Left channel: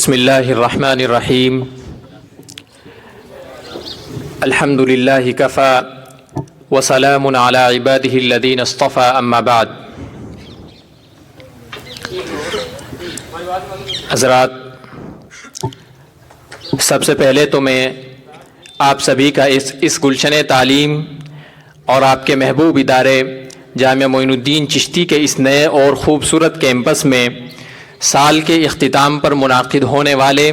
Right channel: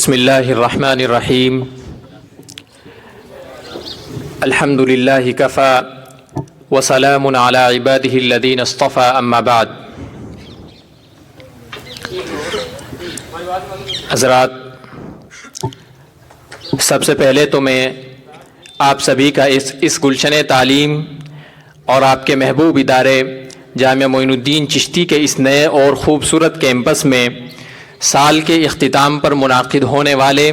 بسم اللہ الرحمن الرحیم الحمد للہ کفا وسلام علی عبادہ الذین اصطفى اما بعد۔ حضرات، سب سے پہلے تو میں آپ سبھی کا اس گلشن تعلیم اور آپ کے محبوب ادارے جامعہ معین الدین چشتی کے اس نئے اور خوبصورت کیمپس میں سال کے اختتام پر منعقد ہونے والے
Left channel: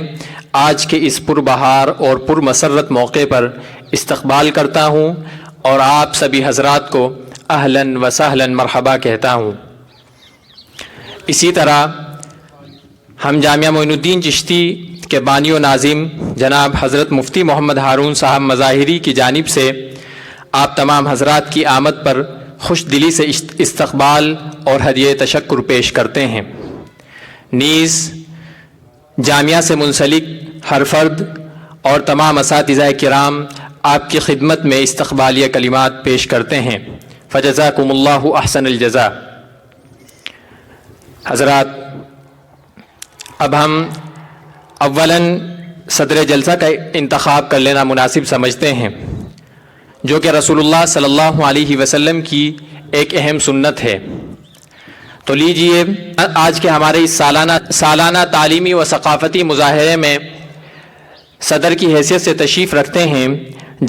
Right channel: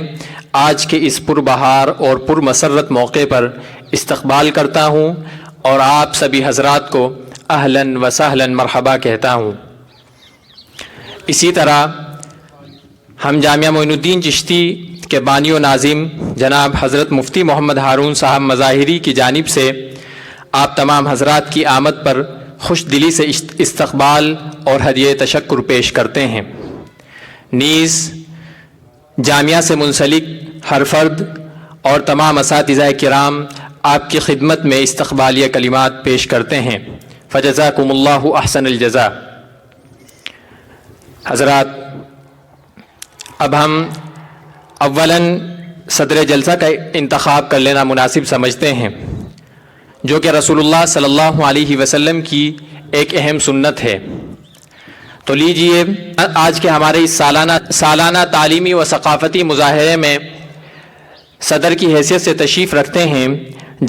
آج کے اس پربہار اور پرمسرت موقع پر استقبال کرتا ہوں اور آپ سبھی حضرات کو اہلاً و سہلاً مرحبا کہتا ہوں۔ اسی طرح ہم جامعہ معین الدین چشتی کے بانی و ناظم جناب حضرت مفتی محمد ہارون صاحب مظاہری کی جانب سے آپ تمام حضرات کی آمد پر خوش دلی سے استقبال اور ہدیہ تشکر پیش کرتے ہیں۔ نیز جامعہ سے منسلک ہر فرد اور تمام اساتذہ کرام آپ کی خدمت میں استقبالیہ کلمات پیش کرتے ہیں۔ فجزاکم اللہ احسن الجزاء۔ حضرات، اب ہم اولاً صدر جلسہ کا انتخاب کر لینا مناسب سمجھتے ہیں، جو کہ رسول اللہ صلی اللہ علیہ وسلم کی ایک اہم سنت ہے۔ تو لیجئے آج کے ہمارے اس سالانہ تعلیمی و ثقافتی مظاہرے میں صدر کی حیثیت سے تشریف رکھتے ہیں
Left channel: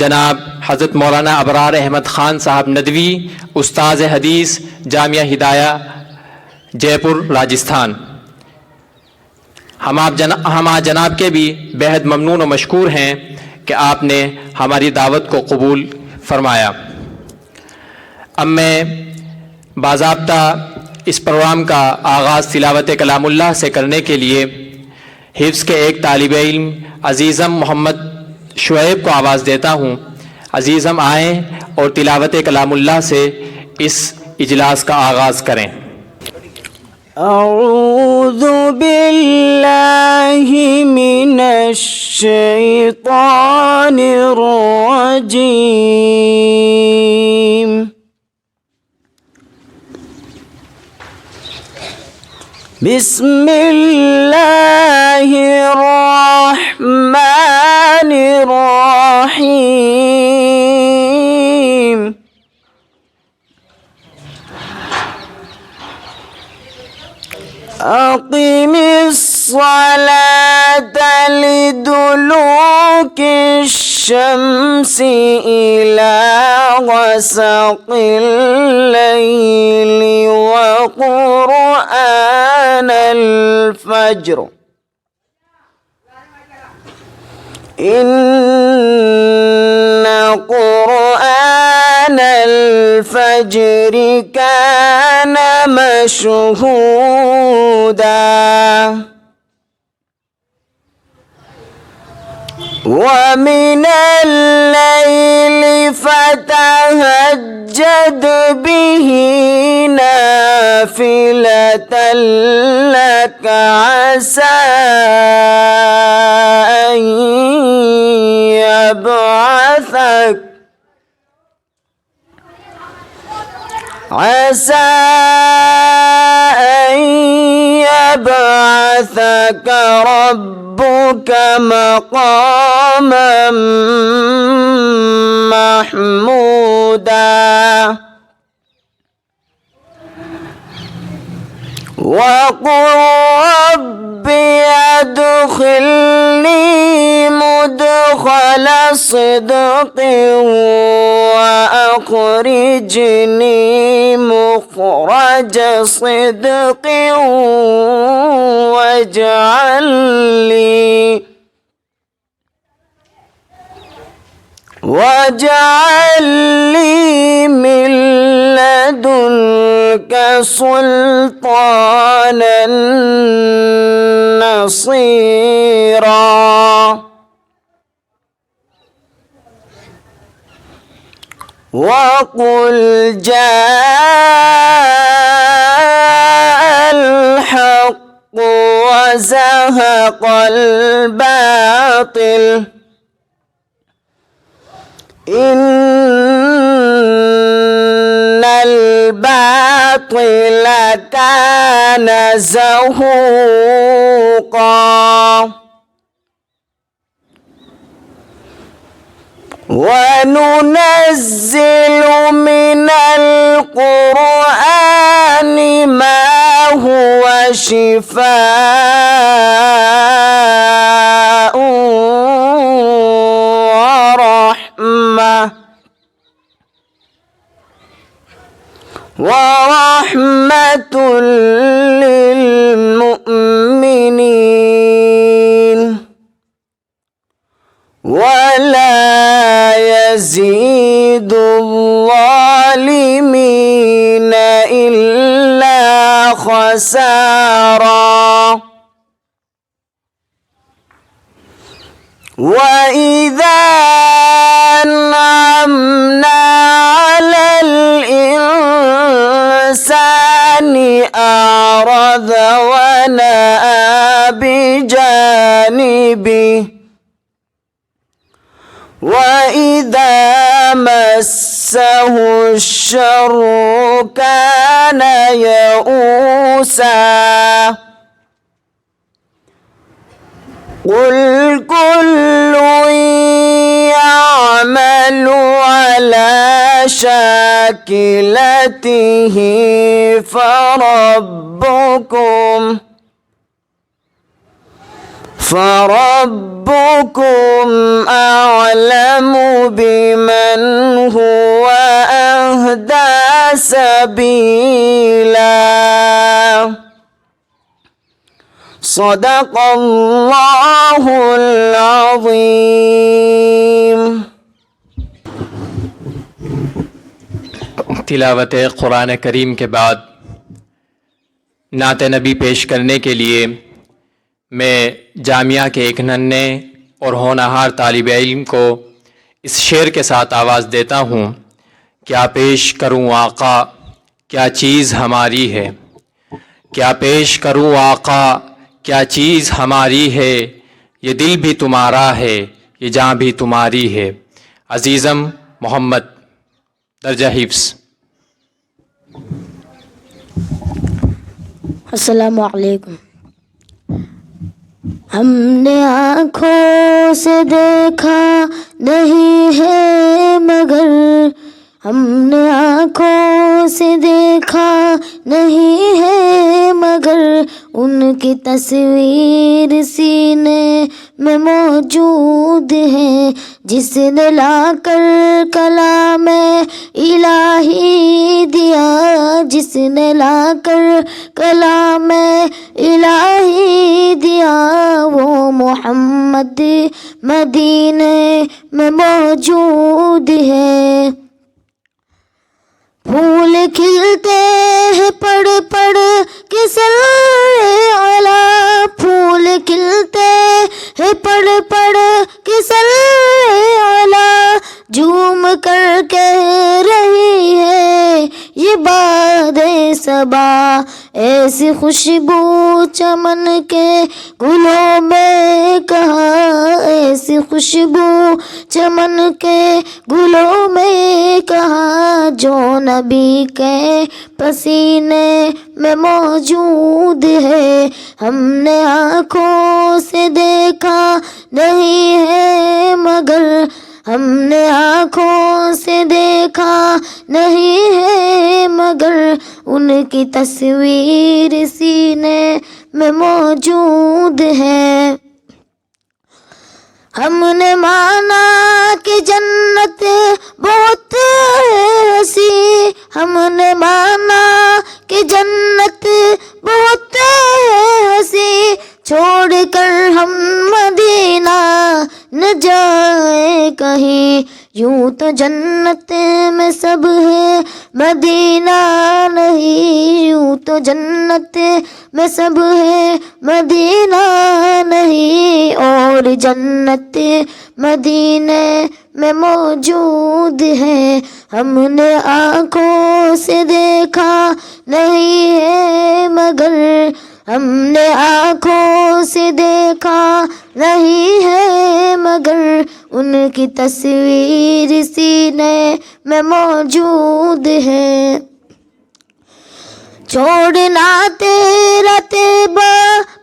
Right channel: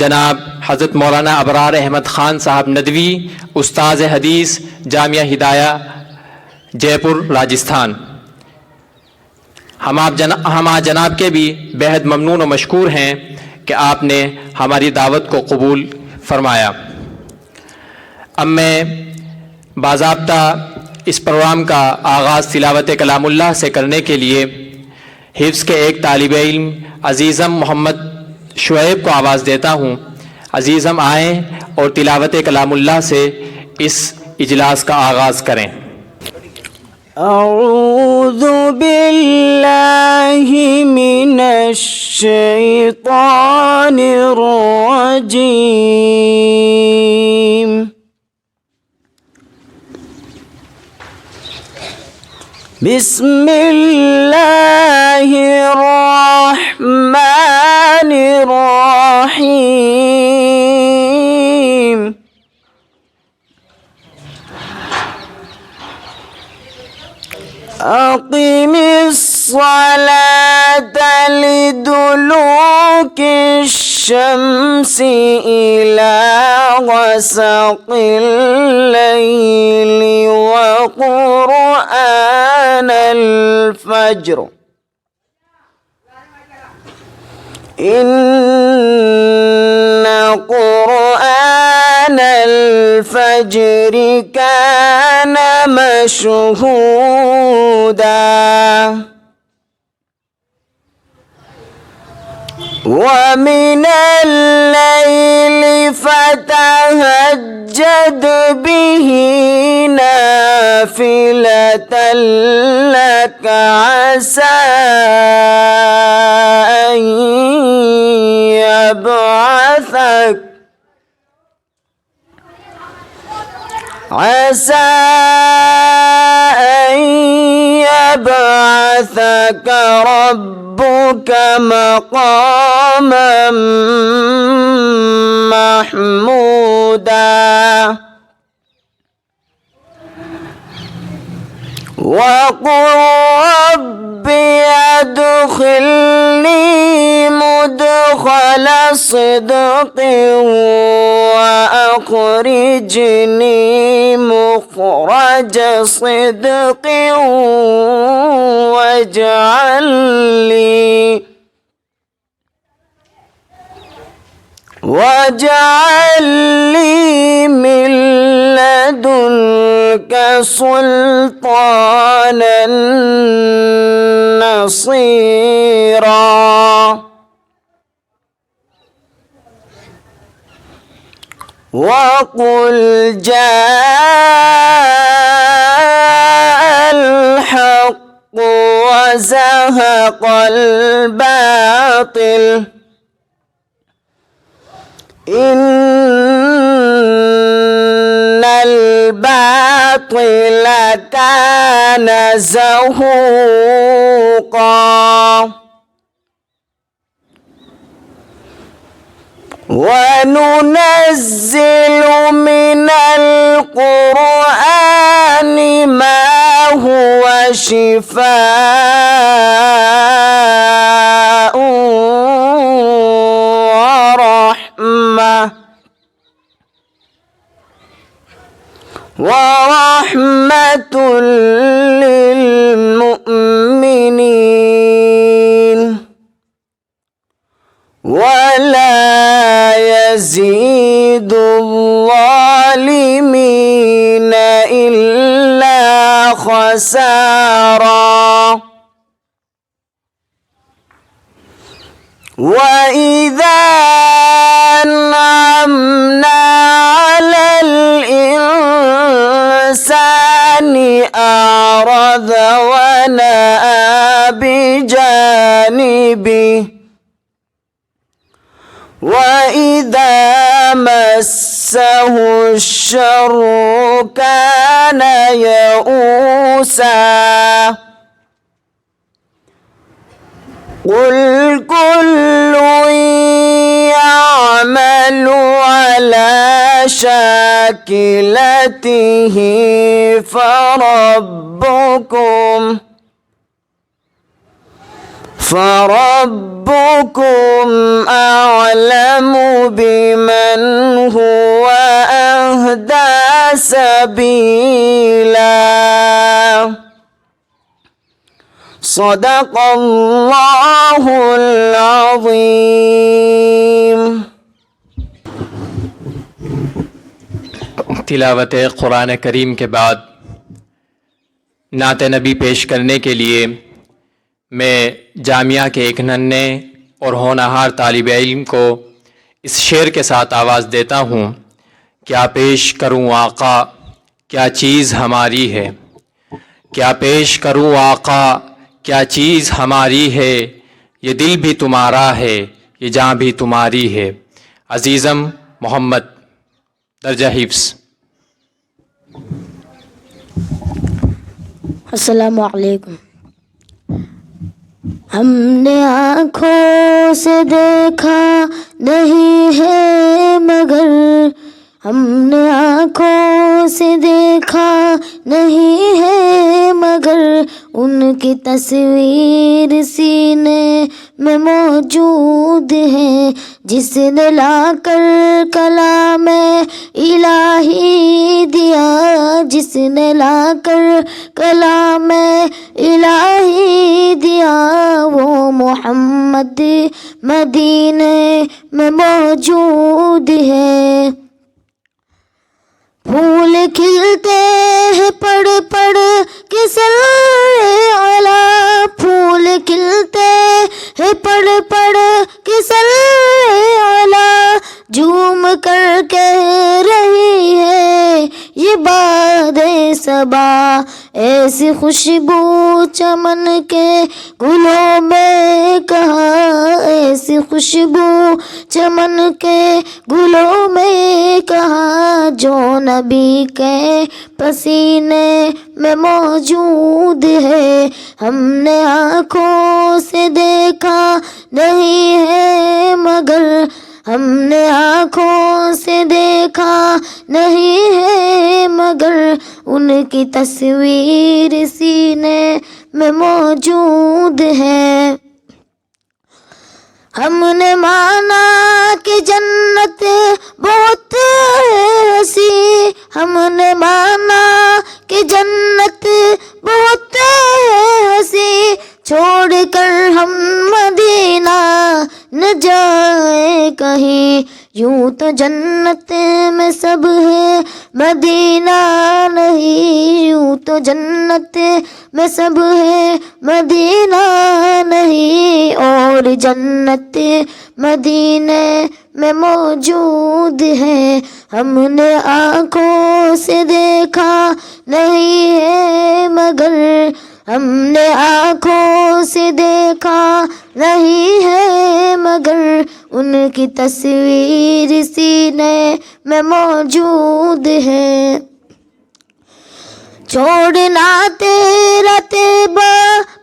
جناب حضرت مولانا ابرار احمد خان صاحب ندوی، استاذ حدیث جامعہ ہدایہ جے پور راجستھان۔ ہم آج جناب کے بھی بہت ممنون و مشکور ہیں کہ آپ نے ہماری دعوت کو قبول فرمایا۔ اب میں باضابطہ اس پروگرام کا آغاز تلاوت کلام اللہ سے کرنے کے لیے حفظ کے ایک طالب علم عزیزم محمد شعیب کو آواز دیتا ہوں۔ عزیزم آئیں اور تلاوت کلام اللہ سے اس اجلاس کا آغاز کریں۔ اعوذ باللہ من الشیطان الرجیم۔ بسم اللہ الرحمن الرحیم۔ اقم الصلاة لدلوک الشمس إلى غسق الليل وقرآن الفجر إن قرآن الفجر كان مشهودا ومن الليل فتهجد به نافلة لك عسى أن يبعثك ربك مقاما محمودا وقل رب ادخلني مدخل صدق وأخرجني مخرج صدق واجعل لي من لدنك سلطانا نصيرا وقل جاء الحق وزهق الباطل إن الباطل كان زهوقا وننزل من القرآن ما هو شفاء ورحمة للمؤمنين ولا يزيد الظالمين إلا خسارا وإذا أنعمنا على الإنسان أعرض ونأى بجانبه وإذا مسه الشر كان يئوسا قل كل يعمل على شاكلته فربكم أعلم بمن هو أهدى سبيلا صدق اللہ العظیم. تلاوت قرآن کریم کے بعد نعت نبی پیش کرنے کے لیے میں جامعہ کے ایک ننھے اور ہونہار طالب علم کو اس شعر کے ساتھ آواز دیتا ہوں. کیا پیش کروں آقا کیا چیز ہماری ہے، کیا پیش کروں آقا کیا چیز ہماری ہے، یہ دل بھی تمہارا ہے یہ جاں بھی تمہاری ہے. عزیزم محمد درجہ حفظ. السلام علیکم. ہم نے آنکھوں سے دیکھا نہیں ہے مگر، ہم نے آنکھوں سے دیکھا نہیں ہے مگر، ان کی تصویر سینے میں موجود ہے. جس نے لا کر کلام الہی دیا، جس نے لا کر کلام الہی دیا، وہ محمد مدینے میں موجود ہے. پھول کھلتے ہیں پڑھ پڑھ کے سر اعلیٰ، پھول کھلتے ہیں پڑھ پڑھ کے سر اعلیٰ، جھوم کر کہہ رہی ہے یہ باد صبا. ایسی خوشبو چمن کے گلوں میں کہاں، ایسی خوشبو چمن کے گلوں میں کہاں، جو نبی کے پسینے میں موجود ہے. ہم نے آنکھوں سے دیکھا نہیں ہے مگر، ہم نے آنکھوں سے دیکھا نہیں ہے مگر، ان کی تصویر سینے میں موجود ہے. ہم نے مانا کہ جنت بہت ہنسی، ہم نے مانا کہ جنت بہت ہنسی، چھوڑ کر ہم مدینہ نہ جائیں کہیں. یوں تو جنت میں سب ہے مدینہ نہیں، یوں تو جنت میں سب ہے مدینہ نہیں، اور جنت مدینے میں موجود ہے. ہم نے آنکھوں سے دیکھا نہیں ہے مگر، ہم نے آنکھوں سے دیکھا نہیں ہے مگر، ان کی تصویر سینے میں موجود ہے. چھوڑنا تیرا تیبا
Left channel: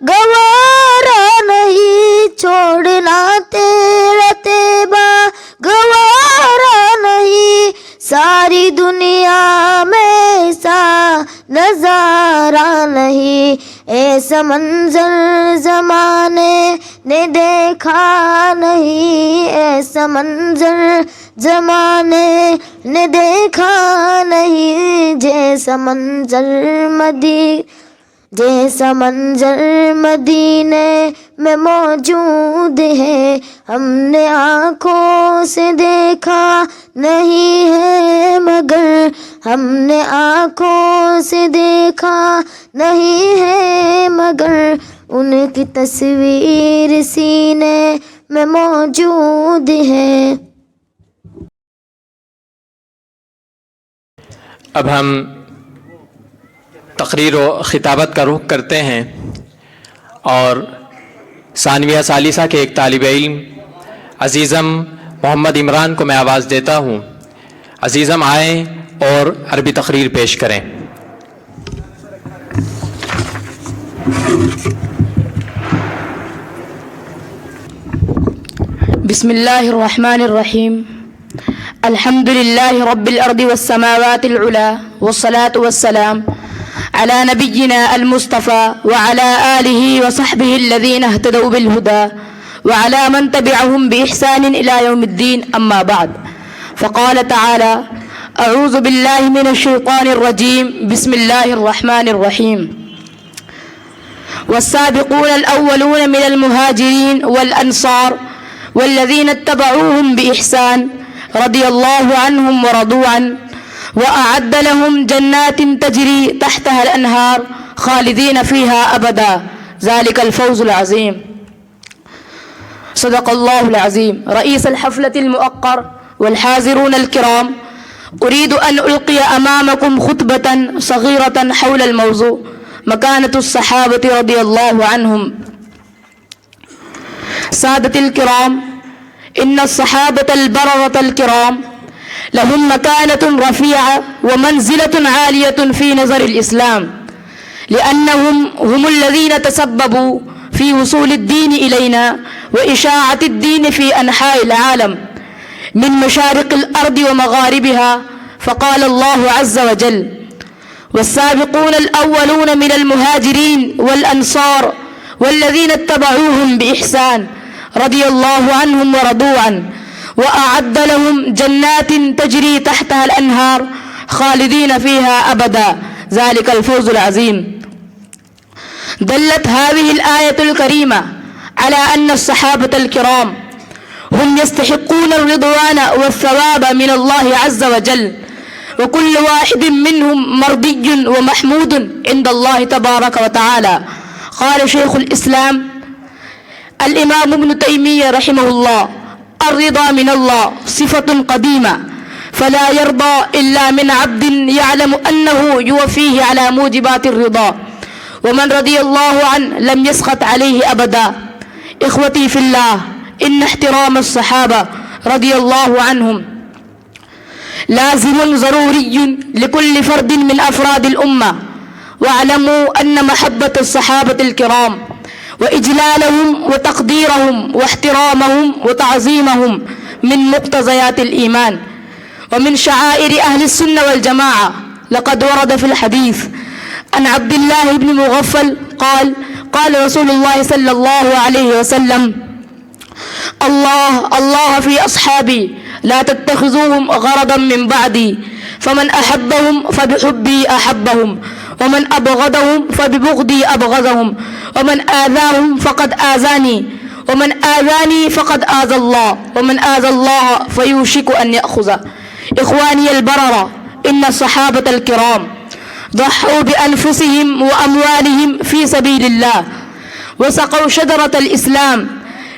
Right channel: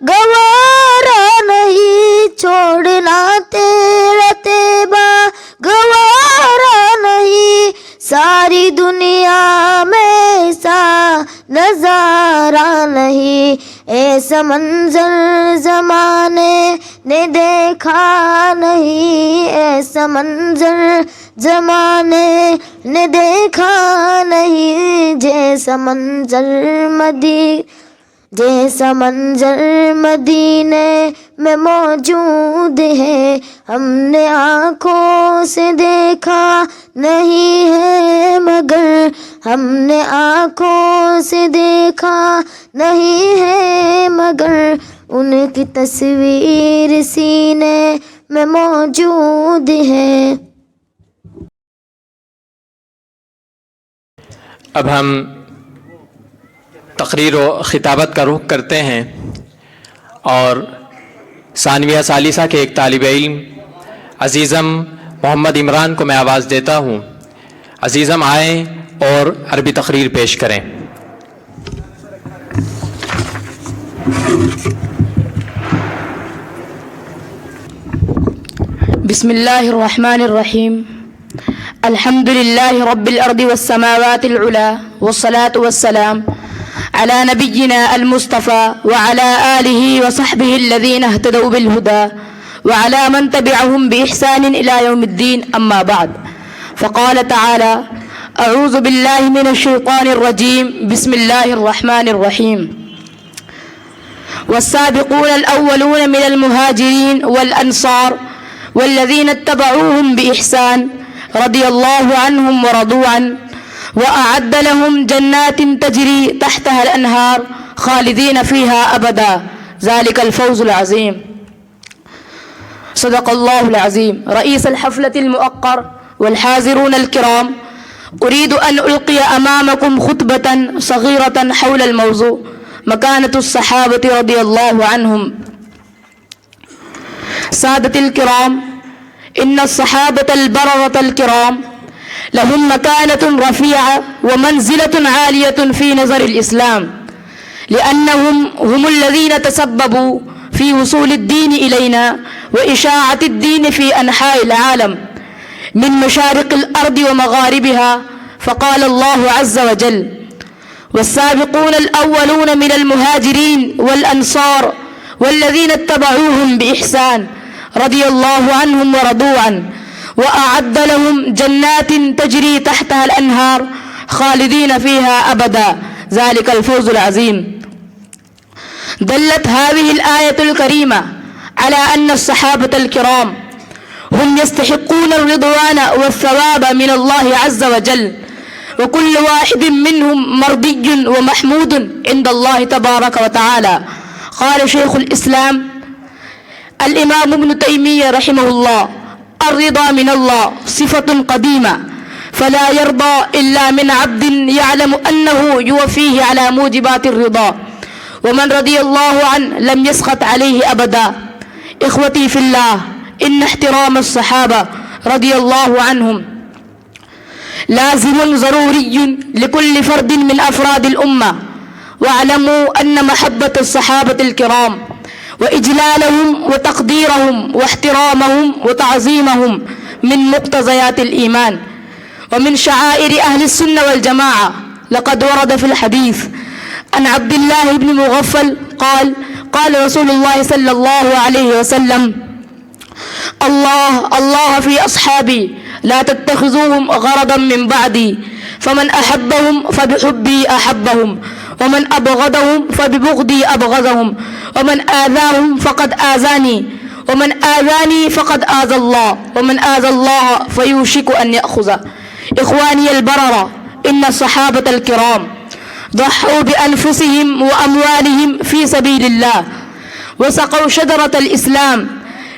گوارا نہیں، چھوڑنا تیرا تیبا گوارا نہیں، ساری دنیا میں ایسا نظارہ نہیں، ایسا منظر زمانے نے دیکھا نہیں، ایسا منظر زمانے نے دیکھا نہیں، جیسا منظر مدینے میں موجود ہے، ہم نے آنکھوں سے دیکھا نہیں ہے مگر، ہم نے آنکھوں سے دیکھا نہیں ہے مگر، ان کی تصویر سینے میں موجود ہے۔ اب ہم تقریر و خطابت کا رخ کرتے ہیں اور ثانویہ ثالثہ کے ایک طالب علم عزیزم محمد عمران کو میں آواز دیتا ہوں۔ عزیزم آئیں اور عربی تقریر پیش کریں۔ بسم اللہ الرحمن الرحیم، الحمد للہ رب الارض والسماوات العلا، والصلاة والسلام على نبينا المصطفى وعلى آله وصحبه الذين اهتدوا بالهدى وعلى من تبعهم بإحسان إلى يوم الدين، أما بعد، فقال تعالى: أعوذ بالله من الشيطان الرجيم، بسم الله الرحمن الرحيم. والسابقون الأولون من المهاجرين والأنصار والذين اتبعوهم بإحسان رضي الله عنهم ورضوا عنه وأعد لهم جنات تجري تحتها الأنهار خالدين فيها أبدا، ذلك الفوز العظيم. صدق الله العظيم. رئيس الحفلة المؤقر والحاضرون الكرام، أريد أن ألقي أمامكم خطبة صغيرة حول الموضوع مكانة الصحابة رضي الله عنهم. سادة الكرام، إن الصحابة البررة الكرام لهم مكانة رفيعة ومنزلة عالية في نظر الإسلام، لأنهم هم الذين تسببوا في وصول الدين إلينا وإشاعة الدين في أنحاء العالم من مشارق الأرض ومغاربها. فقال الله عز وجل: والسابقون الأولون من المهاجرين والأنصار والذين اتبعوهم بإحسان رضي الله عنهم ورضوا عنه وأعد لهم جنات تجري تحتها الأنهار خالدين فيها أبدا، ذلك الفوز العظيم. دلت هذه الآية الكريمة على أن الصحابة الكرام هم يستحقون الرضوان والثواب من الله عز وجل، وكل واحد منهم مرضي ومحمود عند الله تبارك وتعالى. قال شيخ الإسلام الإمام ابن تيمية رحمه الله: الرضا من الله صفة قديمة، فلا يرضى إلا من عبد يعلم أنه يوفيه على موجبات الرضا، ومن رضي الله عنه لم يسخط عليه أبدا. إخوتي في الله، إن احترام الصحابة رضي الله عنهم لازم ضروري لكل فرد من أفراد الأمة، واعلموا أن محبة الصحابة الكرام وإجلالهم وتقديرهم واحترامهم وتعظيمهم من مقتضيات الإيمان ومن شعائر أهل السنة والجماعة. لقد ورد في الحديث عن عبد الله بن مغفل قال: قال رسول الله صلى الله عليه وسلم: الله الله في أصحابي، لا تتخذوهم غرضا من بعدي، فمن أحبهم فبحبي أحبهم، ومن أبغضهم فببغضي أبغضهم، ومن آذاهم فقد آذاني، ومن آذاني فقد آذى الله، ومن آذى الله فيوشك أن يأخذه. إخواني البررة، إن الصحابة الكرام ضحوا بأنفسهم وأموالهم في سبيل الله، وسقوا شجرة الإسلام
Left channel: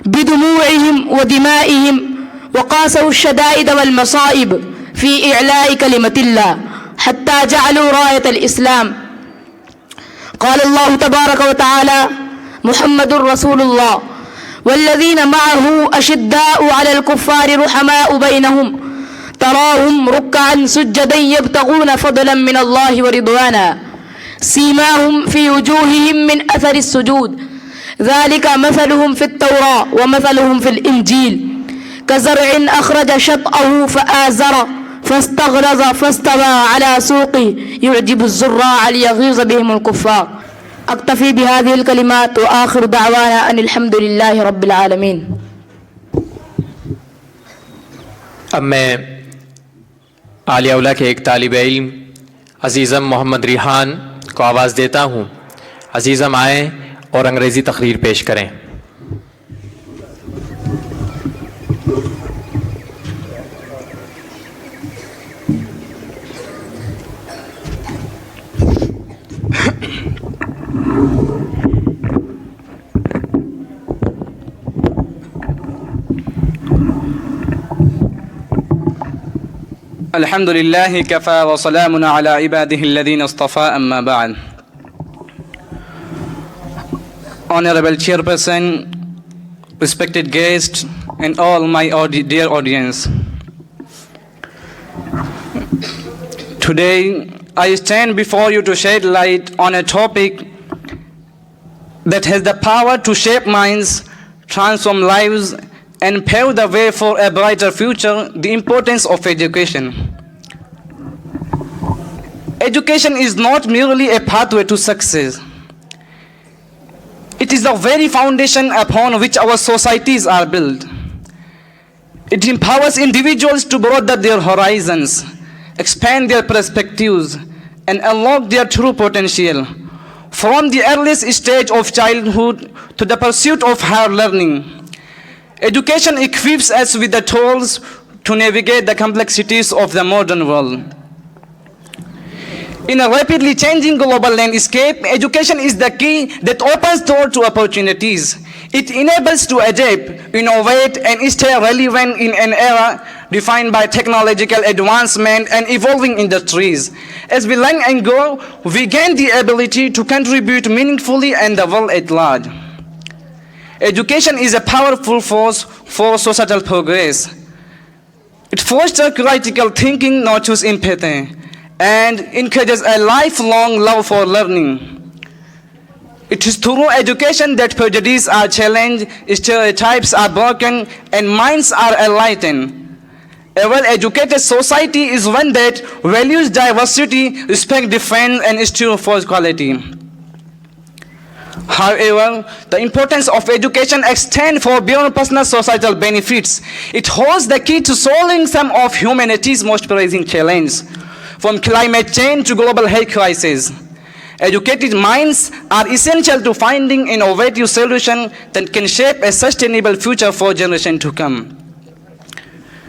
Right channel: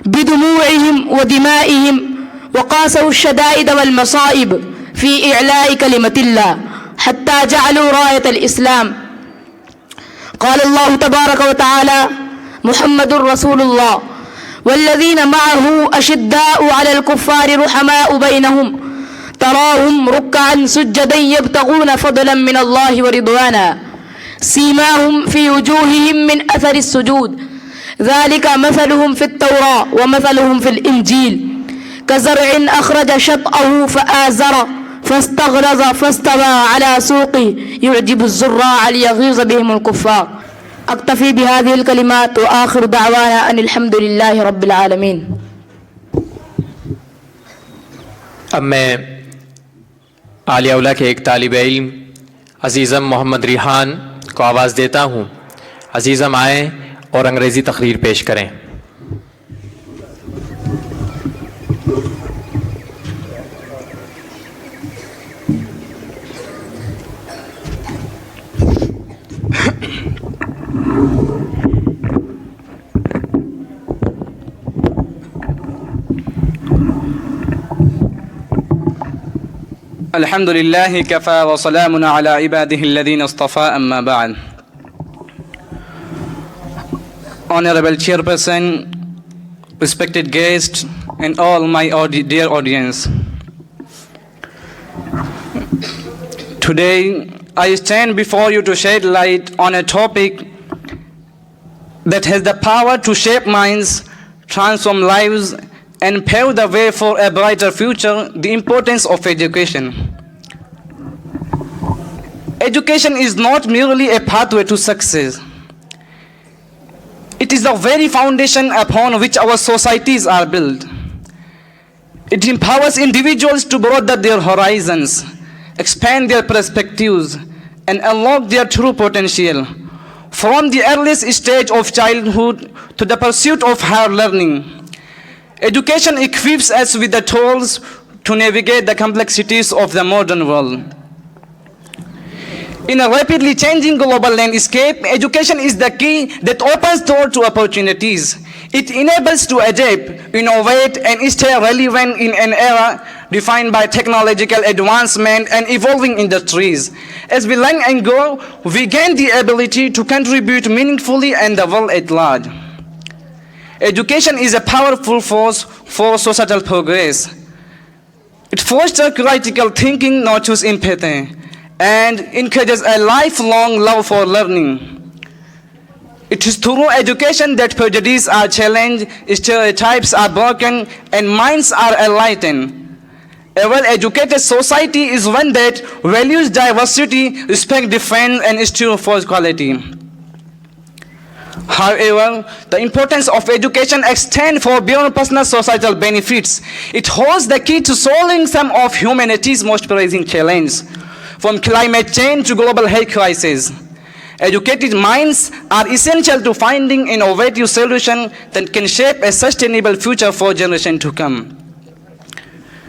بدموعهم ودمائهم، وقاسوا الشدائد والمصائب في إعلاء كلمة الله حتى جعلوا راية الإسلام. قال الله تبارك وتعالى: محمد رسول الله والذين معه أشداء على الكفار رحماء بينهم، تراهم ركعا سجدا يبتغون فضلا من الله ورضوانا، سيماهم في وجوههم من أثر السجود ذلك مثلهم في التوراة ومثلهم في الإنجيل كزرع أخرج شطأه فآزره فاستغلظ فاستوى على سوقه يعجب الزراع ليغيظ بهم الكفار. أكتفي بهذه الكلمات وآخر دعوانا أن الحمد لله رب العالمين. اب میں عالیہ اولیٰ کے ایک طالب علم عزیزم محمد ریحان کو آواز دیتا ہوں. عزیزم آئیں اور انگریزی تقریر پیش کریں. الحمد لله كفى وسلام على عباده الذين اصطفى أما بعد. Honorable Chairperson, respected guests, and all my dear audience. Today, I stand before you to shed light on a topic that has the power to shape minds, transform lives, and pave the way for a brighter future, the importance of education. Education is not merely a pathway to success. It is the very foundation upon which our societies are built. It empowers individuals to broaden their horizons, expand their perspectives, and unlock their true potential. From the earliest stage of childhood to the pursuit of higher learning, education equips us with the tools to navigate the complexities of the modern world. In a rapidly changing global landscape, education is the key that opens doors to opportunities. It enables to adapt, innovate, and stay relevant in an era defined by technological advancement and evolving industries. As we learn and grow, we gain the ability to contribute meaningfully in the world at large. Education is a powerful force for societal progress. It fosters critical thinking, nurtures empathy, and encourages a lifelong love for learning. It is through education that prejudices are challenged, stereotypes are broken, and minds are enlightened. A well-educated society is one that values diversity, respects difference, and strives for equality. However, the importance of education extends far beyond personal societal benefits. It holds the key to solving some of humanity's most pressing challenges, from climate change to global health crisis. Educated minds are essential to finding innovative solutions that can shape a sustainable future for generations to come.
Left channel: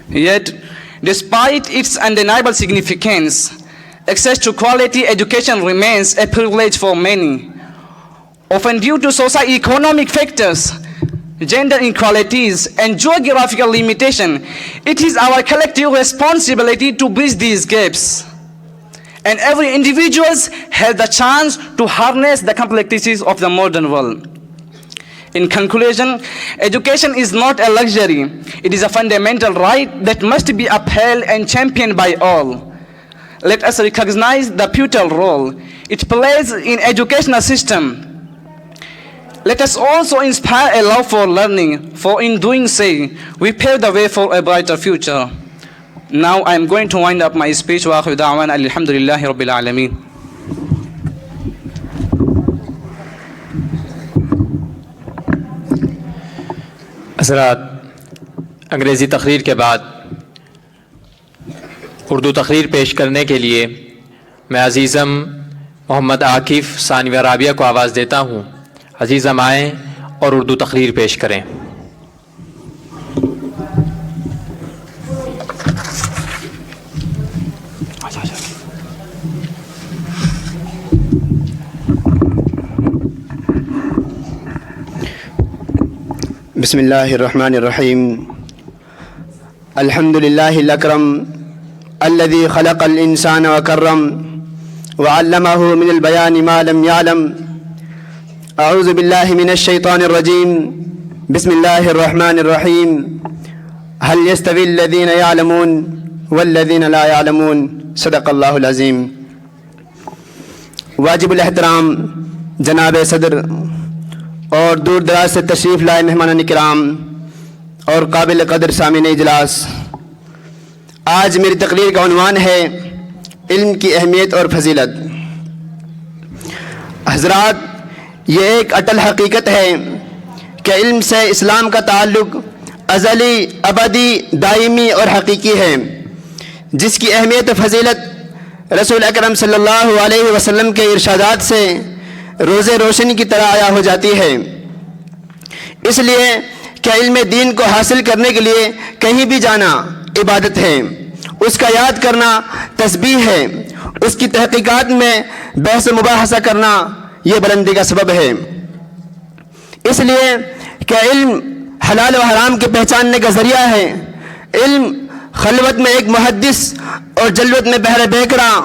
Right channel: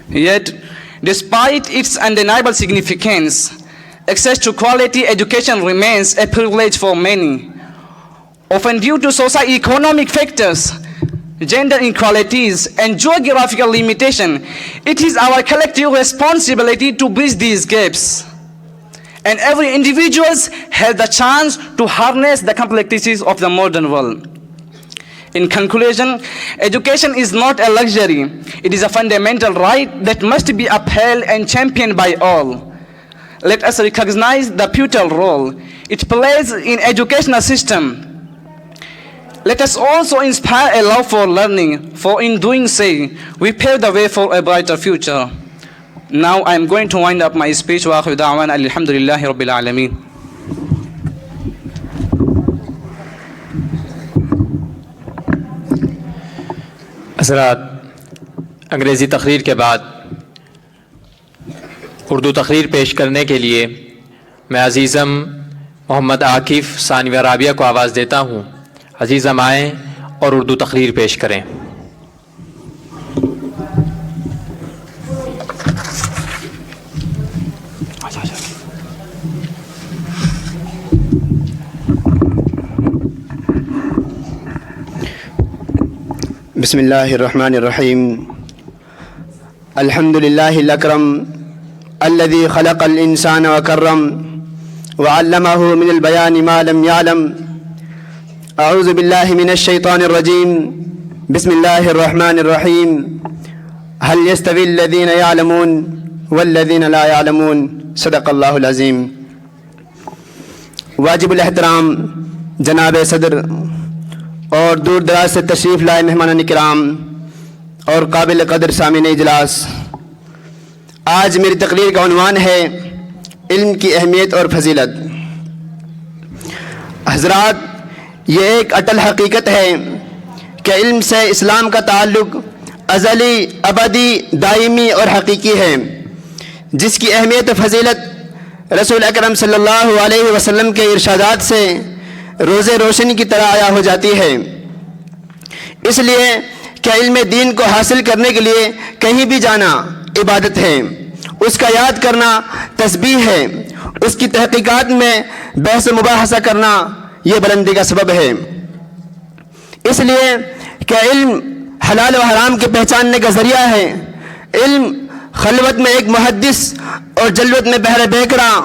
Yet, despite its undeniable significance, access to quality education remains a privilege for many. Often due to socio-economic factors, gender inequalities, and geographical limitation, it is our collective responsibility to bridge these gaps. And every individual has the chance to harness the complexities of the modern world. In conclusion, education is not a luxury. It is a fundamental right that must be upheld and championed by all. Let us recognize the pivotal role it plays in educational system. Let us also inspire a love for learning, for in doing so, we pave the way for a brighter future. Now I am going to wind up my speech. Wa akhiru da'wana alhamdulillahi rabbil alameen. حضرات، انگریزی تقریر کے بعد اردو تقریر پیش کرنے کے لیے میں عزیزم محمد عاکف ثانویہ رابعہ کو آواز دیتا ہوں. عزیزم آئیں اور اردو تقریر پیش کریں. بسم اللہ الرحمن الرحیم. الحمد للہ الاکرم الذي خلق الانسان وکرم وعلمه من البیان ما لم يعلم. اعوذ باللہ من الشیطان الرجیم. بسم اللہ الرحمن الرحیم. هل يستوي الذين يعلمون والذين لا يعلمون. صدق اللہ العظیم. واجب الاحترام جناب صدر اور دور دراز سے تشریف لائے مہمان کرام اور قابل قدر سامعین اجلاس، آج میری تقریر کا عنوان ہے علم کی اہمیت اور فضیلت۔ حضرات، یہ ایک اٹل حقیقت ہے کہ علم سے اسلام کا تعلق ازلی، ابدی، دائمی اور حقیقی ہے، جس کی اہمیت و فضیلت رسول اکرم صلی اللہ علیہ وسلم کے ارشادات سے روز روشنی کی طرح عیاں ہو جاتی ہے۔ اس لیے کہ علم دین کو حاصل کرنے کے لیے کہیں بھی جانا عبادت ہے، اس کا یاد کرنا تسبیح ہے، اس کی تحقیقات میں بحث و مباحثہ کرنا یہ بلندی کا سبب ہے۔ اس لیے کہ علم حلال و حرام کے پہچاننے کا ذریعہ ہے، علم خلوت میں ایک محدث اور جلوت میں بحر بیکراں،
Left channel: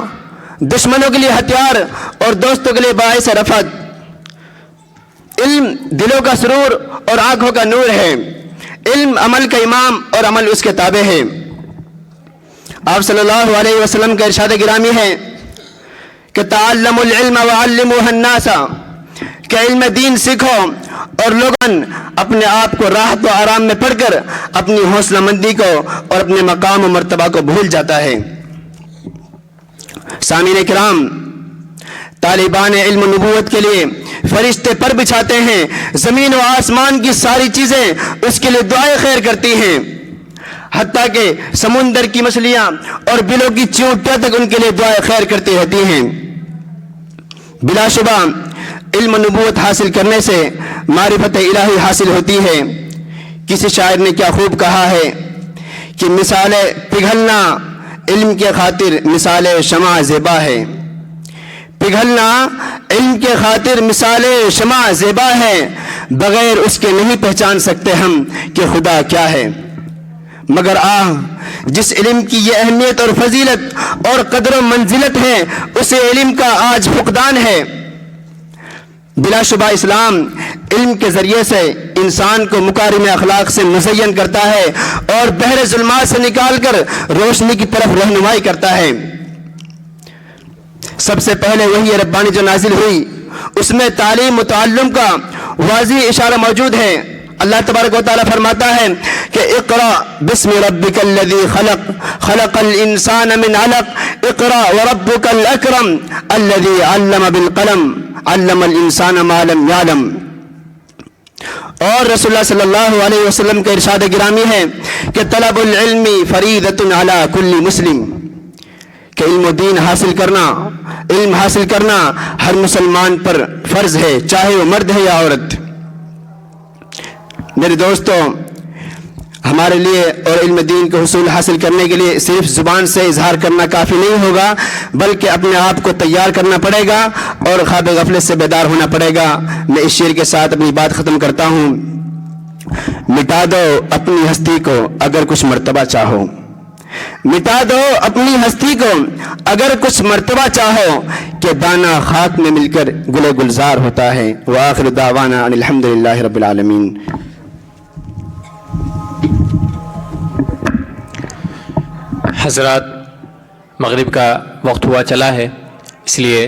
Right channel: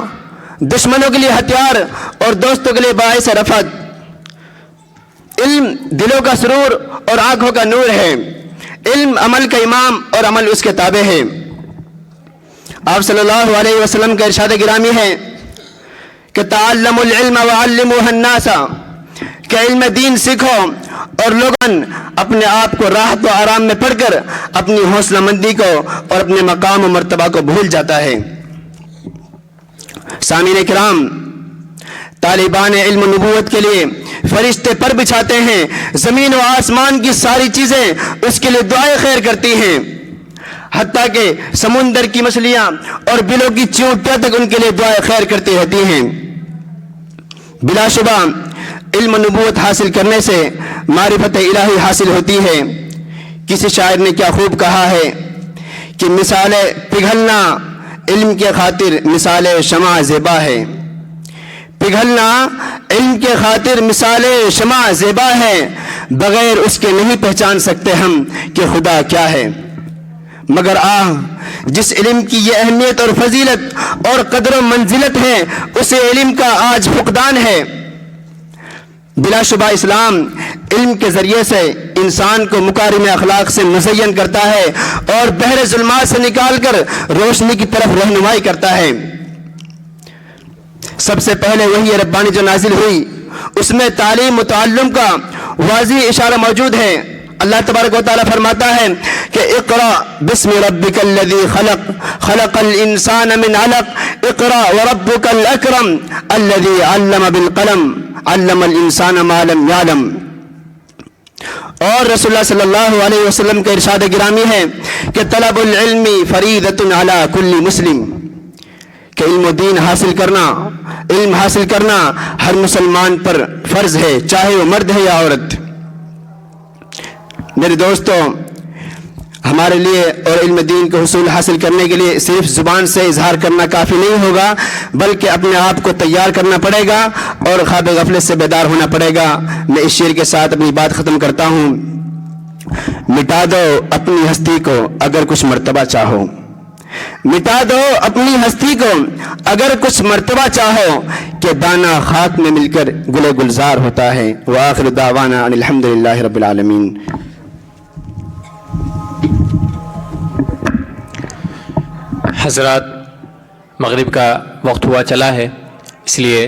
دشمنوں کے لیے ہتھیار اور دوستوں کے لیے باعث رفعت۔ علم دلوں کا سرور اور آنکھوں کا نور ہے، علم عمل کا امام اور عمل اس کے تابع ہے۔ آپ صلی اللہ علیہ وسلم کا ارشاد گرامی ہے کہ تعلموا العلم وعلموه الناس، کہ علم دین سیکھو اور لوگن اپنے آپ کو راحت و آرام میں پڑھ کر اپنی حوصلہ مندی کو اور اپنے مقام و مرتبہ کو بھول جاتا ہے۔ سامعین کرام، طالبان علم و نبوت کے لیے فرشتے پر بچھاتے ہیں، زمین و آسمان کی ساری چیزیں اس کے لیے دعائیں خیر کرتی ہیں، حتیٰ کہ سمندر کی مچھلیاں اور بلوں کی چیونٹیاں تک ان کے لیے دعائیں خیر کرتی رہتی ہیں۔ بلا شبہ علم و نبوت حاصل کرنے سے معرفت الہی حاصل ہوتی ہے۔ کسی شاعر نے کیا خوب کہا ہے کہ مثال پگھلنا علم کے خاطر مثال شمع زیبا ہے، پگھلنا علم کے خاطر مثال شمع زیبا ہے، بغیر اس کے نہیں پہچان سکتے ہم کہ خدا کیا ہے۔ مگر جس علم کی یہ اہمیت اور فضیلت اور قدر و منزلت ہے، اسے علم کا آج فقدان ہے۔ بلا شبہ اسلام علم کے ذریعے سے انسان کو مکارم اخلاق سے مزین کرتا ہے اور بحر ظلمات سے نکال کر روشنی کی طرف رہنمائی کرتا ہے۔ سب سے پہلے وحی ربانی جو نازل ہوئی، اس میں تعلیم و تعلم کا واضح اشارہ موجود ہے۔ اللہ تبارک و تعالیٰ فرماتا ہے کہ اقرأ بسم ربک الذی خلق، خلق الانسان من علق، اقرأ وربک الاکرم الذی علم بالقلم، علم الانسان ما لم یعلم۔ اور رسول اللہ صلی اللہ علیہ وسلم کا ارشاد گرامی ہے کہ طلب العلم فریضۃ علی کل مسلم، کہ علم و دین حاصل کرنا، علم حاصل کرنا ہر مسلمان پر فرض ہے، چاہے وہ مرد ہے یا عورت۔ میرے دوستوں، ہمارے لیے اور علم دین کے حصول حاصل کرنے کے لیے صرف زبان سے اظہار کرنا کافی نہیں ہوگا، بلکہ اپنے آپ کو تیار کرنا پڑے گا اور خواب غفلت سے بیدار ہونا پڑے گا۔ میں اس شعر کے ساتھ اپنی بات ختم کرتا ہوں۔ مٹا دو اپنی ہستی کو اگر کچھ مرتبہ چاہو، مٹا دو اپنی ہستی کو اگر کچھ مرتبہ چاہو، کہ دانہ خاک میں مل کر گل گلزار ہوتا ہے۔ وآخر دعوانا ان الحمدللہ رب العالمین۔ حضرات، مغرب کا وقت ہوا چلا ہے، اس لیے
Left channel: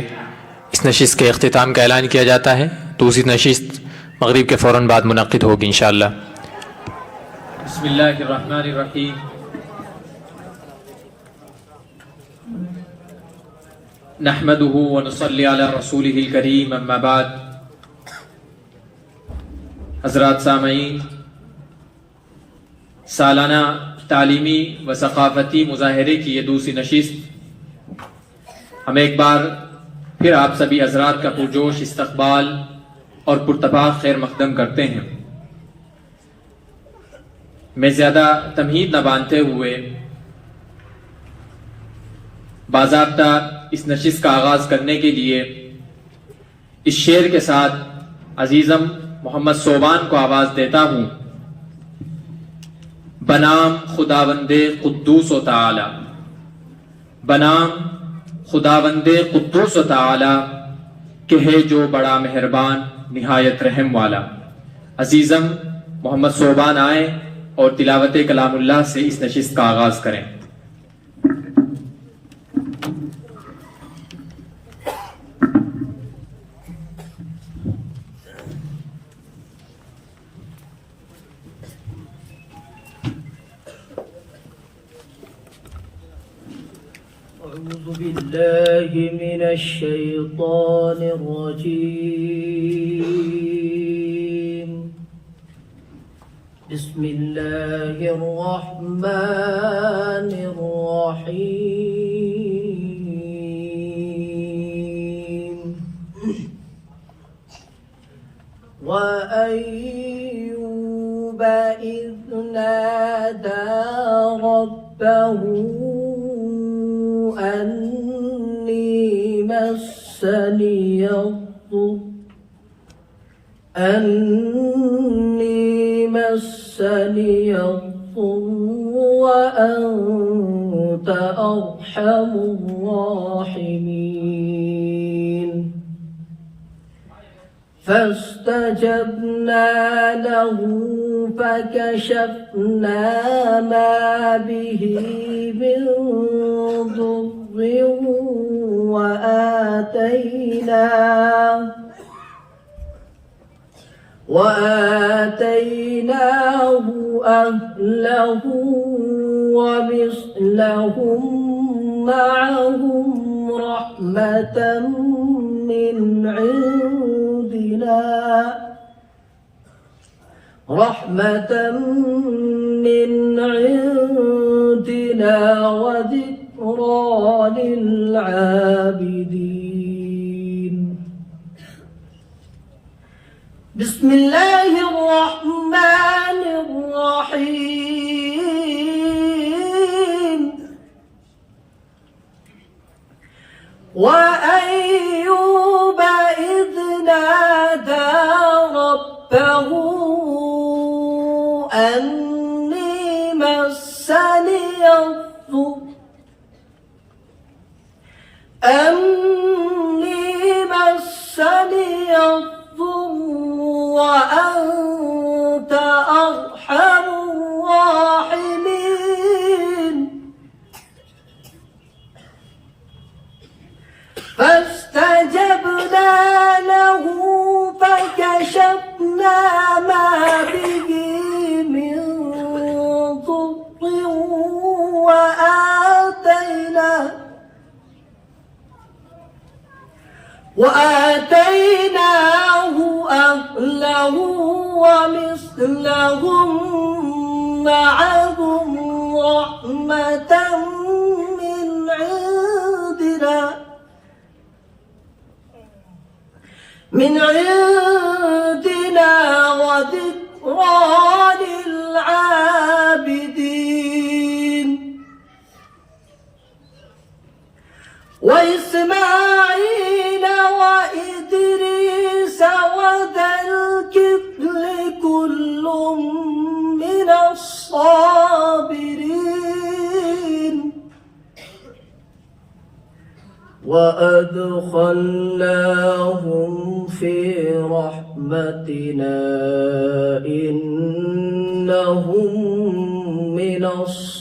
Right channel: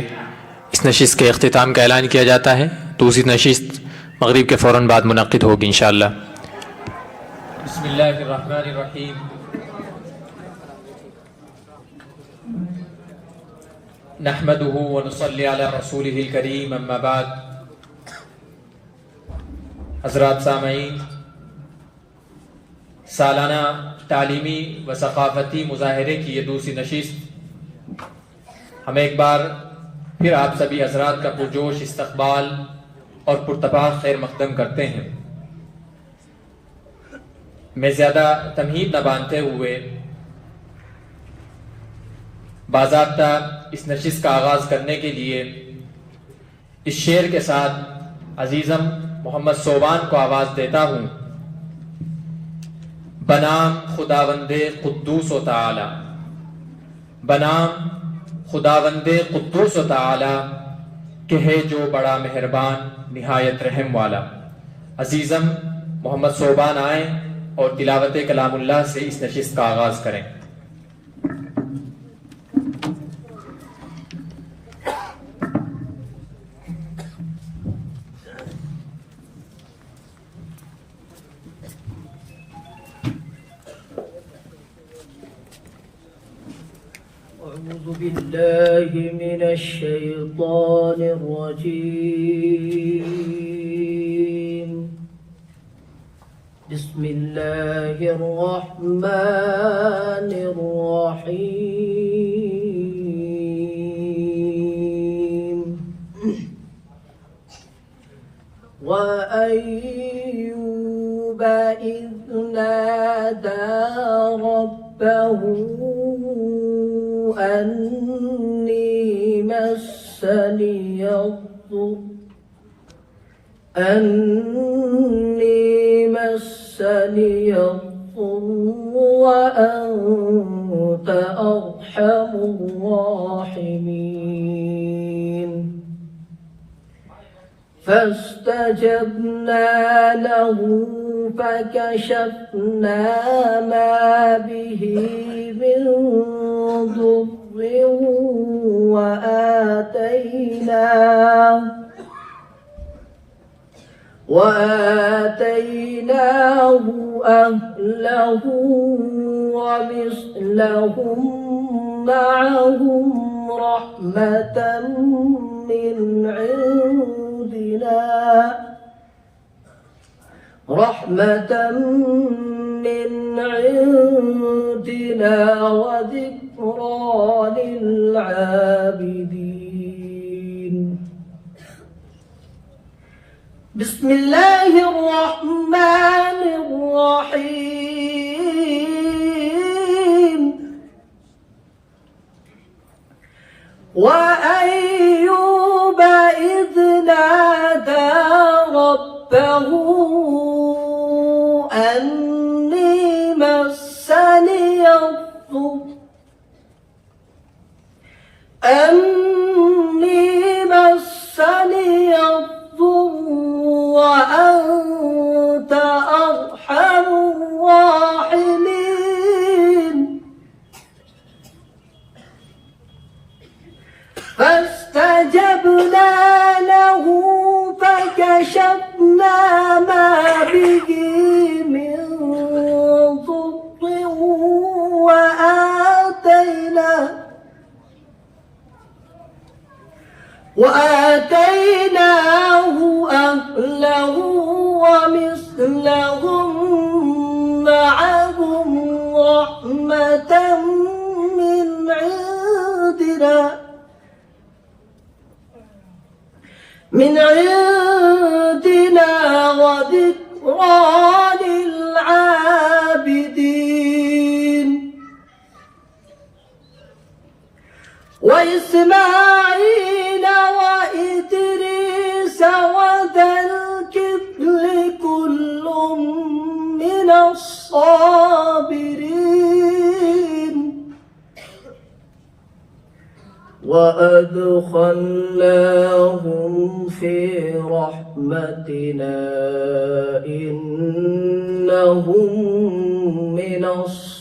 اس نشست کے اختتام کا اعلان کیا جاتا ہے۔ دوسری نشست مغرب کے فوراً بعد منعقد ہوگی انشاءاللہ۔ بسم اللہ الرحمن الرحیم۔ نحمده ونصلي على رسوله الكريم اما بعد۔ حضرات سامعین، سالانہ تعلیمی و ثقافتی مظاہرے کی یہ دوسری نشست ہم ایک بار پھر آپ سبھی حضرات کا پرجوش استقبال اور پرتپاک خیر مقدم کرتے ہیں۔ میں زیادہ تمہید نہ باندھتے ہوئے باضابطہ اس نشست کا آغاز کرنے کے لیے اس شعر کے ساتھ عزیزم محمد صوبان کو آواز دیتا ہوں۔ بنام خداوند قدوس و تعالی، بنام خداوند قدوس و تعالی، کہ ہے جو بڑا مہربان نہایت رحم والا۔ عزیزم محمد صوبان آئیں اور تلاوت کلام اللہ سے اس نشست کا آغاز کریں۔ الشيطان الرجيم. بسم الله الرحمن الرحيم. وأيوب إذ نادى ربه أني مسني الضر وأنت أرحم الراحمين. فاستجبنا له فكشفنا ما به من ضر وآتيناه أهله ومثلهم معهم رحمة من عندنا وذكرى للعابدين. بسم الله الرحمن الرحيم. وأيوب إذ نادى ربه أني مسني الضر وأنت أرحم الراحمين. فاستجبنا له فكشفنا ما به من ضر وآتيناه أهله ومثلهم معهم رحمة من عندنا وذكرى للعابدين. وإسماعيل وإدريس وذا الكفل كل من الصابرين. وأدخلناهم في رحمتنا إنهم من الصالحين.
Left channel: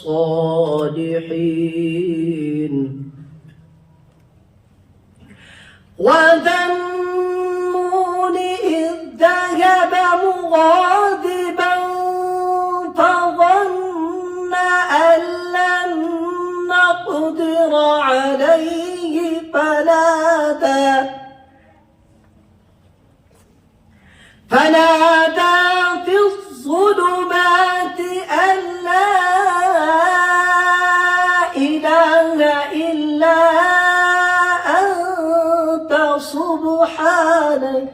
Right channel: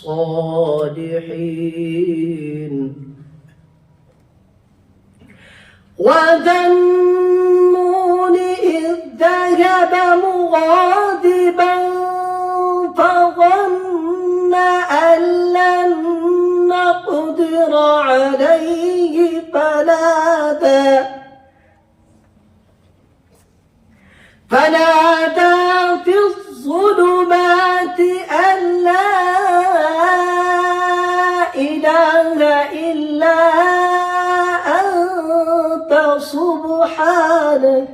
وذا النون إذ ذهب مغاضبا فظن أن لن نقدر عليه فنادى في الظلمات أن لا إله إلا أنت سبحانك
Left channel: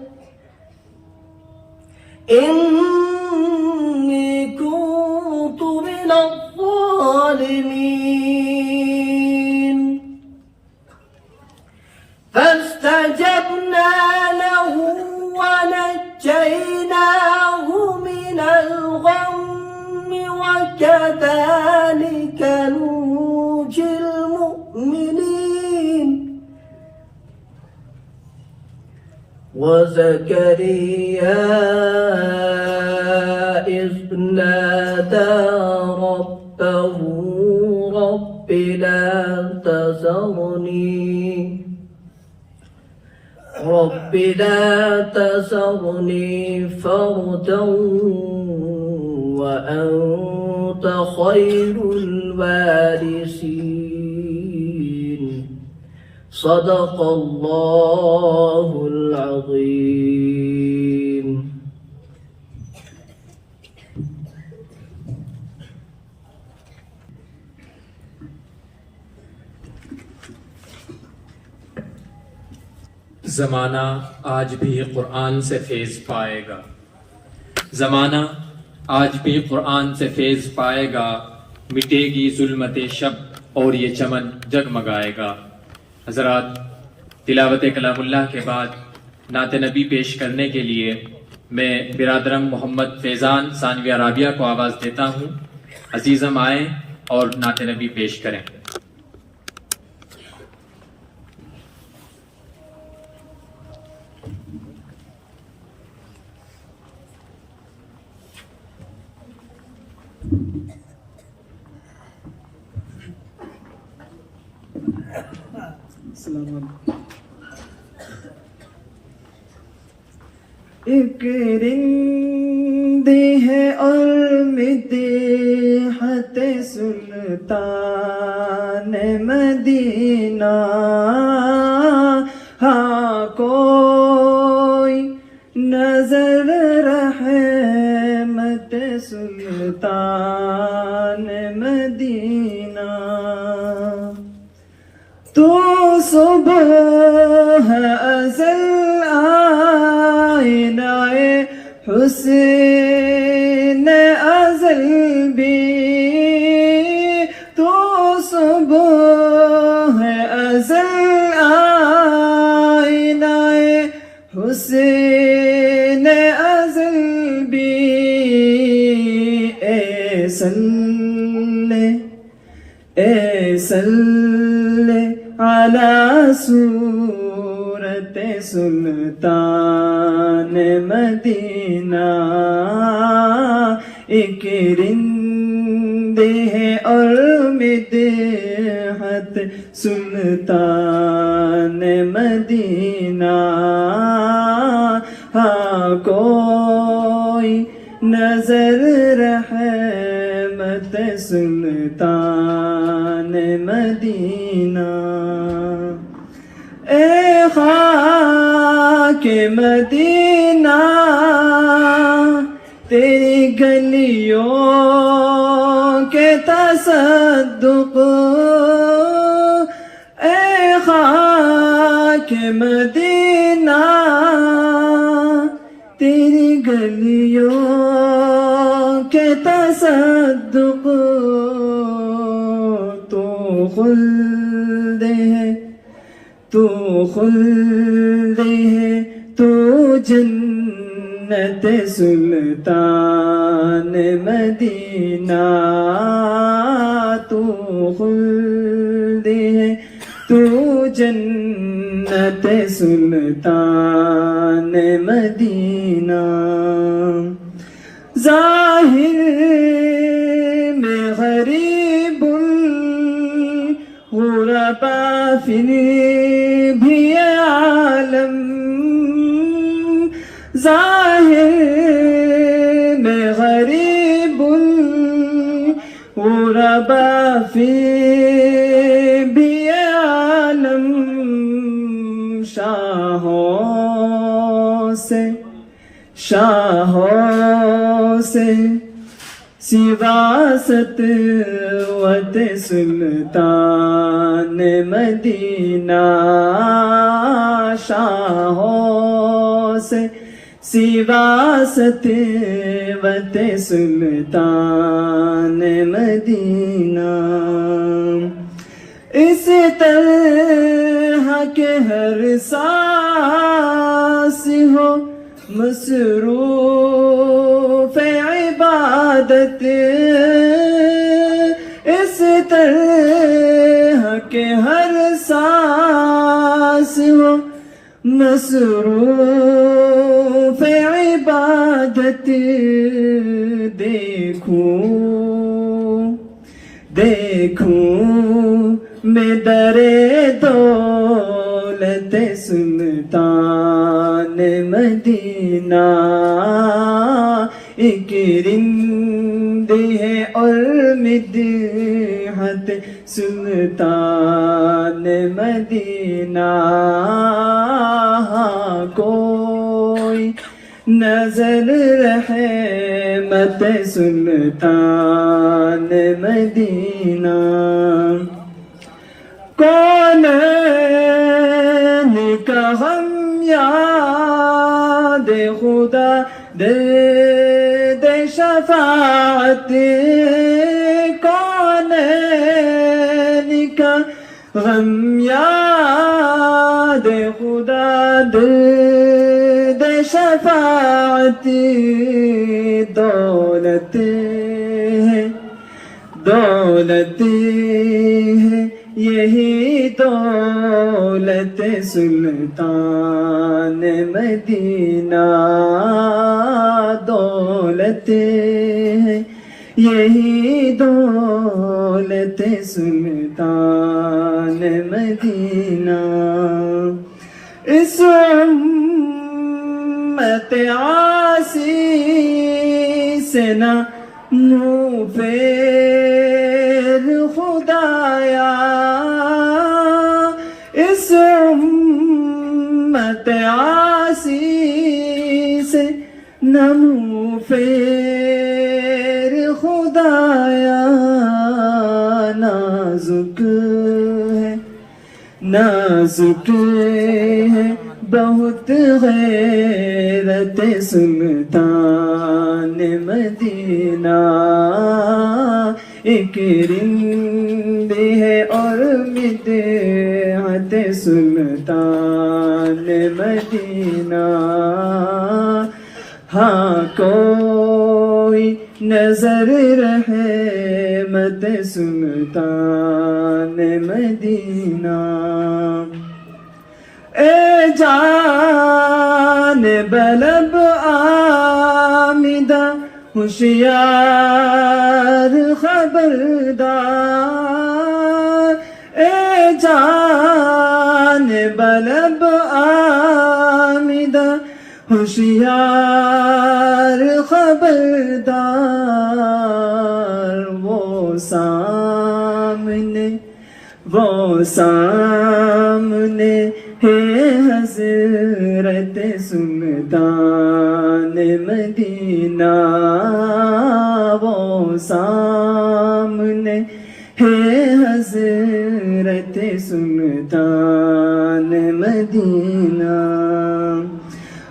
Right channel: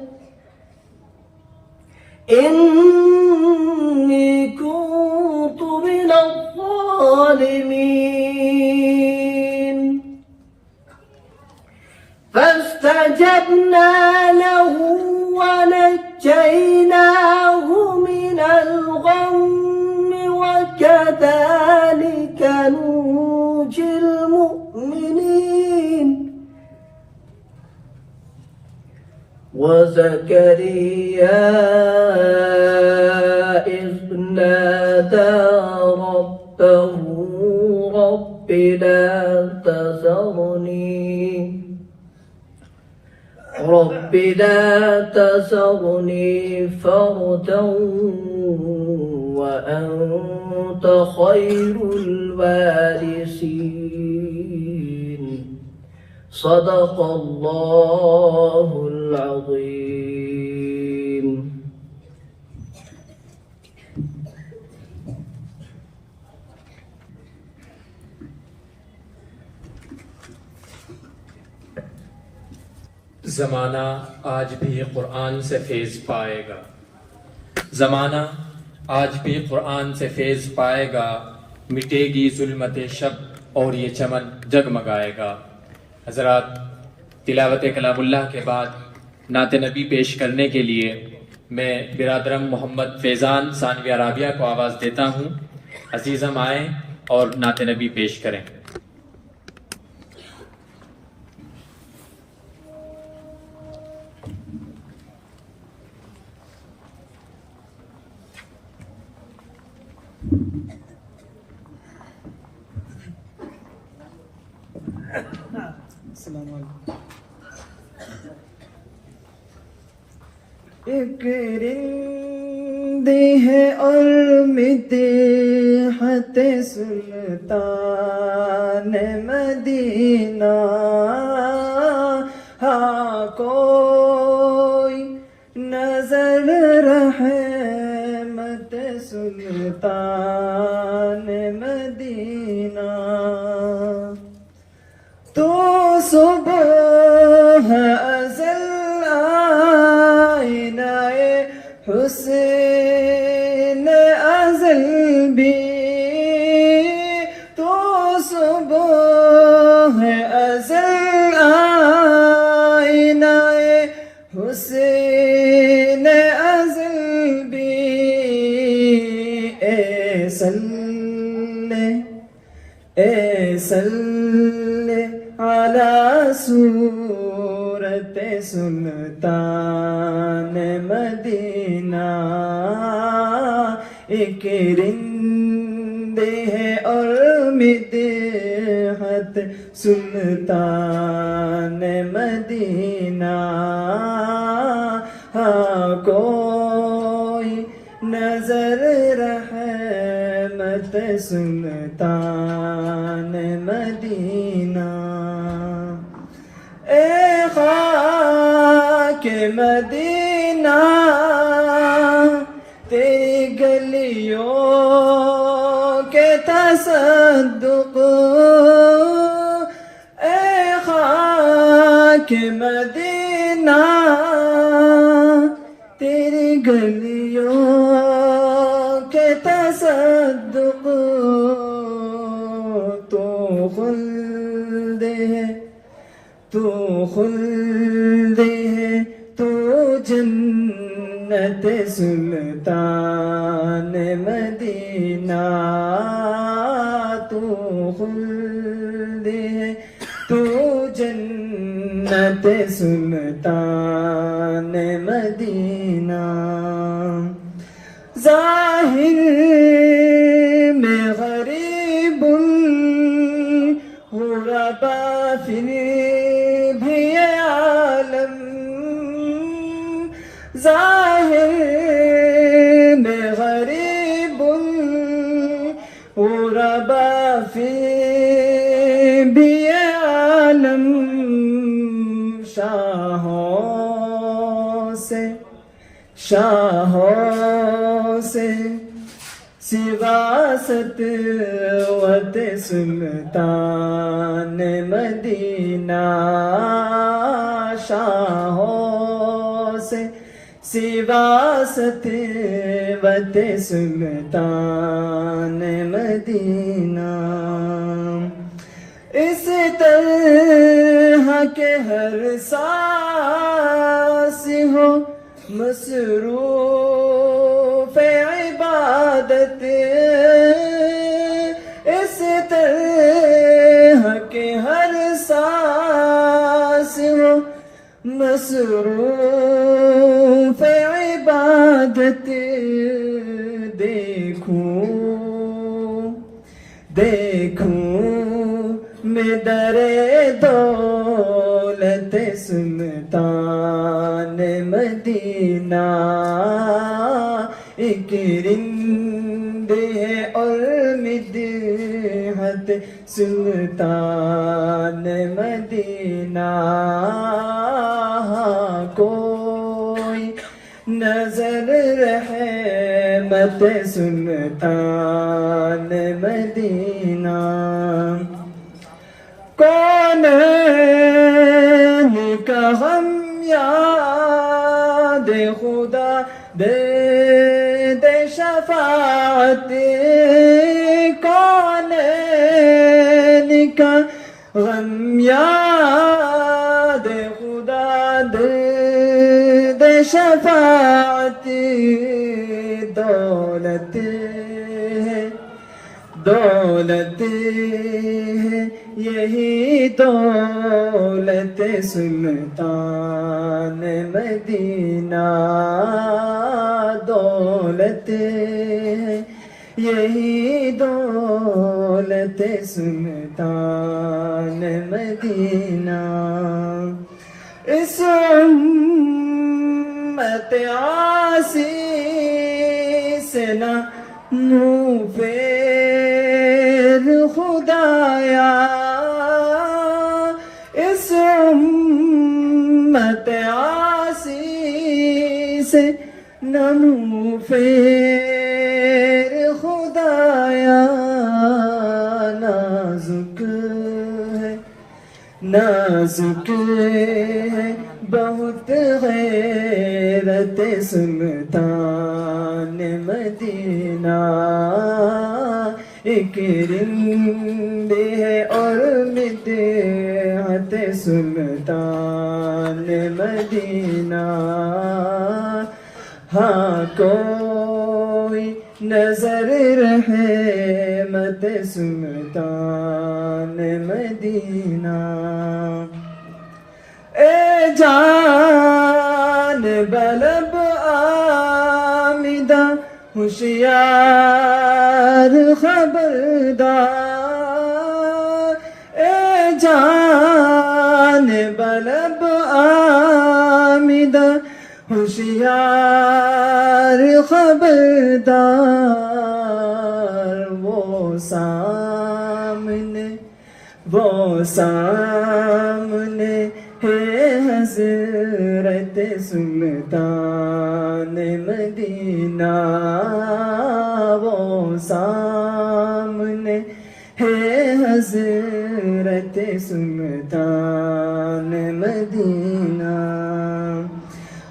إني كنت من الظالمين. فاستجبنا له ونجيناه من الغم وكذلك ننجي المؤمنين. وزكريا إذ نادى ربه رب لا تذرني فردا وأنت خير الوارثين. صدق الله العظيم. زمانہ آج بھی قرآن سے فیض پائے گا، زمانہ آج بھی قرآن سے فیض پائے گا، مٹے گی ظلمت شب اور یہ چمن جگمگائے گا۔ حضرات، تلاوت کلام اللہ کے بعد نعت نبی پیش کرنے کے لیے میں برادرم محمد فیضان ثانویہ رابعہ کو آواز دیتا ہوں۔ عزیزم آئیں اور نعت نبی پیش کریں۔ ایک رندے ہے اور مدحت سلطان مدینہ، ہاں کوئی نظر رحمت سلطان مدینہ، تو صبح ازل حسین ازل بھی، تو صبح ازل آئینہ حسین ازل بھی، اے صلی علی صورت سلطان مدینہ، ایک رندے ہے اور مدحت سلطان مدینہ، ہاں کوئی نظر رحمت سلطان مدینہ، اے خاک مدینہ تیری گلیوں کے تصدق، اے خاک مدینہ تیری گلیوں کے تصدق، تو خلد ہے تو خلد ہے تو جنت سلطان مدینہ، تو خلد ہے تو جنت سلطان مدینہ، ظاہر میں غریب غربا پھر بھی عالم، ظاہر میں غریب غربا پھر بھی عالم، شاہوں سے سوا ستوت سلطان مدینہ، شاہوں سے سوا ستوت سلطان مدینہ، اس طرح کے ہر سانس ہو مصروف عبادت، اس طرح کے ہر سانس ہو مصروف عبادت، دیکھوں میں در دولت سلطان مدینہ، ایک رند ہے اور مدحت سلطان مدینہ. کوئی نظر رحمت سلطان مدینہ. کون کا ہم یاد خدا دے دے شفاعت. کون کا غم یاد خدا دے دے شفاعت. دولت ہے دولت ہے یہی دولت سلطان مدینہ. دولت ہے یہی دولت سلطان مدینہ. اس امت عاصی سے نہ منہ پھیر خدایا. اس امت عاصی سے نہ منہ پھیر خدایا. نازک ہے نازک ہے بہت غیرت سلطان مدینہ. ایک رند ہے اور مدحت سلطان مدینہ. ہاں کوئی نظر رحمت سلطان مدینہ. اے جان بلب آمدہ ہوشیار خبردار. اے جان بلب آمدہ ہوشیار خبردار. وہ سامنے ہے حضرت سلطان مدینہ. وہ سامنے ہے حضرت سلطان مدینہ.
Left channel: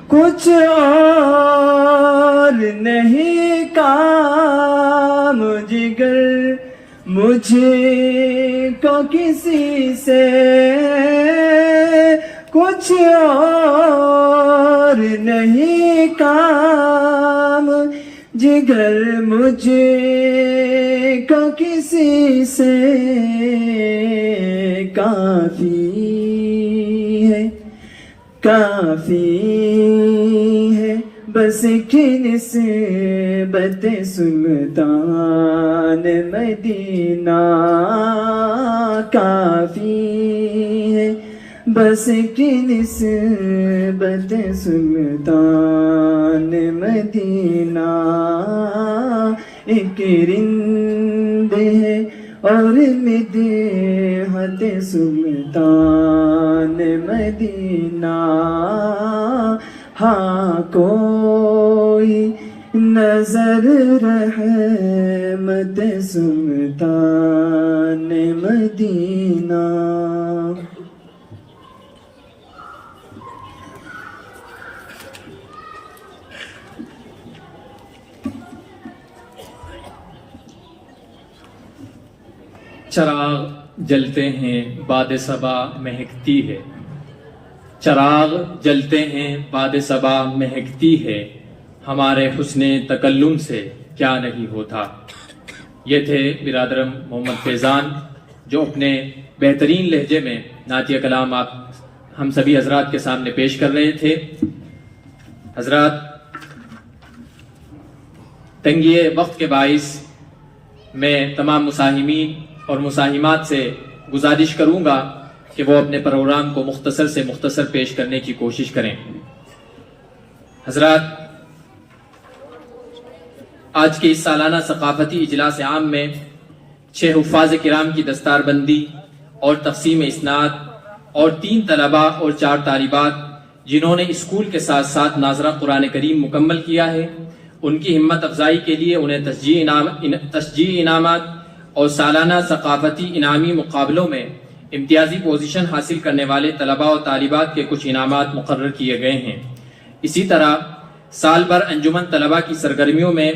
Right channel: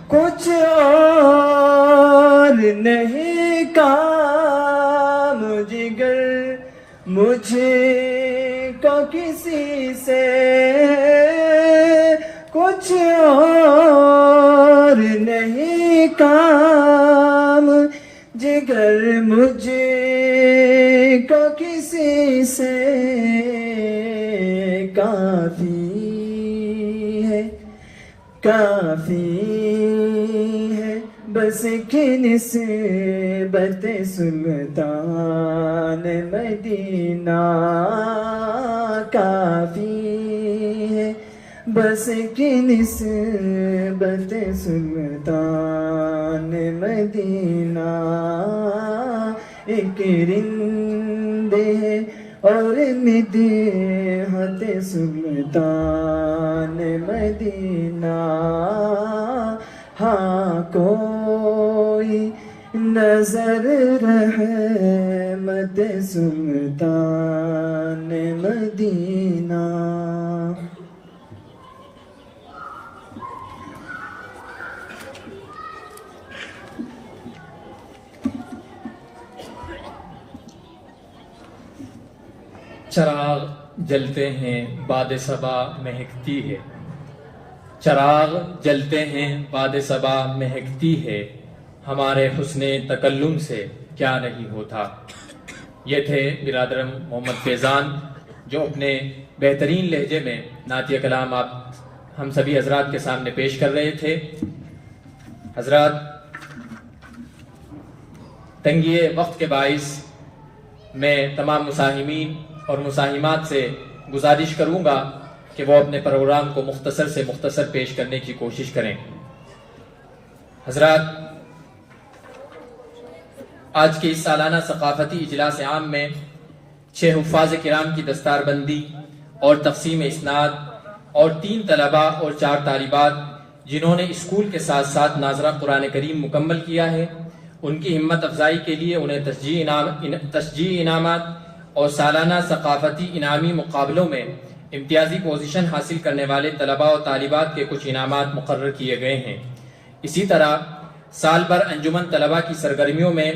کچھ اور نہیں کام جگر مجھے کو کسی سے. کچھ اور نہیں کام جگر مجھے کو کسی سے. کافی ہے بس کی نسبت سلطان مدینہ. کافی ہے بس کی نسبت سلطان مدینہ. ایک رند ہے اور مدحت سلطان مدینہ. ہاں کوئی نظر رحمت سلطان مدینہ. چراغ جلتے ہیں باد صبا مہکتی ہے. چراغ جلتے ہیں باد صبا مہکتی ہے. ہمارے حسن تکلم سے کیا نہیں ہوتا. یہ تھے برادرم محمد فیضان جو اپنے بہترین لہجے میں نعتیہ کلام آپ ہم سبھی حضرات کے سامنے پیش کر رہے تھے. حضرات تنگی وقت کے باعث میں تمام مساہمین اور مساہمات سے گزارش کروں گا کہ وہ اپنے پروگرام کو مختصر سے مختصر پیش کرنے کی کوشش کریں. حضرات آج کے اس سالانہ ثقافتی اجلاس عام میں 6 حفاظ کرام کی دستار بندی اور تقسیم اسناد اور 3 طلباء اور 4 طالبات جنہوں نے اسکول کے ساتھ ساتھ ناظرہ قرآن کریم مکمل کیا ہے، ان کی ہمت افزائی کے لیے انہیں تشجیعی انعامات اور سالانہ ثقافتی انعامی مقابلوں میں امتیازی پوزیشن حاصل کرنے والے طلباء و طالبات کے کچھ انعامات مقرر کیے گئے ہیں۔ اسی طرح سال بھر انجمن طلباء کی سرگرمیوں میں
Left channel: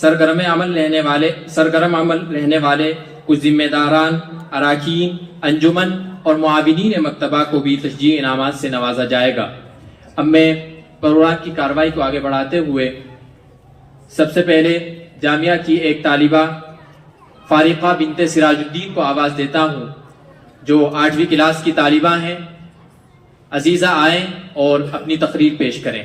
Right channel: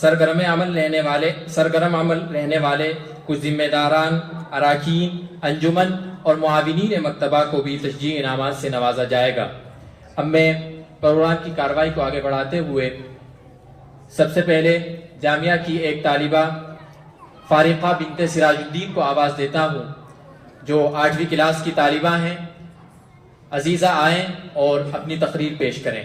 سرگرم عمل رہنے والے کچھ ذمہ داران، اراکین انجمن اور معاونین مکتبہ کو بھی تشجیعی انعامات سے نوازا جائے گا۔ اب میں پروگرام کی کارروائی کو آگے بڑھاتے ہوئے سب سے پہلے جامعہ کی ایک طالبہ فارقہ بنت سراج الدین کو آواز دیتا ہوں جو 8ویں کلاس کی طالبہ ہیں۔ عزیزہ آئیں اور اپنی تقریر پیش کریں۔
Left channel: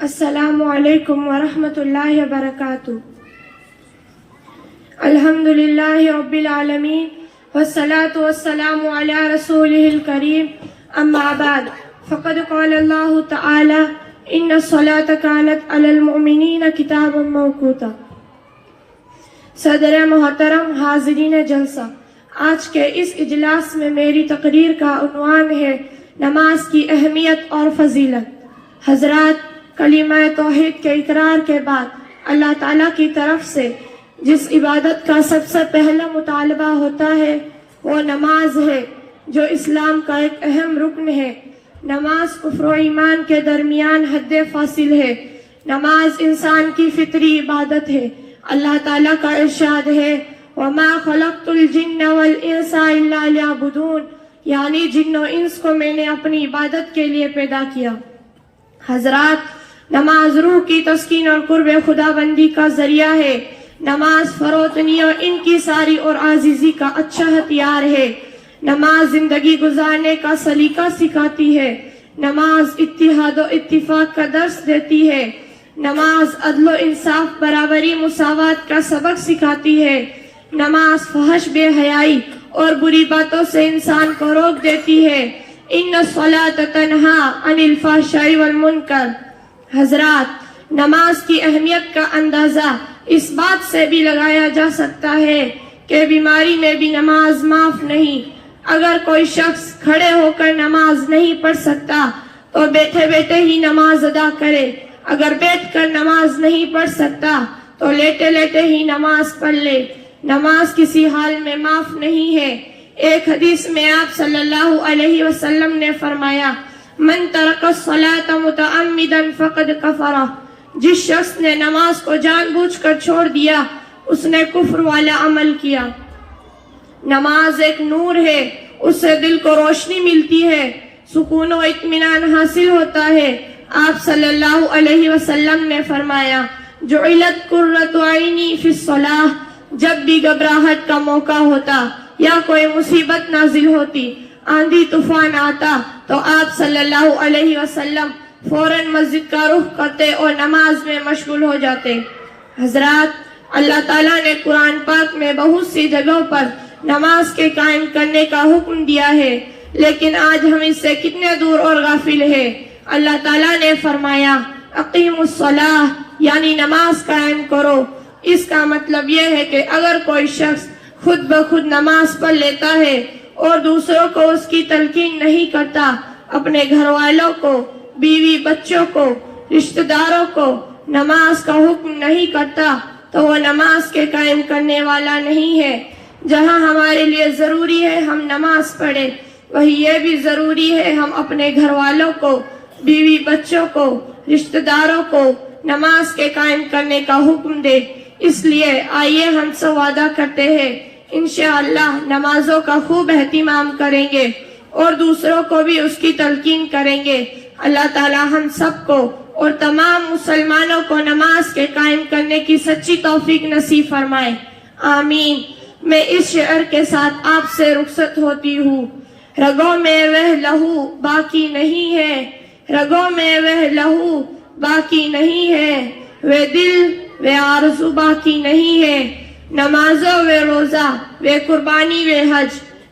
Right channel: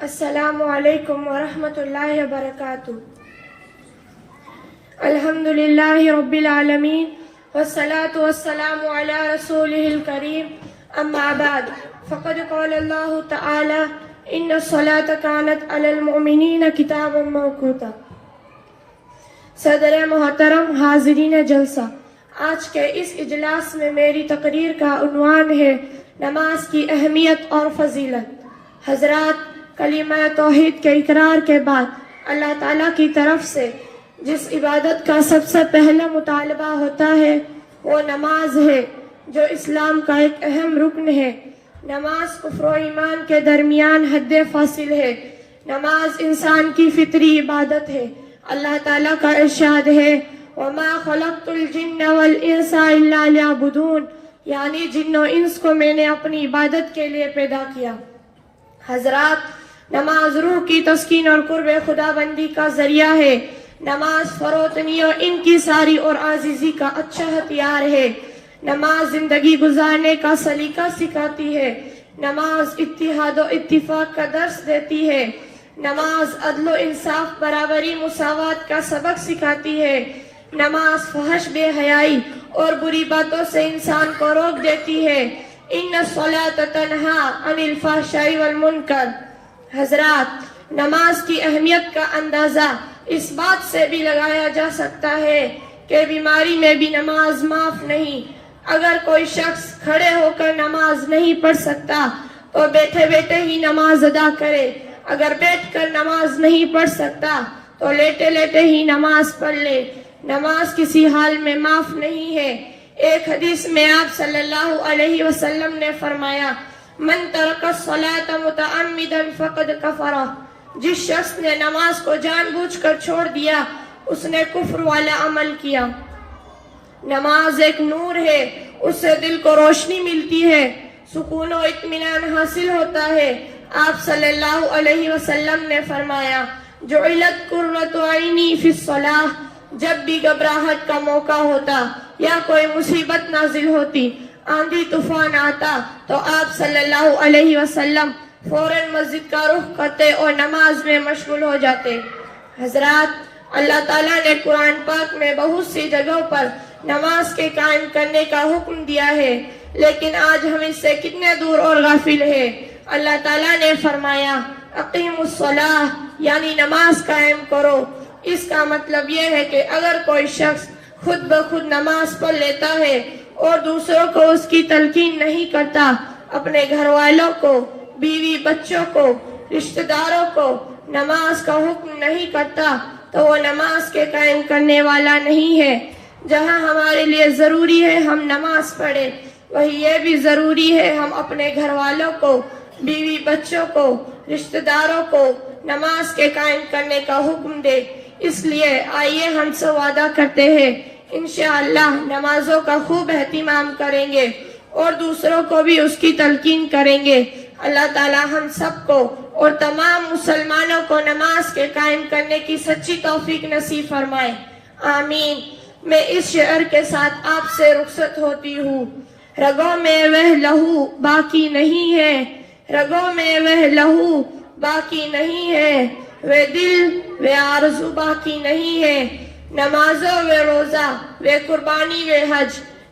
السلام علیکم ورحمۃ اللہ وبرکاتہ۔ الحمد للہ رب العالمین والصلاة والسلام علی رسولہ الکریم، اما بعد فقد قال اللہ تعالی ان الصلاة كانت علی المؤمنین کتابا موقوتا۔ صدر محترم، حاضرین جلسہ، آج کے اس اجلاس میں میری تقریر کا عنوان ہے نماز کی اہمیت اور فضیلت۔ حضرات، کلمہ توحید کے اقرار کے بعد اللہ تعالیٰ کی طرف سے جس عبادت کا سب سے پہلا مطالبہ ہوتا ہے وہ نماز ہے، جو اسلام کا ایک اہم رکن ہے۔ نماز کفر و ایمان کے درمیان حد فاصل ہے۔ نماز انسان کی فطری عبادت ہے۔ اللہ تعالیٰ کا ارشاد ہے وَمَا خَلَقْتُ الْجِنَّ وَالْإِنسَ إِلَّا لِيَعْبُدُونَ، یعنی جن و انس کو میں نے اپنی عبادت کے لیے پیدا کیا۔ حضرات، نماز روح کی تسکین اور قرب خدا بندی کا ذریعہ ہے۔ نماز فروتنی اور انکساری اور عاجزی کا اچھا ہتھیار ہے۔ نماز زندگی گزارنے کا سلیقہ سکھاتی ہے۔ نماز اتحاد و اتفاق کا درس دیتی ہے۔ نماز عدل و انصاف، برابری، مساوات کا سبق سکھاتی ہے۔ نماز فحش، بے حیائی اور بری باتوں سے انسان کو روک دیتی ہے۔ ان الصلاۃ تنہی عن الفحشاء والمنکر۔ حضرات، نماز کی اہمیت کا اندازہ اس بات سے بھی لگایا جا سکتا ہے کہ بیماری میں بھی نماز معاف نہیں۔ اگر کوئی شخص کھڑے ہو کر نماز نہیں پڑھ سکتا تو بیٹھے بیٹھے ہی نماز ادا کرے۔ اگر بیٹھ کر نماز نہیں پڑھ سکتا تو لیٹے لیٹے ہی نماز پڑھ لے۔ نماز کسی حال میں معاف نہیں ہے۔ ایک حدیث میں آپ صلی اللہ علیہ وسلم نے فرمایا من ترک الصلاة متعمدا فقد کفر، جس شخص نے نماز کو جان بوجھ کر چھوڑ دیا اس نے کفر والا عمل کیا۔ نماز ایک نور ہے، اس سے دل کو روشنی ملتی ہے، سکون و اطمینان حاصل ہوتا ہے۔ آپ صلی اللہ علیہ وسلم نے فرمایا جعلت قرۃ عینی فی الصلاۃ، جب بھی گھبراہٹ کا موقع ہوتا یا کوئی مصیبت نازل ہوتی، آندھی طوفان آتا، تو آپ صلی اللہ علیہ وسلم فوراً مسجد کا رخ کرتے اور نماز میں مشغول ہو جاتے۔ حضرات، اللہ تعالیٰ نے قرآن پاک میں بہت سی جگہوں پر نماز کے قائم کرنے کا حکم دیا ہے، لیکن آج ہم اس سے کتنے دور اور غافل ہیں۔ اللہ تعالیٰ نے فرمایا اقیموا الصلاۃ، یعنی نماز قائم کرو۔ اس کا مطلب یہ ہے کہ اگر کوئی شخص خود بخود نماز پڑھ لیتا ہے اور دوسروں کو اس کی تلقین نہیں کرتا، اپنے گھر والوں کو، بیوی بچوں کو، رشتہ داروں کو نماز کا حکم نہیں کرتا، تو وہ نماز کے قائم کرنے والا نہیں ہے۔ جہاں ہمارے لیے ضروری ہے ہم نماز پڑھیں، وہی یہ بھی ضروری ہے ہم اپنے گھر والوں کو، بیوی بچوں کو، رشتہ داروں کو نماز کے قائم کرنے کا حکم دے۔ اس لیے آئیے ہم سے وعدہ کرتے ہیں انشاءاللہ نمازوں کا خوب اہتمام کریں گے اور دوسروں کو بھی اس کی تلقین کریں گے۔ اللہ تعالی ہم سب کو اور تمام مسلمانوں کو نماز کے قائم کرنے کی سچی توفیق نصیب فرمائے، آمین۔ میں اس شعر کے ساتھ آپ سے رخصت ہوتی ہوں۔ رگوں میں وہ لہو باقی نہیں ہے، رگوں میں وہ لہو باقی نہیں ہے، وہ دل وہ آرزو باقی نہیں ہے۔ نمازوں و روزہ و قربانی و حج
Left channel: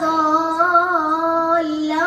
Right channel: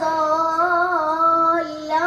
ضالًا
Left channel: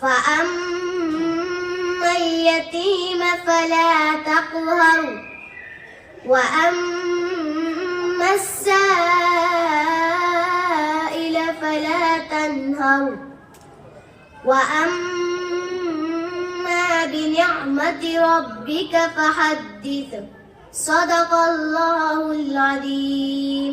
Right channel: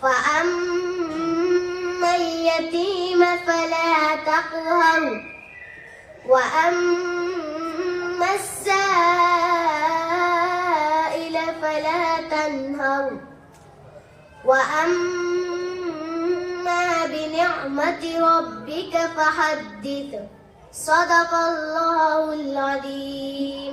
فأما اليتيم فلا تقهر وأما السائل فلا تنهر وأما بنعمة ربك فحدث صدق الله العظيم.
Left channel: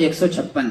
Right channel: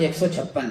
156।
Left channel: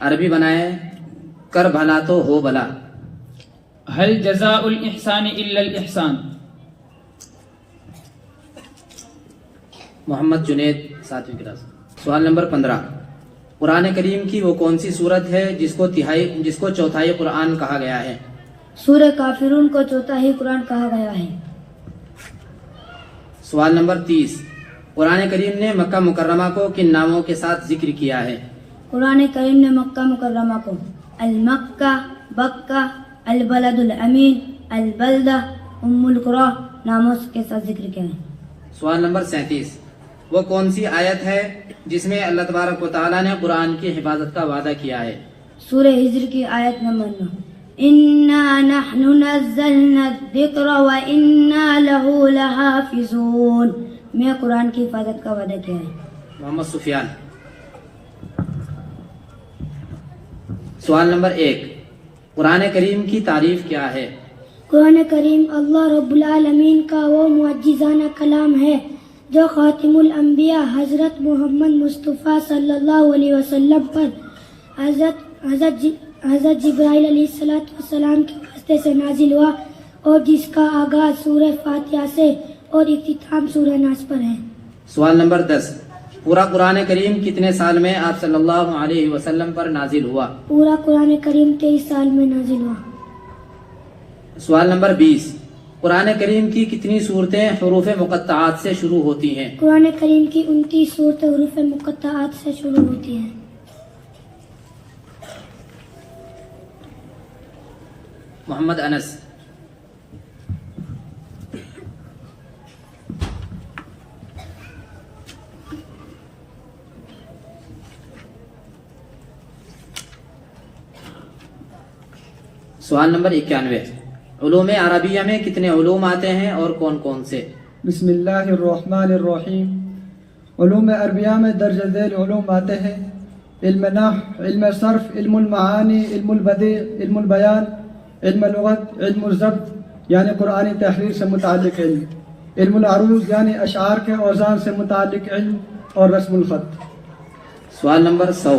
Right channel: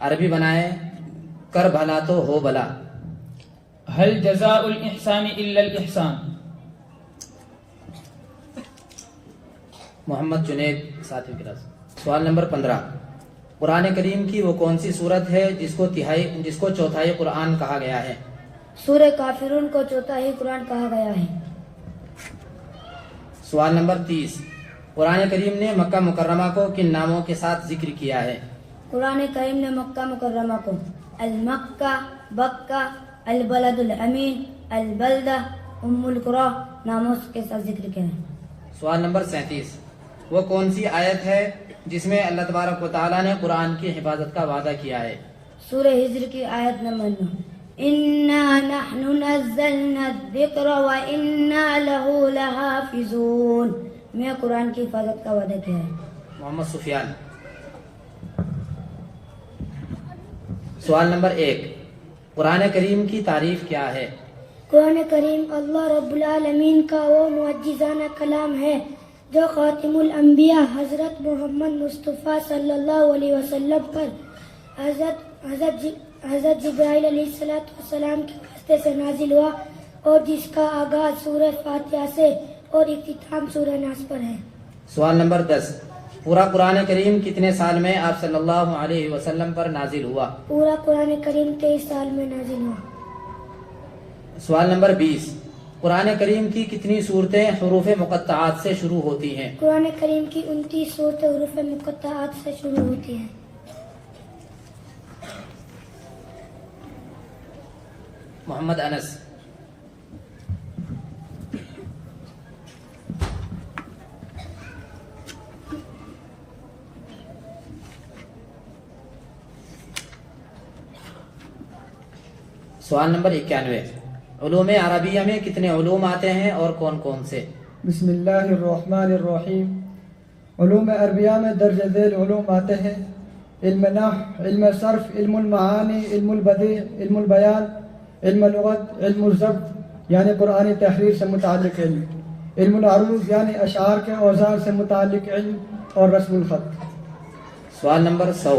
عربی بنائیں کر بھلا تو ہو بھلا. هل جزاء الإحسان إلا الإحسان. محمد جنید 7ویں کلاس. سوال نمبر 15. قرآن کریم کی وہ کون سی صورت ہے جس کو چوتھائی قرآن کہا گیا ہے؟ سورہ کافرون کو چوتھائی قرآن کہا گیا ہے. سوال نمبر 30. قرآن کریم نے مکہ مکرمہ کو کن ناموں کے ساتھ ذکر کیا ہے؟ قرآن کریم نے مکہ مکرمہ کو المکہ، بکہ، البلد الامین، البلدہ، ام القری ناموں کے ساتھ ذکر کیا ہے. سوال نمبر 37. وہ کون سی آیت ہے جس میں اللہ تبارک و تعالیٰ نے قرآن کی حفاظت کا وعدہ کیا ہے؟ سورہ ہجر کی آیت نمبر 9. اِنَّا نَحْنُ نَزَّلْنَا الذِّكْرَ وَإِنَّا لَهُ لَحَافِظُونَ. میں قرآن کی حفاظت کا وعدہ کیا ہے. محمد سفیان. سوال نمبر 1. قرآن کریم کی تعریف کیا ہے؟ قرآن کریم اللہ رب العالمین کا وہ معجزانہ کلام ہے جو خاتم الانبیاء حضرت محمد مصطفیٰ صلی اللہ علیہ وسلم پر حضرت جبرائیل علیہ السلام کے واسطے سے نازل ہوا اور جس کا آغاز سورہ فاتحہ سے اور اختتام سورہ ناس پر ہے. سوال نمبر 10. پورا قرآن کریم کتنے سال میں آپ صلی اللہ علیہ وسلم پر نازل ہوا؟ پورا قرآن کریم 23 سال میں نازل ہوا. سوال نمبر 20. قرآن کریم کی کتنی صورتیں حروف مقطعات سے شروع ہوتی ہیں؟ قرآن کریم کی 29 صورتیں حروف مقطعات سے شروع ہوتی ہیں. محمد انس. سوال نمبر 91. علوم عربیہ میں کتنے علوم آتے ہیں اور کون کون سے؟ بسم اللہ الرحمن الرحیم. علوم عربیہ میں درج ذیل علوم آتے ہیں: علم نحو، علم صرف، علم المعانی، علم البدیع، علم البیان، علم لغت، علم الضبط یعنی قرآنی تحریر سے متعلق علم، علم العروض یعنی اشعار کے اوزان سے متعلق علم، اور رسم الخط. سوال نمبر 100.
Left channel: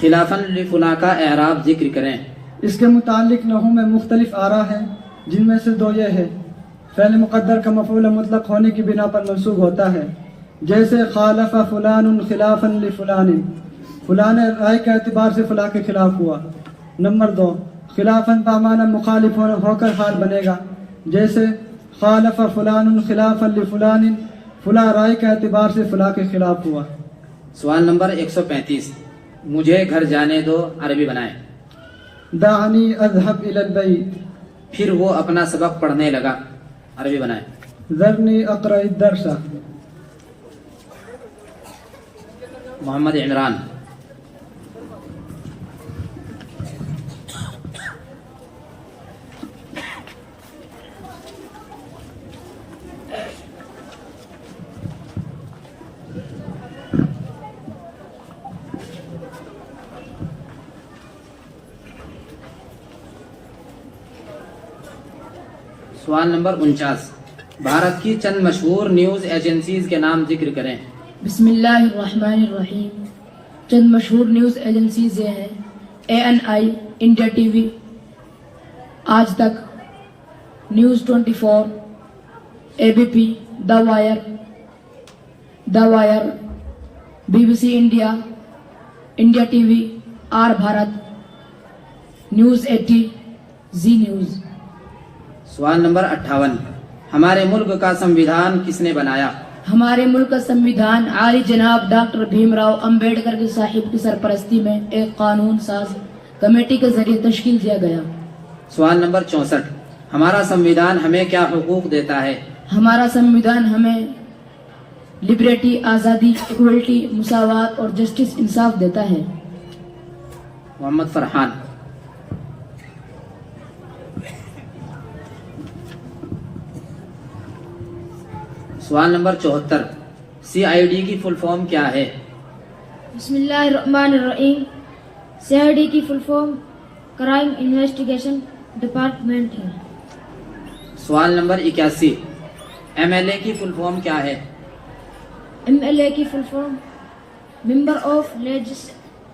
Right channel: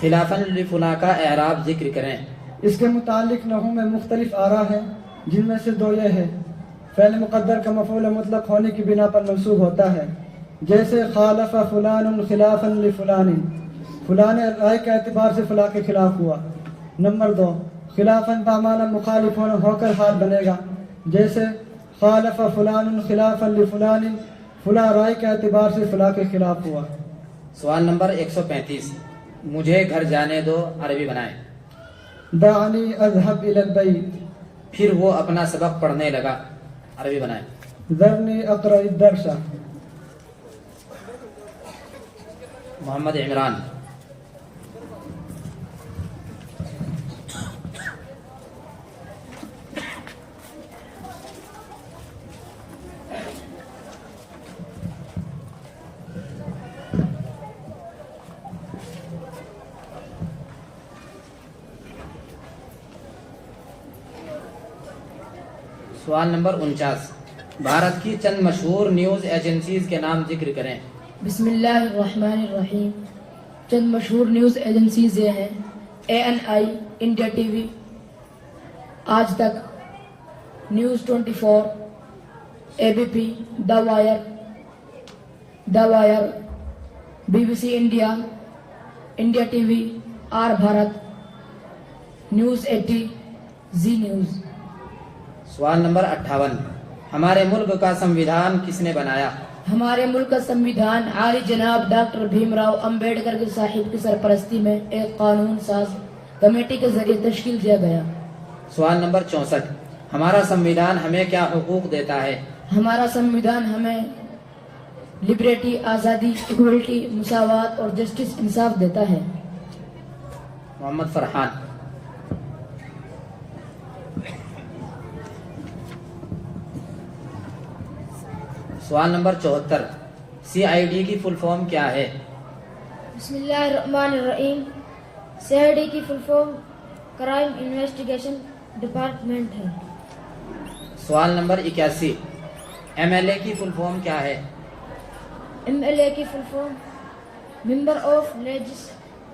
خلافاً لفلاں کا اعراب ذکر کریں. اس کے متعلق نحو میں مختلف آراء ہیں، جن میں سے 2 یہ ہے: فعل مقدر کا مفعول مطلق ہونے کی بنا پر منصوب ہوتا ہے، جیسے خالف فلان خلافا لفلان، فلان رائے کے اعتبار سے فلاں کے خلاف ہوا. نمبر 2. خلافاً بمعنی مخالف ہو کر حال بنے گا، جیسے خالف فلان خلافا لفلان، فلاں رائے کے اعتبار سے فلاں کے خلاف ہوا. سوال نمبر 135. مجھے گھر جانے دو عربی بنائیں. دعنی اذهب الى البيت. پھر وہ اپنا سبق پڑھنے لگا عربی بنائیں. ذرنی اقرأ الدرس. محمد عمران. سوال نمبر 49. بھارت کی چند مشہور نیوز ایجنسیز کے نام ذکر کریں. بسم اللہ الرحمن الرحیم. چند مشہور نیوز ایجنسیز یہ ہیں: ANI India T V, Aaj Tak, news 24، ABP، the wire, BBC India, India T V, R Bharat, news 80، Zee news. سوال نمبر 58. ہمارے ملک کا سمویدھان کس نے بنایا؟ ہمارے ملک کا سمویدھان عالی جناب ڈاکٹر بھیم راؤ امبیڈکر کے صاحب کی سرپرستی میں ایک قانون ساز کمیٹی کے ذریعے تشکیل دیا گیا. سوال نمبر 64. ہمارا سمویدھان ہمیں کیا حقوق دیتا ہے؟ ہمارا سمویدھان ہمیں لبرٹی، آزادی، ایکویلٹی، مساوات اور جسٹس، انصاف دیتا ہے. محمد فرحان. سوال نمبر 74. CID کی فل فارم کیا ہے؟ بسم اللہ الرحمن الرحیم. CID کی full form crime investigation department ہے. سوال نمبر 81. MLA کی فل فارم کیا ہے؟ MLA کی فل فارم ممبر آف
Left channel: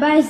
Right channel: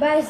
22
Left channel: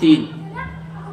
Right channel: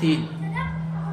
3,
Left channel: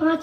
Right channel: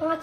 5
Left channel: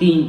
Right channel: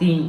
3,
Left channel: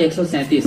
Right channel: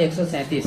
137,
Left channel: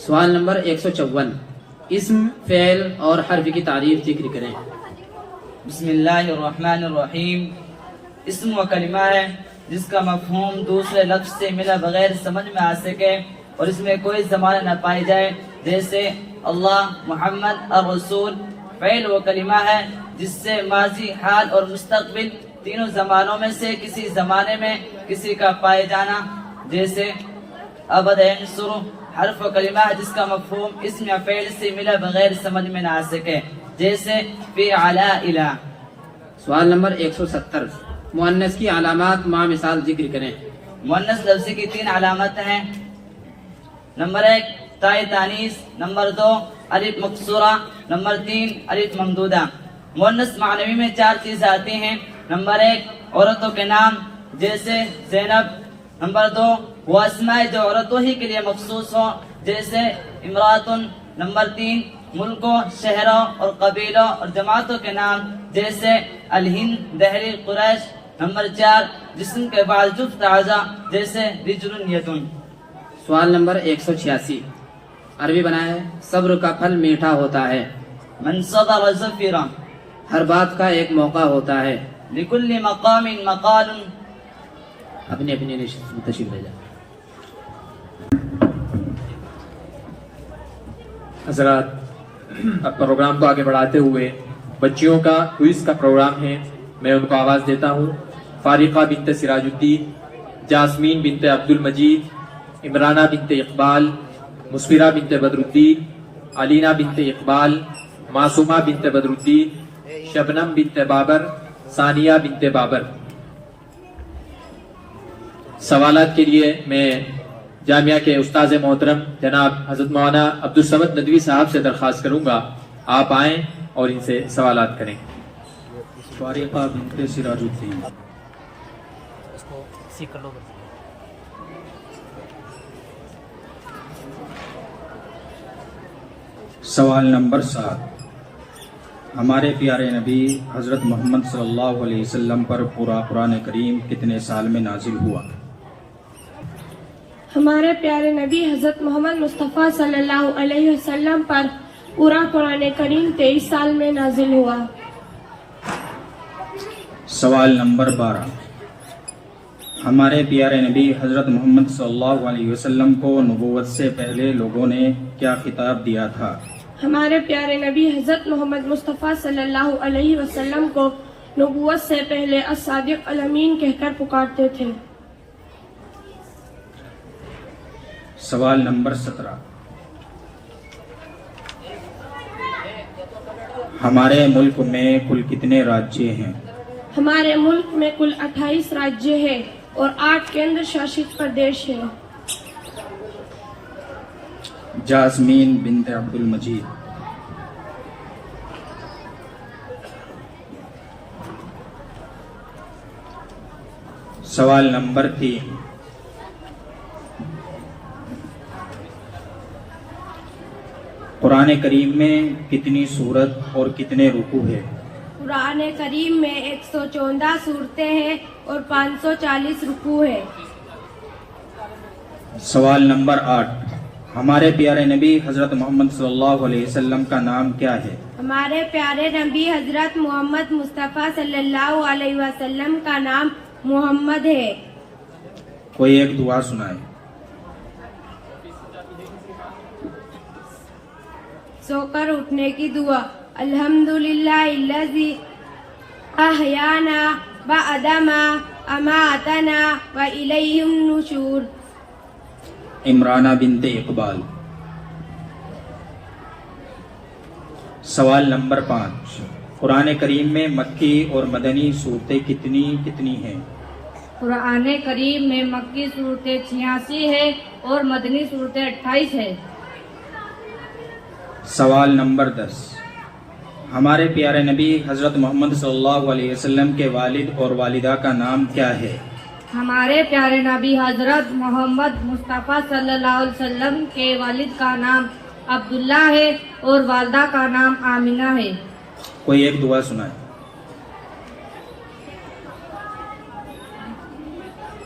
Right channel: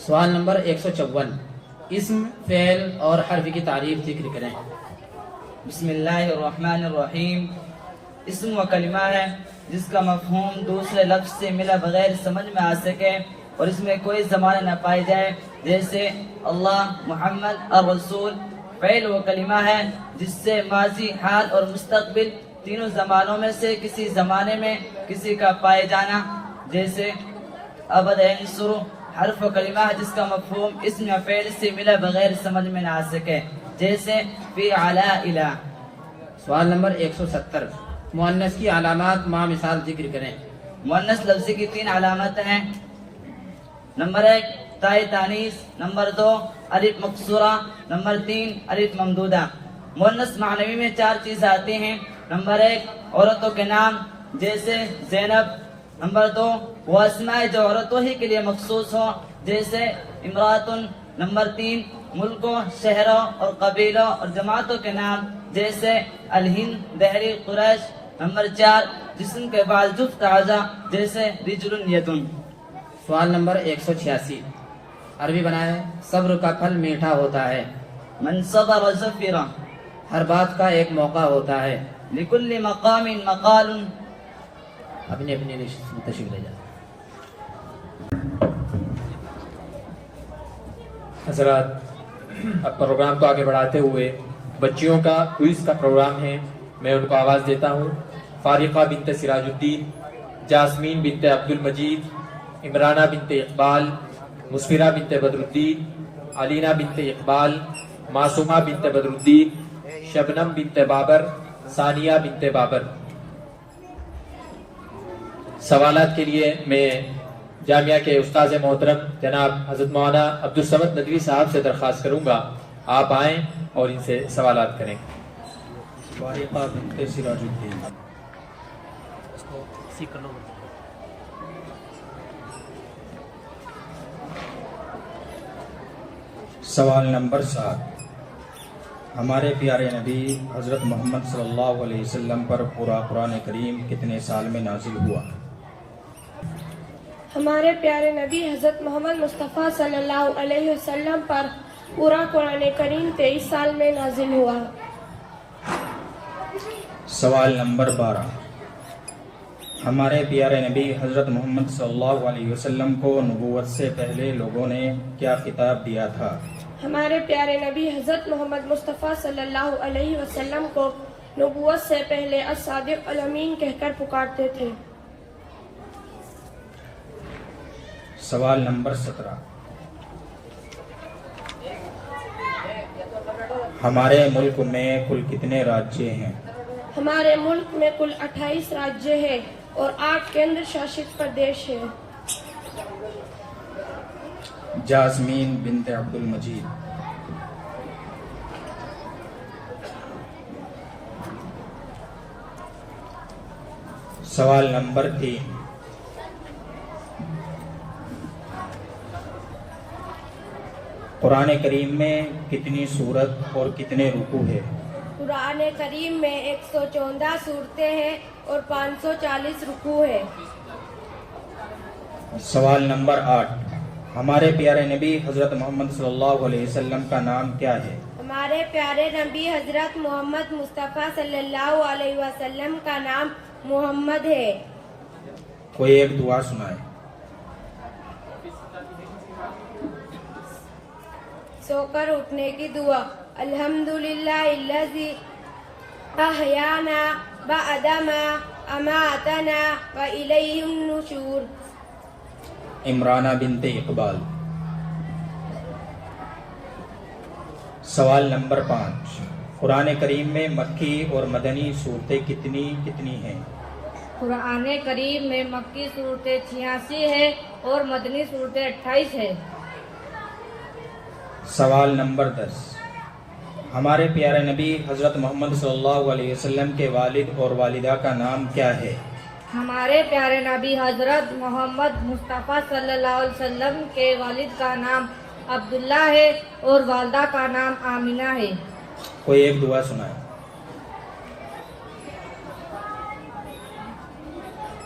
سوال نمبر 154 اسم فعل اور حرف کی تعریف ذکر کریں. بسم اللہ الرحمن الرحیم. اسم و کلمہ ہے جس کا مفہوم دوسرے لفظ سے ملا بغیر سمجھ میں آ سکے اور اس میں کوئی زمانہ نہ پائی جائے، جیسے اللہ، محمد اور رسول. فعل و کلمہ ہے جس سے ماضی، حال اور مستقبل تینوں زمانوں میں سے کسی زمانے میں کسی کا پائے جانا، جیسے ابد ینصر. حرف و کلمہ ہے جس کا مفہوم اسم یا فعل سے ملا بغیر سمجھ میں نہ آ سکے، جیسے فی علی الہ. سوال نمبر 170 مؤنث کی علامات مع مثال ذکر کریں. مؤنث لفظ کی 3 علامت ہیں. نمبر 1 تاء تانیث، نمبر 2 الف مقصورہ، نمبر 3 الف ممدودہ. مؤنث معنوی میں 4 چیزیں آتی ہیں. نمبر 1 عورتوں کے نام جیسے زینب. نمبر 2 وہ اسماء جو عورتوں ہی کے لیے مخصوص ہوں جیسے امراتن. نمبر 3 ملکوں، شہروں اور قبیلوں اور جماعتوں کے نام جیسے الہند، دہلی، قریش. نمبر 4 جسم کے بعد جفت اعضاء جیسے رجل یدن. سوال نمبر 186 عربی بنا ہے. صبر کا پھل میٹھا ہوتا ہے. من صبر ظفر. ہر بات کا ایک موقع ہوتا ہے. لکل مقام مقال. اپنی اپنی تشریف لے جائیں. حضرات، اب پروگرام کو آگے بڑھاتے ہوئے بچیوں کا کوئز کا پروگرام ہے. میں ان کو آواز دیتا ہوں. فارقہ بنت سراج الدین، جاسمین بنت عبد المجید، عمرانہ بنت اقبال، مسفرہ بنت بدر الدین، علینہ بنت اقبال، معصومہ بنت بدر الدین، شبنم بنت بابر، ثانیہ بنت بابر. سوالات کے لیے میں جامعہ کے استاذ محترم جناب حضرت مولانا عبدالصمد ندوی صاحب سے درخواست کروں گا آپ آئیں اور ان سے سوالات کریں. فارقہ بنت سراج الدین. سوال نمبر 7 ہمارے پیارے نبی حضرت محمد صلی اللہ علیہ وسلم پر پورا قرآن کریم کتنے سال میں نازل ہوا؟ ہمارے پیارے نبی حضرت محمد مصطفیٰ صلی اللہ علیہ وسلم پر پورا قرآن کریم 23 سال میں نازل ہوا. سوال نمبر 12 ہمارے پیارے نبی حضرت محمد صلی اللہ علیہ وسلم کو نبوت سے پہلے لوگوں نے کیا خطاب دیا تھا؟ ہمارے پیارے نبی حضرت محمد مصطفیٰ صلی اللہ علیہ وسلم کو نبوت سے پہلے الصادق الامین کہہ کر پکارتے تھے. سوال نمبر 17 ہمارے ملک میں کل کتنے راجیہ ہیں؟ ہمارے ملک میں کل 28 راجیہ ہیں اور 8 کیندر شاشت پردیش ہیں. جاسمین بنت عبد المجید. سوال نمبر 3 قرآن کریم میں کتنی سورت اور کتنے رکوع ہے؟ قرآن کریم میں 114 صورتیں ہیں اور 540 رکوع ہے. سوال نمبر 8 ہمارے پیارے نبی حضرت محمد صلی اللہ علیہ وسلم کا نام کیا ہے؟ ہمارے پیارے نبی حضرت محمد مصطفیٰ صلی اللہ علیہ وسلم کا نام محمد ہے. کوئی ایک دعا سنائے. سو کر اٹھنے کی دعا. الحمدللہ الذی احیانا بعد ما اماتنا والیہ النشور. عمرانہ بنت اقبال. سوال نمبر 5 قرآن کریم میں مکی اور مدنی صورتیں کتنی ہیں؟ قرآن کریم میں مکی صورتیں 86 ہے اور مدنی صورتیں 28 ہے. سوال نمبر 10 ہمارے پیارے نبی حضرت محمد صلی اللہ علیہ وسلم کے والد اور والدہ کا نام کیا ہے؟ ہمارے پیارے نبی حضرت محمد مصطفیٰ صلی اللہ علیہ وسلم کے والد کا نام عبداللہ ہے اور والدہ کا نام آمینہ ہے. کوئی ایک دعا سنائے.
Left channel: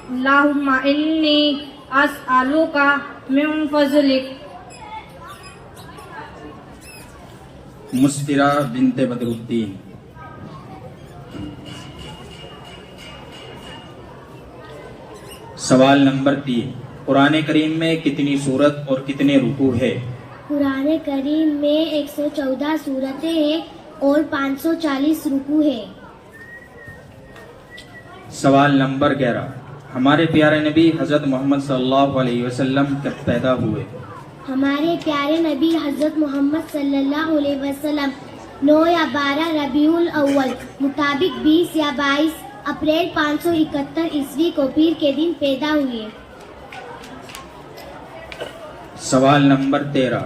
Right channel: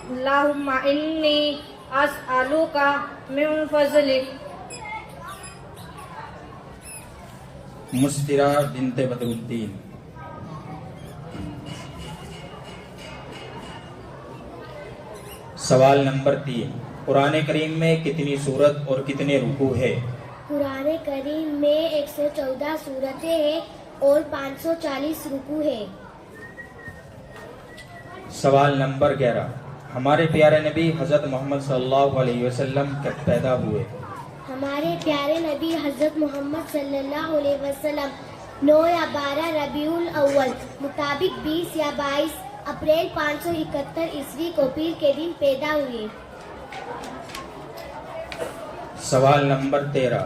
اللہم انی اسألوک من فضلک مسفرہ بنت بدرالدین. سوال نمبر 3. قرآن کریم میں کتنی سورت اور کتنے رکوع ہے؟ قرآن کریم میں 114 سورتیں ہیں اور 540 رکوع ہے. سوال نمبر 11. ہمارے پیارے نبی حضرت محمد صلی اللہ علیہ وسلم کب پیدا ہوئے؟ ہمارے پیارے نبی حضرت محمد صلی اللہ علیہ وسلم 9 یا 12 ربیع الاول مطابق 20 یا 22 اپریل 571 عیسوی کو پیر کے دن پیدا ہوئے. سوال نمبر 13.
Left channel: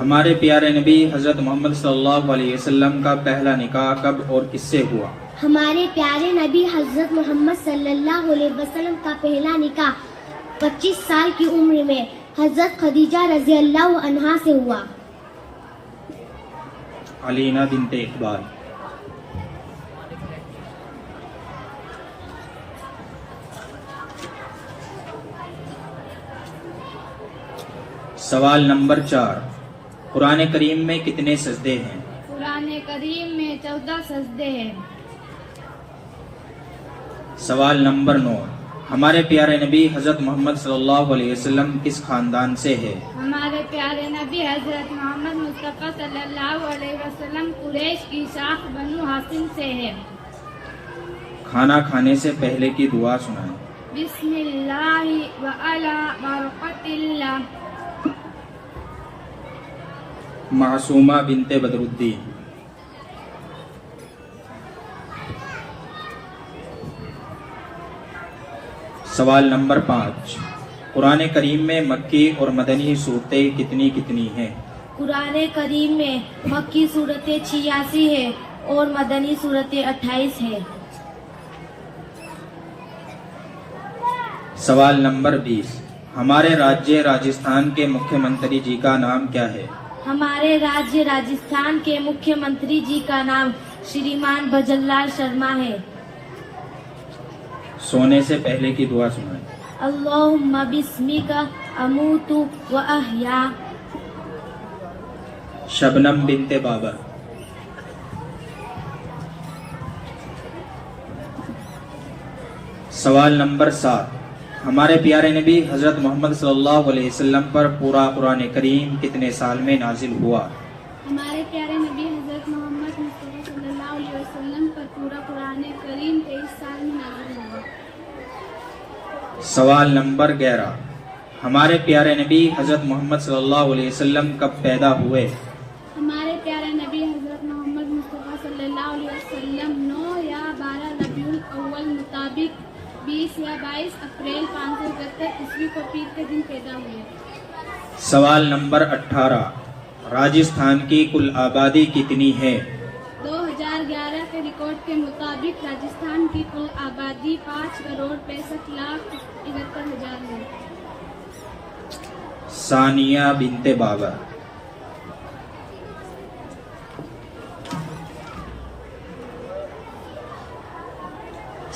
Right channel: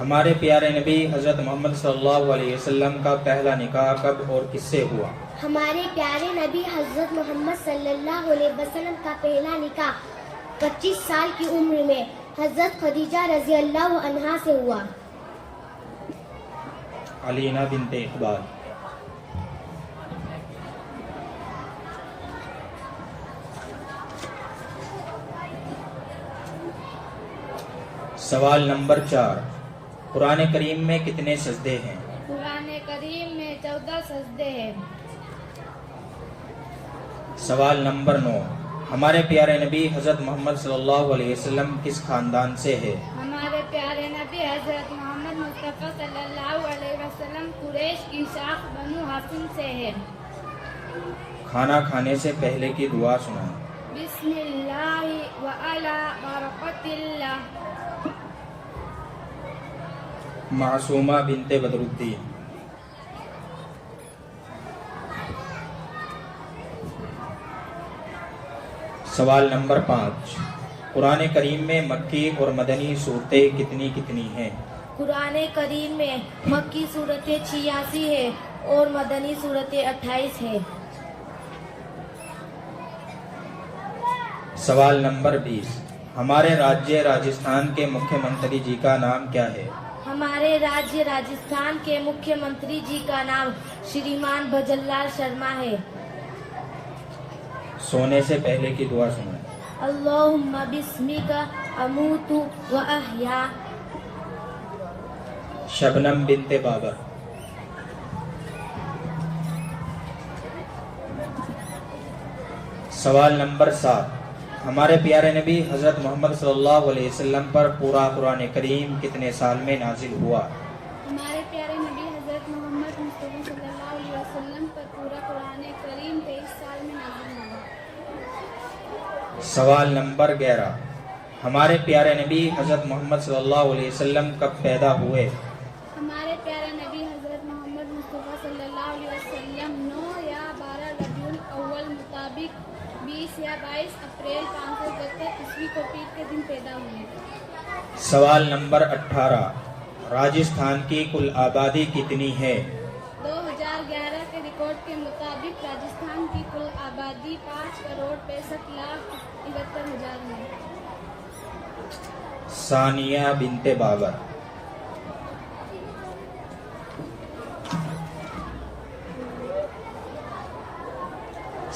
ہمارے پیارے نبی حضرت محمد صلی اللہ علیہ وسلم کا پہلا نکاح کب اور کس سے ہوا؟ ہمارے پیارے نبی حضرت محمد صلی اللہ علیہ وسلم کا پہلا نکاح 25 سال کی عمر میں حضرت خدیجہ رضی اللہ عنہا سے ہوا. علینا بنت اقبال. سوال نمبر 4. قرآن کریم میں کتنے سجدے ہیں؟ قرآن کریم میں 14 سجدے ہیں. سوال نمبر 9. ہمارے پیارے نبی حضرت محمد صلی اللہ علیہ وسلم کس خاندان سے ہے؟ ہمارے پیارے نبی حضرت محمد مصطفیٰ صلی اللہ علیہ وسلم قریش کی شاخ بنو ہاشم سے ہے. کھانا کھانے سے پہلے کی دعا سنائیں. بسم اللہ وعلی برکت اللہ. معصومہ بنت بدرالدین. سوال نمبر 5. قرآن کریم میں مکی اور مدنی صورتیں کتنی کتنی ہیں؟ قرآن کریم میں مکی صورتیں 86 ہیں اور مدنی صورتیں 28 ہیں. سوال نمبر 20. ہمارے راجیہ راجستھان کے مکھیہ منتری جی کا نام کیا ہے؟ ہمارے راجیہ راجستھان کے مکھیہ منتری جی کا نام شریمان بھجن لال شرما ہے. سونے سے پہلے کی دعا سنائیں. اللہم بسمک اموت و احیا. شبنم بنت بابر. سوال نمبر 7. ہمارے پیارے نبی حضرت محمد صلی اللہ علیہ وسلم پر پورا قرآن کریم کتنے سال میں نازل ہوا؟ ہمارے پیارے نبی حضرت محمد مصطفیٰ صلی اللہ علیہ وسلم پر پورا قرآن کریم 23 سال میں نازل ہوا. سوال نمبر 11. ہمارے پیارے نبی حضرت محمد صلی اللہ علیہ وسلم کب پیدا ہوئے؟ ہمارے پیارے نبی حضرت محمد مصطفیٰ صلی اللہ علیہ وسلم 9 یا 12 ربیع الاول مطابق 20 یا 22 اپریل 571 عیسوی کو پیر کے دن پیدا ہوئے. سوال نمبر 18. راجستھان کی کل آبادی کتنی ہے؟ 2011 کے ریکارڈ کے مطابق راجستھان کی کل آبادی 5,65,71,000 ہے. ثانیہ بنت باغر.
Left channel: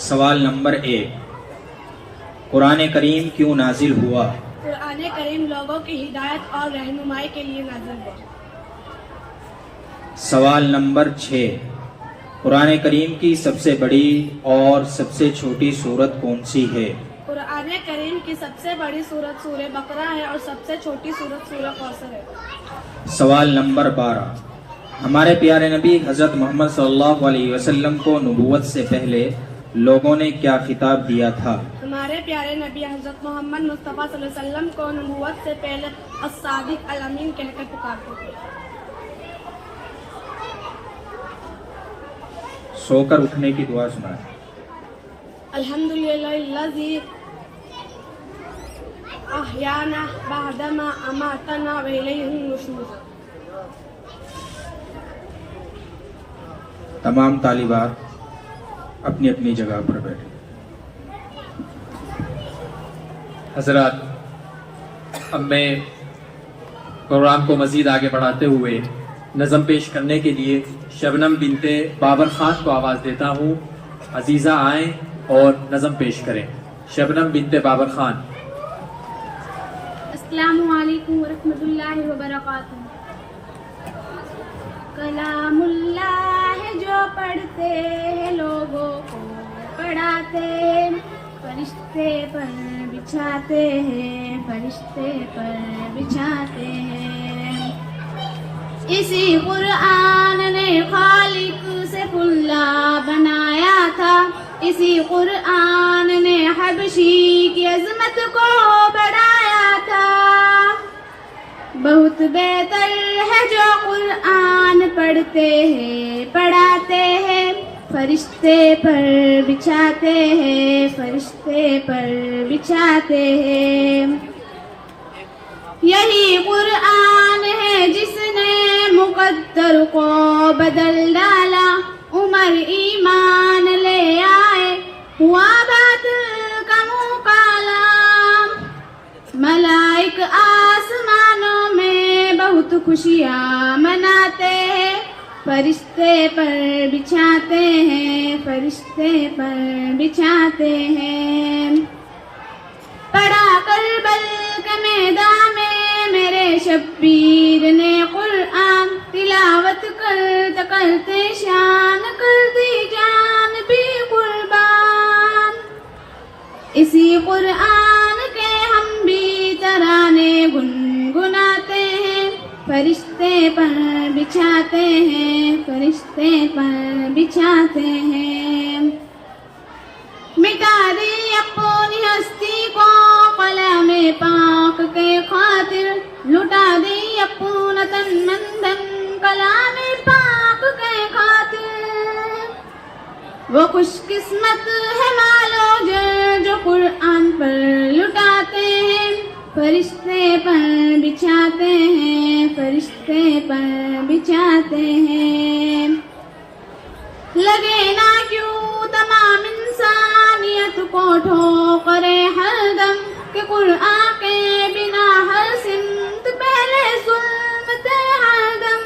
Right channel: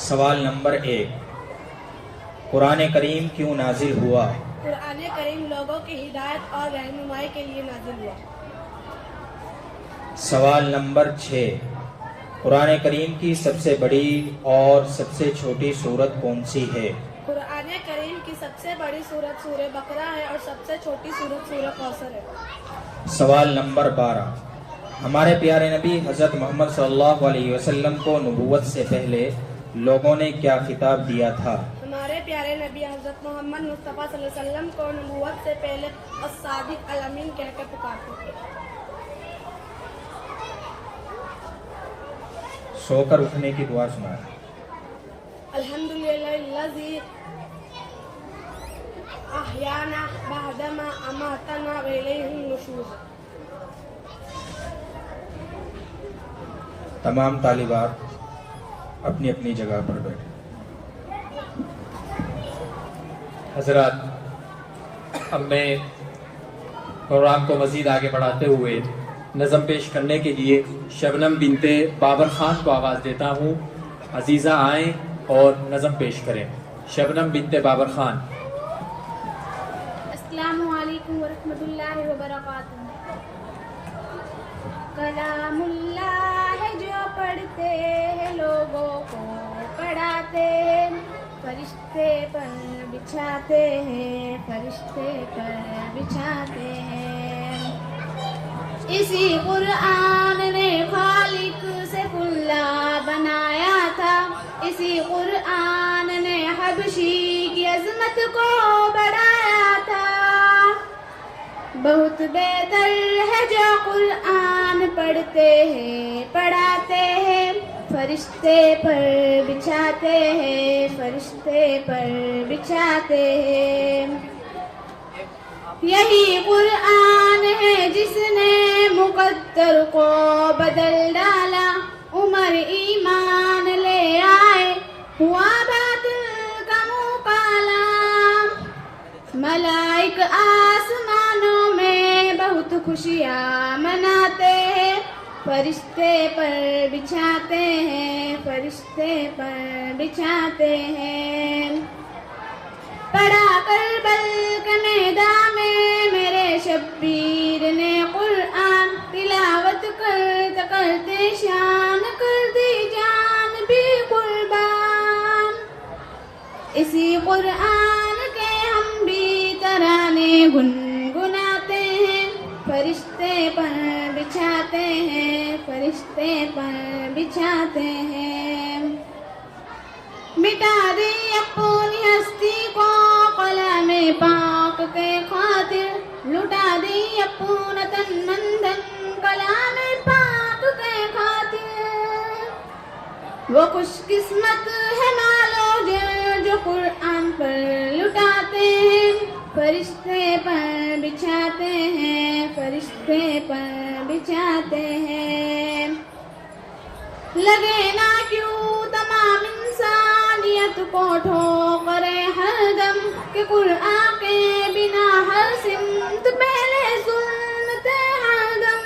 سوال نمبر 1. قرآن کریم کیوں نازل ہوا؟ قرآن کریم لوگوں کی ہدایت اور رہنمائی کے لیے نازل ہے. سوال نمبر 6. قرآن کریم کی سب سے بڑی اور سب سے چھوٹی سورت کون سی ہے؟ قرآن کریم کی سب سے بڑی سورت سورہ بقرہ ہے اور سب سے چھوٹی سورت سورہ کوثر ہے. سوال نمبر 12. ہمارے پیارے نبی حضرت محمد صلی اللہ علیہ وسلم کو نبوت سے پہلے لوگوں نے کیا خطاب دیا تھا؟ ہمارے پیارے نبی حضرت محمد مصطفیٰ صلی اللہ علیہ وسلم کو نبوت سے پہلے الصادق الامین کہہ کر پکارتے تھے. سو کر اٹھنے کی دعا سنائیں. الحمدللہ الذی احیانا بعدما اماتنا والیہ النشور. تمام طالبات اپنی اپنی جگہ پر بیٹھے. حضرات، اب میں پروگرام کو مزید آگے بڑھاتے ہوئے نظم پیش کرنے کے لیے شبنم بنت بابر خان کو آواز دیتا ہوں. عزیزہ آئیں اور نظم پیش کریں. شبنم بنت بابر خان. السلام علیکم ورحمۃ اللہ وبرکاتہ. کلا اسی قرآن نے خالق سے کلا بنایا تھا، اسی قرآن نے حبشی کی عظمت کو بڑھایا تھا۔ بہت بہتر ہے جو قرآن پڑھتے ہیں پڑھاتے ہیں، فرشتے پر بچھاتے ہیں، فرشتے پر بچھاتے ہیں۔ یہی قرآن ہے جس نے مقدر کو بدل ڈالا، عمر ایمان لے آئے ہوا باطل کا منہ کالا۔ ملائک آسمانوں میں بہت خوشیاں مناتے ہیں، فرشتے پر بچھاتے ہیں، فرشتے پر بچھاتے ہیں۔ پڑھا کربل کے میدان میں میرے شبیر نے قرآن، تلاوت کرتے کرتے شان کر دی جان بھی قربان۔ اسی قرآن کے ہم بھی ترانے گنگناتے ہیں، فرشتے پر بچھاتے ہیں، فرشتے پر بچھاتے ہیں۔ مٹا دی اپنی ہستی کو قلم پاک کے خاطر، لٹا دی اپنا تن من دھن کلام پاک کے خاطر۔ وہ خوش قسمت ہے مالو جو قرآن پر لٹاتے ہیں، فرشتے پر بچھاتے ہیں، فرشتے پر بچھاتے ہیں۔ لگے نہ کیوں تمام انسانیت کو ٹھوکرے ہر دم، کہ قرآن کے بنا ہر سمت پہلے سنتے ہر دم۔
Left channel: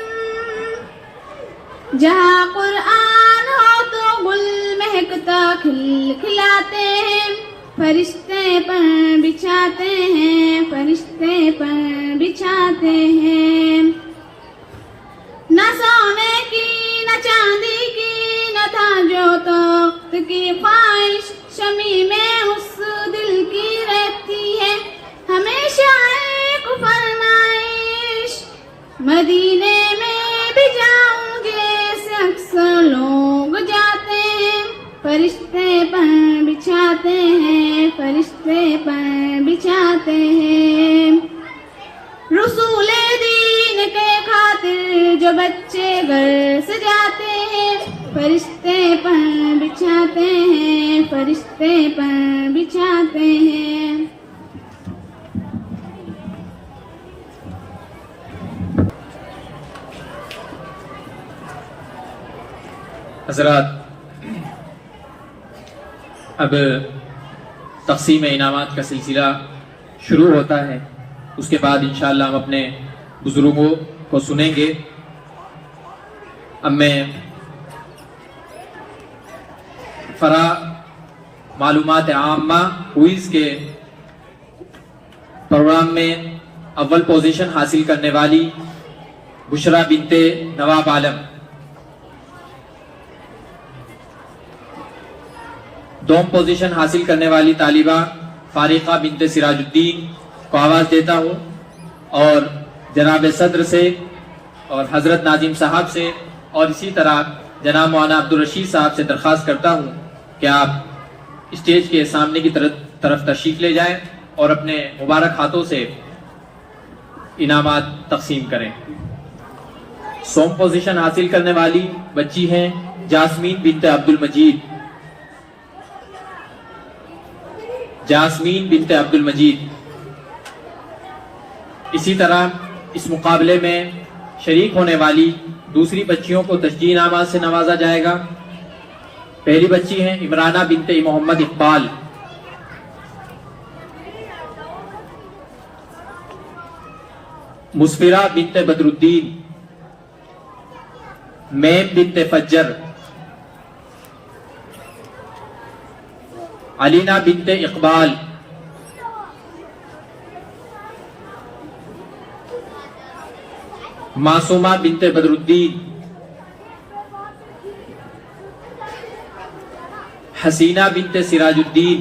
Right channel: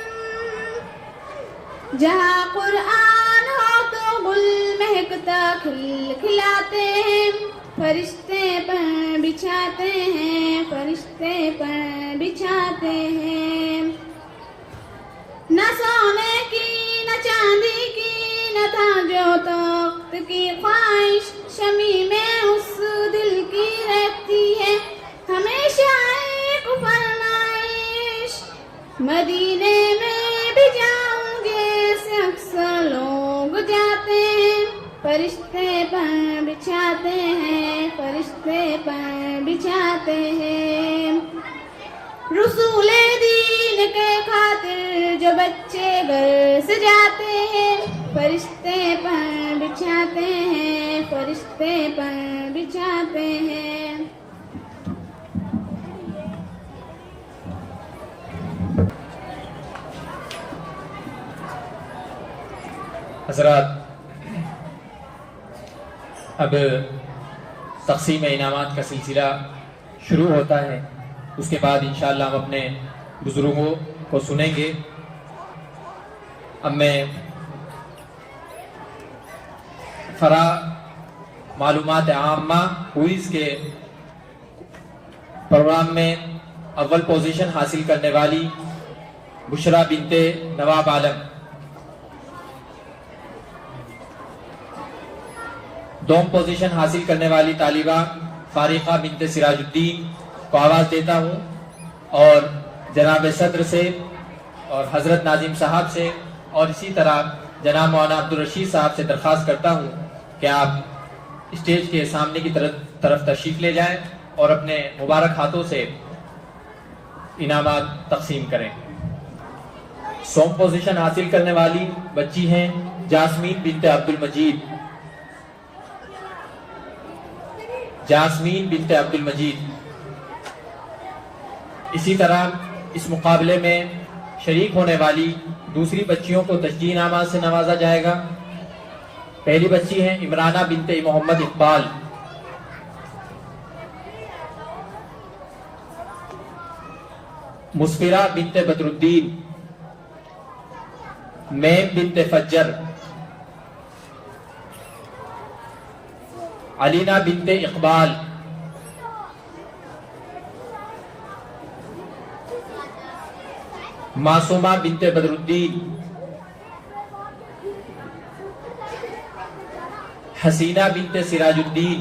جہاں قرآن ہو تو گل مہکتا کھل کھلاتے ہیں، فرشتے پر بچھاتے ہیں، فرشتے پر بچھاتے ہیں۔ نہ سونے کی نہ چاندی کی نہ تاج و تخت کی خواہش، شمی میں اس دل کی رہتی ہے ہمیشہ ایک فرمائش، مدینے میں بھی جاؤں جیسے اکثر لوگ جاتے ہیں، فرشتے پر بچھاتے ہیں، فرشتے پر بچھاتے ہیں۔ رسول دین کے خاطر جو بچے گھر سے جاتے ہیں، فرشتے پر بچھاتے ہیں، فرشتے پر بچھاتے ہیں۔ حضرات، اب تقسیم انعامات کا سلسلہ شروع ہوتا ہے، اس کے بعد انشاءاللہ ہم اپنے بزرگوں کو سنیں گے۔ اب میں فرا معلومات عامہ کوئز کے پروگرام میں اول پوزیشن حاصل کرنے والی بشرا بنت نواب عالم، دوم پوزیشن حاصل کرنے والی طالبہ فارقہ بنت سراج الدین کو آواز دیتا ہوں، اور جناب صدر سے اور حضرت ناظم صاحب سے اور اسی طرح جناب مولانا عبدالرشید صاحب سے درخواست کرتا ہوں کہ آپ اسٹیج کے سامنے کی طرف تشریف لے جائیں اور اپنے مبارک ہاتھوں سے انعامات تقسیم کریں۔ سوم پوزیشن حاصل کرنے والی بچی ہیں جاسمین بنت عبد المجید، جاسمین بنت عبد المجید۔ اسی طرح اس مقابلے میں شریک ہونے والی دوسری بچیوں کو تشجیع انعامات سے نوازا جائے گا۔ پہلی بچی ہیں عمرانہ بنت محمد اقبال، مسفرہ بنت بدر الدین، میم بنت فجر، علینا بنت اقبال، معصومہ بنت بدر الدین، حسینہ بنت سراج الدین،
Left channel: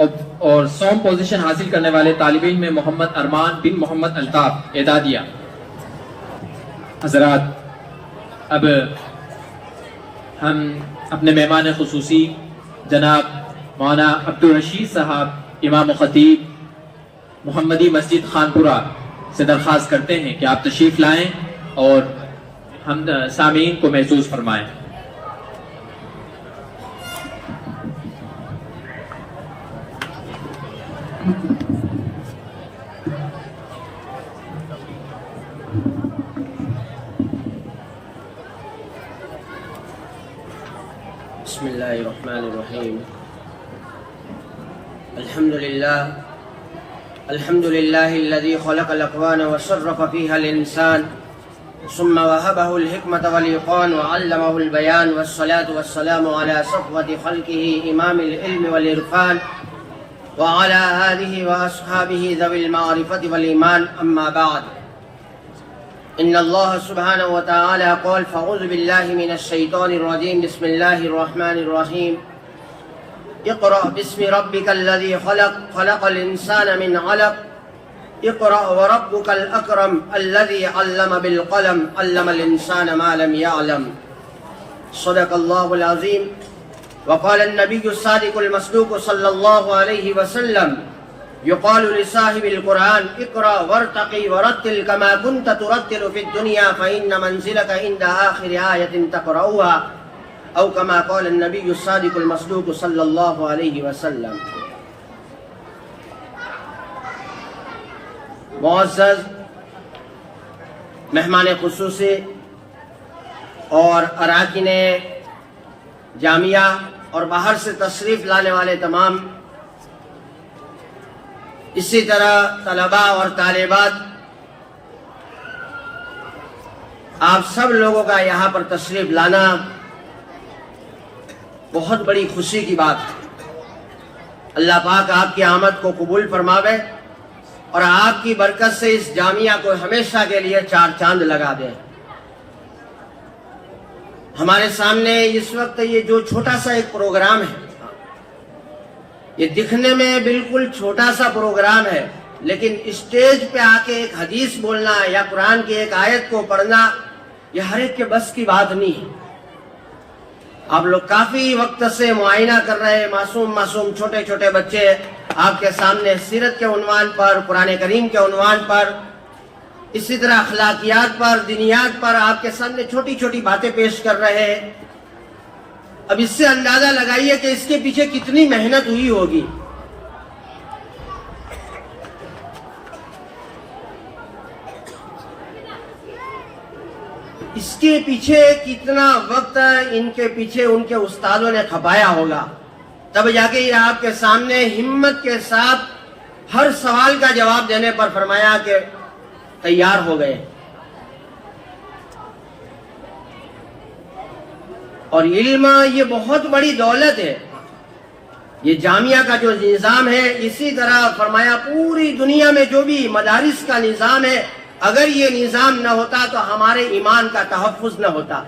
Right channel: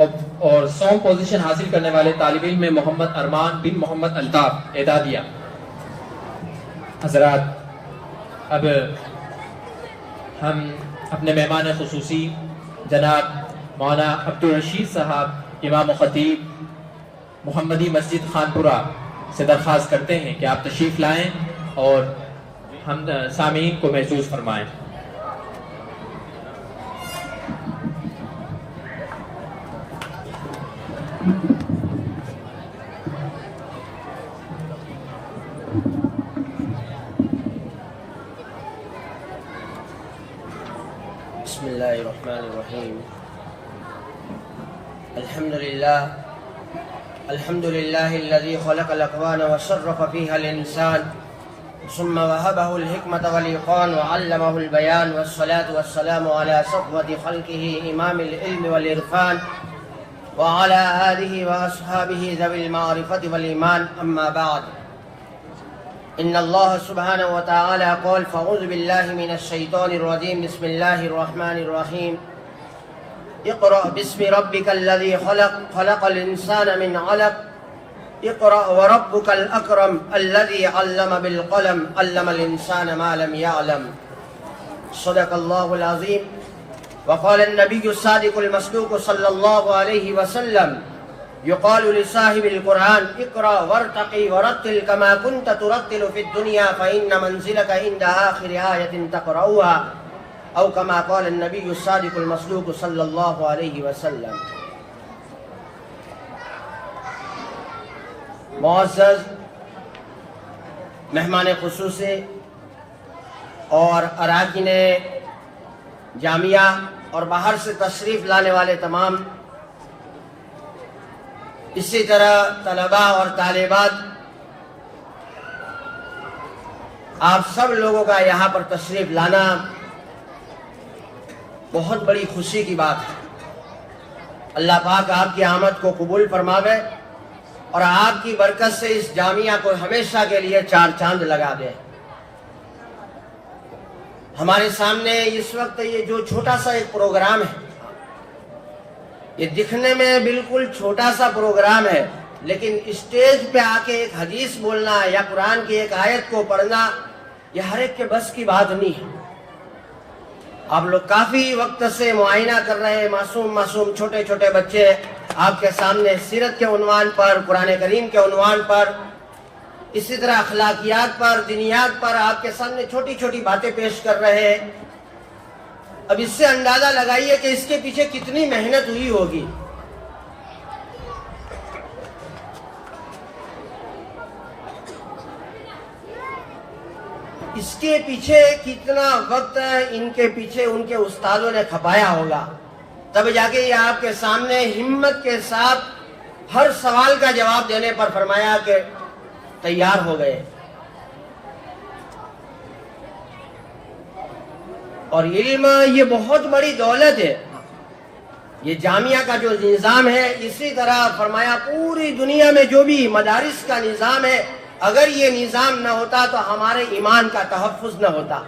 اور 100 پوزیشن حاصل کرنے والے طالب علم ہیں محمد ارمان بن محمد الطاف اعدادیہ۔ حضرات، اب ہم اپنے مہمان خصوصی جناب مولانا عبدالرشید صاحب امام و خطیب محمدی مسجد خانپورہ سے درخواست کرتے ہیں کہ آپ تشریف لائیں اور ہم سامعین کو محظوظ فرمائیں۔ بسم الله الرحمن الرحيم الحمد لله الذي خلق الأكوان وصرف فيها الإنسان ثم وهبه الحكمة والإيقان وعلمه البيان، والصلاة والسلام على صفوة خلقه إمام العلم والإرفان وعلى آله وأصحابه ذوي المعرفة والإيمان، أما بعد. إن الله سبحانه وتعالى قال: فأعوذ بالله من الشيطان الرجيم، بسم الله الرحمن الرحيم. اقرأ باسم ربك الذي خلق، خلق الإنسان من علق. اقرأ وربك الأكرم الذي علم بالقلم، علم الإنسان ما لم يعلم. صدق الله العظيم. وقال النبي الصادق المصدوق صلى الله عليه وسلم: يقال لصاحب القرآن: اقرأ وارتقي ورتل كما كنت ترتل في الدنيا فإن منزلك عند آخر آية تقرأها، أو كما قال النبي الصادق المصدوق صلى الله عليه وسلم. معزز مہمان خصوصی اور اراکین جامعہ اور باہر سے تشریف لانے والے تمام، اسی طرح طلباء اور طالبات، آپ سب لوگوں کا یہاں پر تشریف لانا بہت بڑی خوشی کی بات ہے۔ اللہ پاک آپ کی آمد کو قبول فرماوے اور آپ کی برکت سے اس جامعہ کو ہمیشہ کے لیے چار چاند لگا دے۔ ہمارے سامنے اس وقت یہ جو چھوٹا سا ایک پروگرام ہے، یہ دکھنے میں بالکل چھوٹا سا پروگرام ہے، لیکن اسٹیج پہ آ کے ایک حدیث بولنا یا قرآن کی ایک آیت کو پڑھنا، یہ ہر ایک کے بس کی بات نہیں ہے۔ آپ لوگ کافی وقت سے معائنہ کر رہے ہیں، معصوم چھوٹے چھوٹے بچے آپ کے سامنے سیرت کے عنوان پر، قرآن کریم کے عنوان پر، اسی طرح اخلاقیات پر، دینیات پر آپ کے سامنے چھوٹی چھوٹی باتیں پیش کر رہے ہیں۔ اب اس سے اندازہ لگائیے کہ اس کے پیچھے کتنی محنت ہوئی ہوگی۔ اس کے پیچھے کتنا وقت ان کے پیچھے ان کے استادوں نے کھپایا ہوگا، تب جا کے یہ آپ کے سامنے ہمت کے ساتھ ہر سوال کا جواب دینے پر فرمایا کہ تیار ہو گئے۔ اور علم یہ بہت بڑی دولت ہے۔ یہ جامعہ کا جو نظام ہے، اسی طرح فرمایا پوری دنیا میں جو بھی مدارس کا نظام ہے، اگر یہ نظام نہ ہوتا تو ہمارے ایمان کا تحفظ نہ ہوتا۔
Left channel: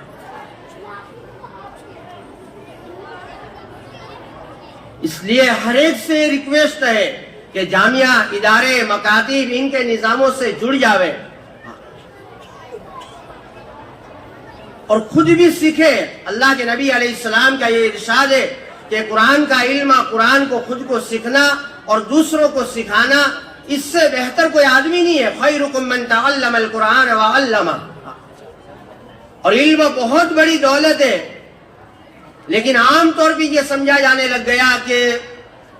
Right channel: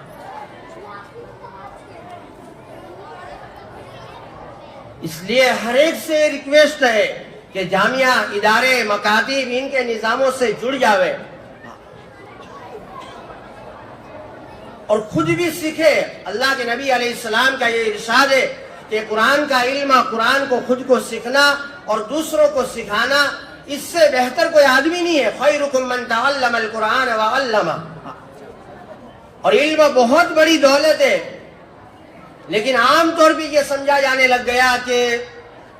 اس لیے ہر ایک سے ریکویسٹ ہے کہ جامعہ، ادارے، مکاتب ان کے نظاموں سے جڑ جاوے اور خود بھی سیکھے۔ اللہ کے نبی علیہ السلام کا یہ ارشاد ہے کہ قرآن کا علم، قرآن کو خود کو سیکھنا اور دوسروں کو سکھانا، اس سے بہتر کوئی آدمی نہیں ہے۔ خیرکم من تعلم القرآن وعلمہ۔ اور علم بہت بڑی دولت ہے، لیکن عام طور پہ یہ سمجھا جانے لگ گیا کہ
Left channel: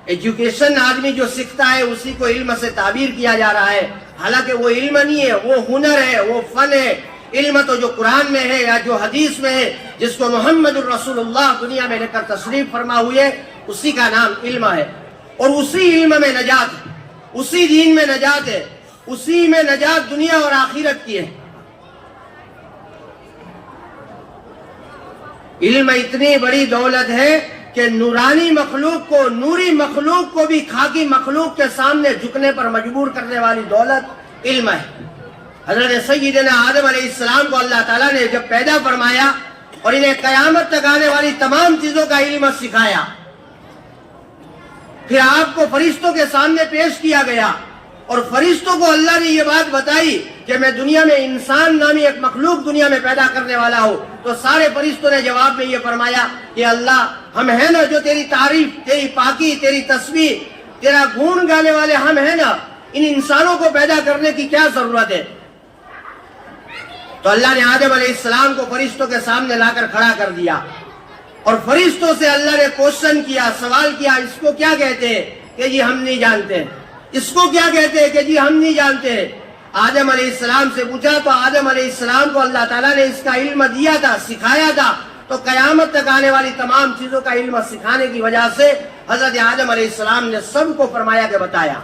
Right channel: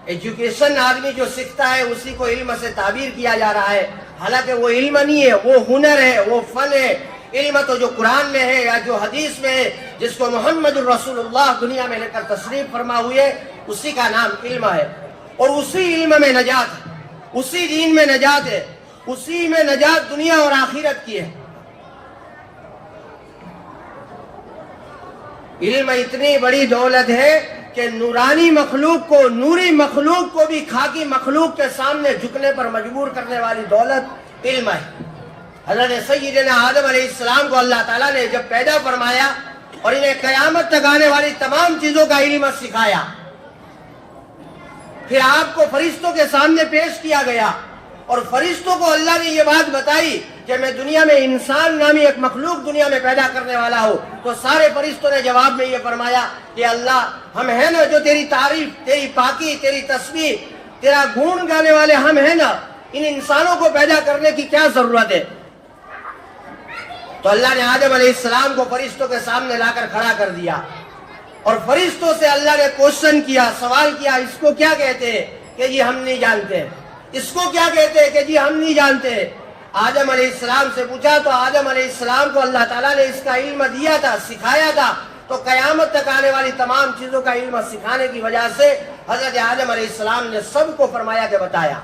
ایجوکیشن آدمی جو سیکھتا ہے اسی کو علم سے تعبیر کیا جا رہا ہے، حالانکہ وہ علم نہیں ہے، وہ ہنر ہے، وہ فن ہے۔ علم تو جو قرآن میں ہے یا جو حدیث میں ہے، جس کو محمد الرسول اللہ دنیا میں لے کر تشریف فرما ہوئے، اسی کا نام علم ہے۔ اور اسی علم میں نجات ہے، اسی دین میں نجات ہے، اسی میں نجات دنیا اور آخرت کی ہے۔ علم اتنی بڑی دولت ہے کہ نورانی مخلوق کو، نوری مخلوق کو بھی خاکی مخلوق کے سامنے جھکنے پر مجبور کرنے والی دولت علم ہے۔ حضرت سیدنا آدم علیہ السلام کو اللہ تعالیٰ نے جب پیدا فرمایا اور انہیں قیامت تک آنے والی تمام چیزوں کا علم سکھایا، پھر آپ کو فرشتوں کے سامنے پیش کیا گیا اور فرشتوں کو اللہ نے یہ بات بتائی کہ میں دنیا میں انسان نامی ایک مخلوق دنیا میں پیدا کرنے والا ہوں. تو سارے فرشتوں نے جواب میں یہ فرمایا کہ اللہ ہم ہیں نا جو تیری تعریف، تیری پاکی، تیری تسبیح، تیرا گون گانے والے ہم ہیں نا، ان انسانوں کو پیدا کرنے کی کیا ضرورت ہے؟ تو اللہ نے آدم علیہ السلام کو فرشتوں کے سامنے لا کر کھڑا کر دیا اور فرشتوں سے اللہ نے کوشچن کیا، سوال کیا، اس کو کیا کہتے ہیں؟ کہ جی ہم نہیں جانتے. اس کو کیا کہتے ہیں؟ کہ جی ہم نہیں جانتے. آدم علیہ السلام سے پوچھا تو آدم علیہ السلام کو اللہ تعالیٰ نے اس کا علم دیا تھا، سکھایا تھا. تو قیامت تک آنے والی تمام چیزوں کا علم سکھانے کی وجہ سے حضرت آدم علیہ السلام نے سب کو فرمایا کہ بتایا.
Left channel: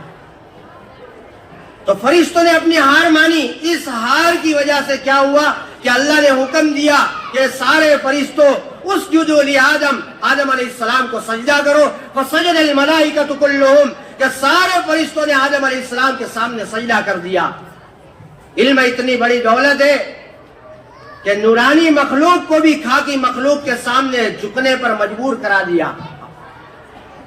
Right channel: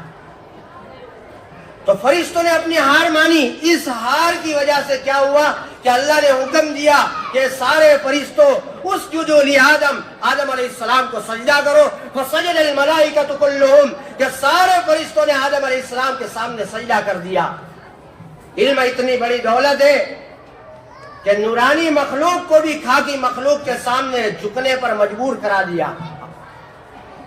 تو فرشتوں نے اپنی ہار مانی. اس ہار کی وجہ سے کیا ہوا کہ اللہ نے حکم دیا کہ سارے فرشتوں اسجدوا لآدم، آدم علیہ السلام کو سجدہ کرو. فسجد الملائکۃ کلہم، کہ سارے فرشتوں نے آدم علیہ السلام کے سامنے سجدہ کر دیا. علم اتنی بڑی دولت ہے کہ نورانی مخلوق کو بھی خاکی مخلوق کے سامنے جھکنے پر مجبور کرا دیا.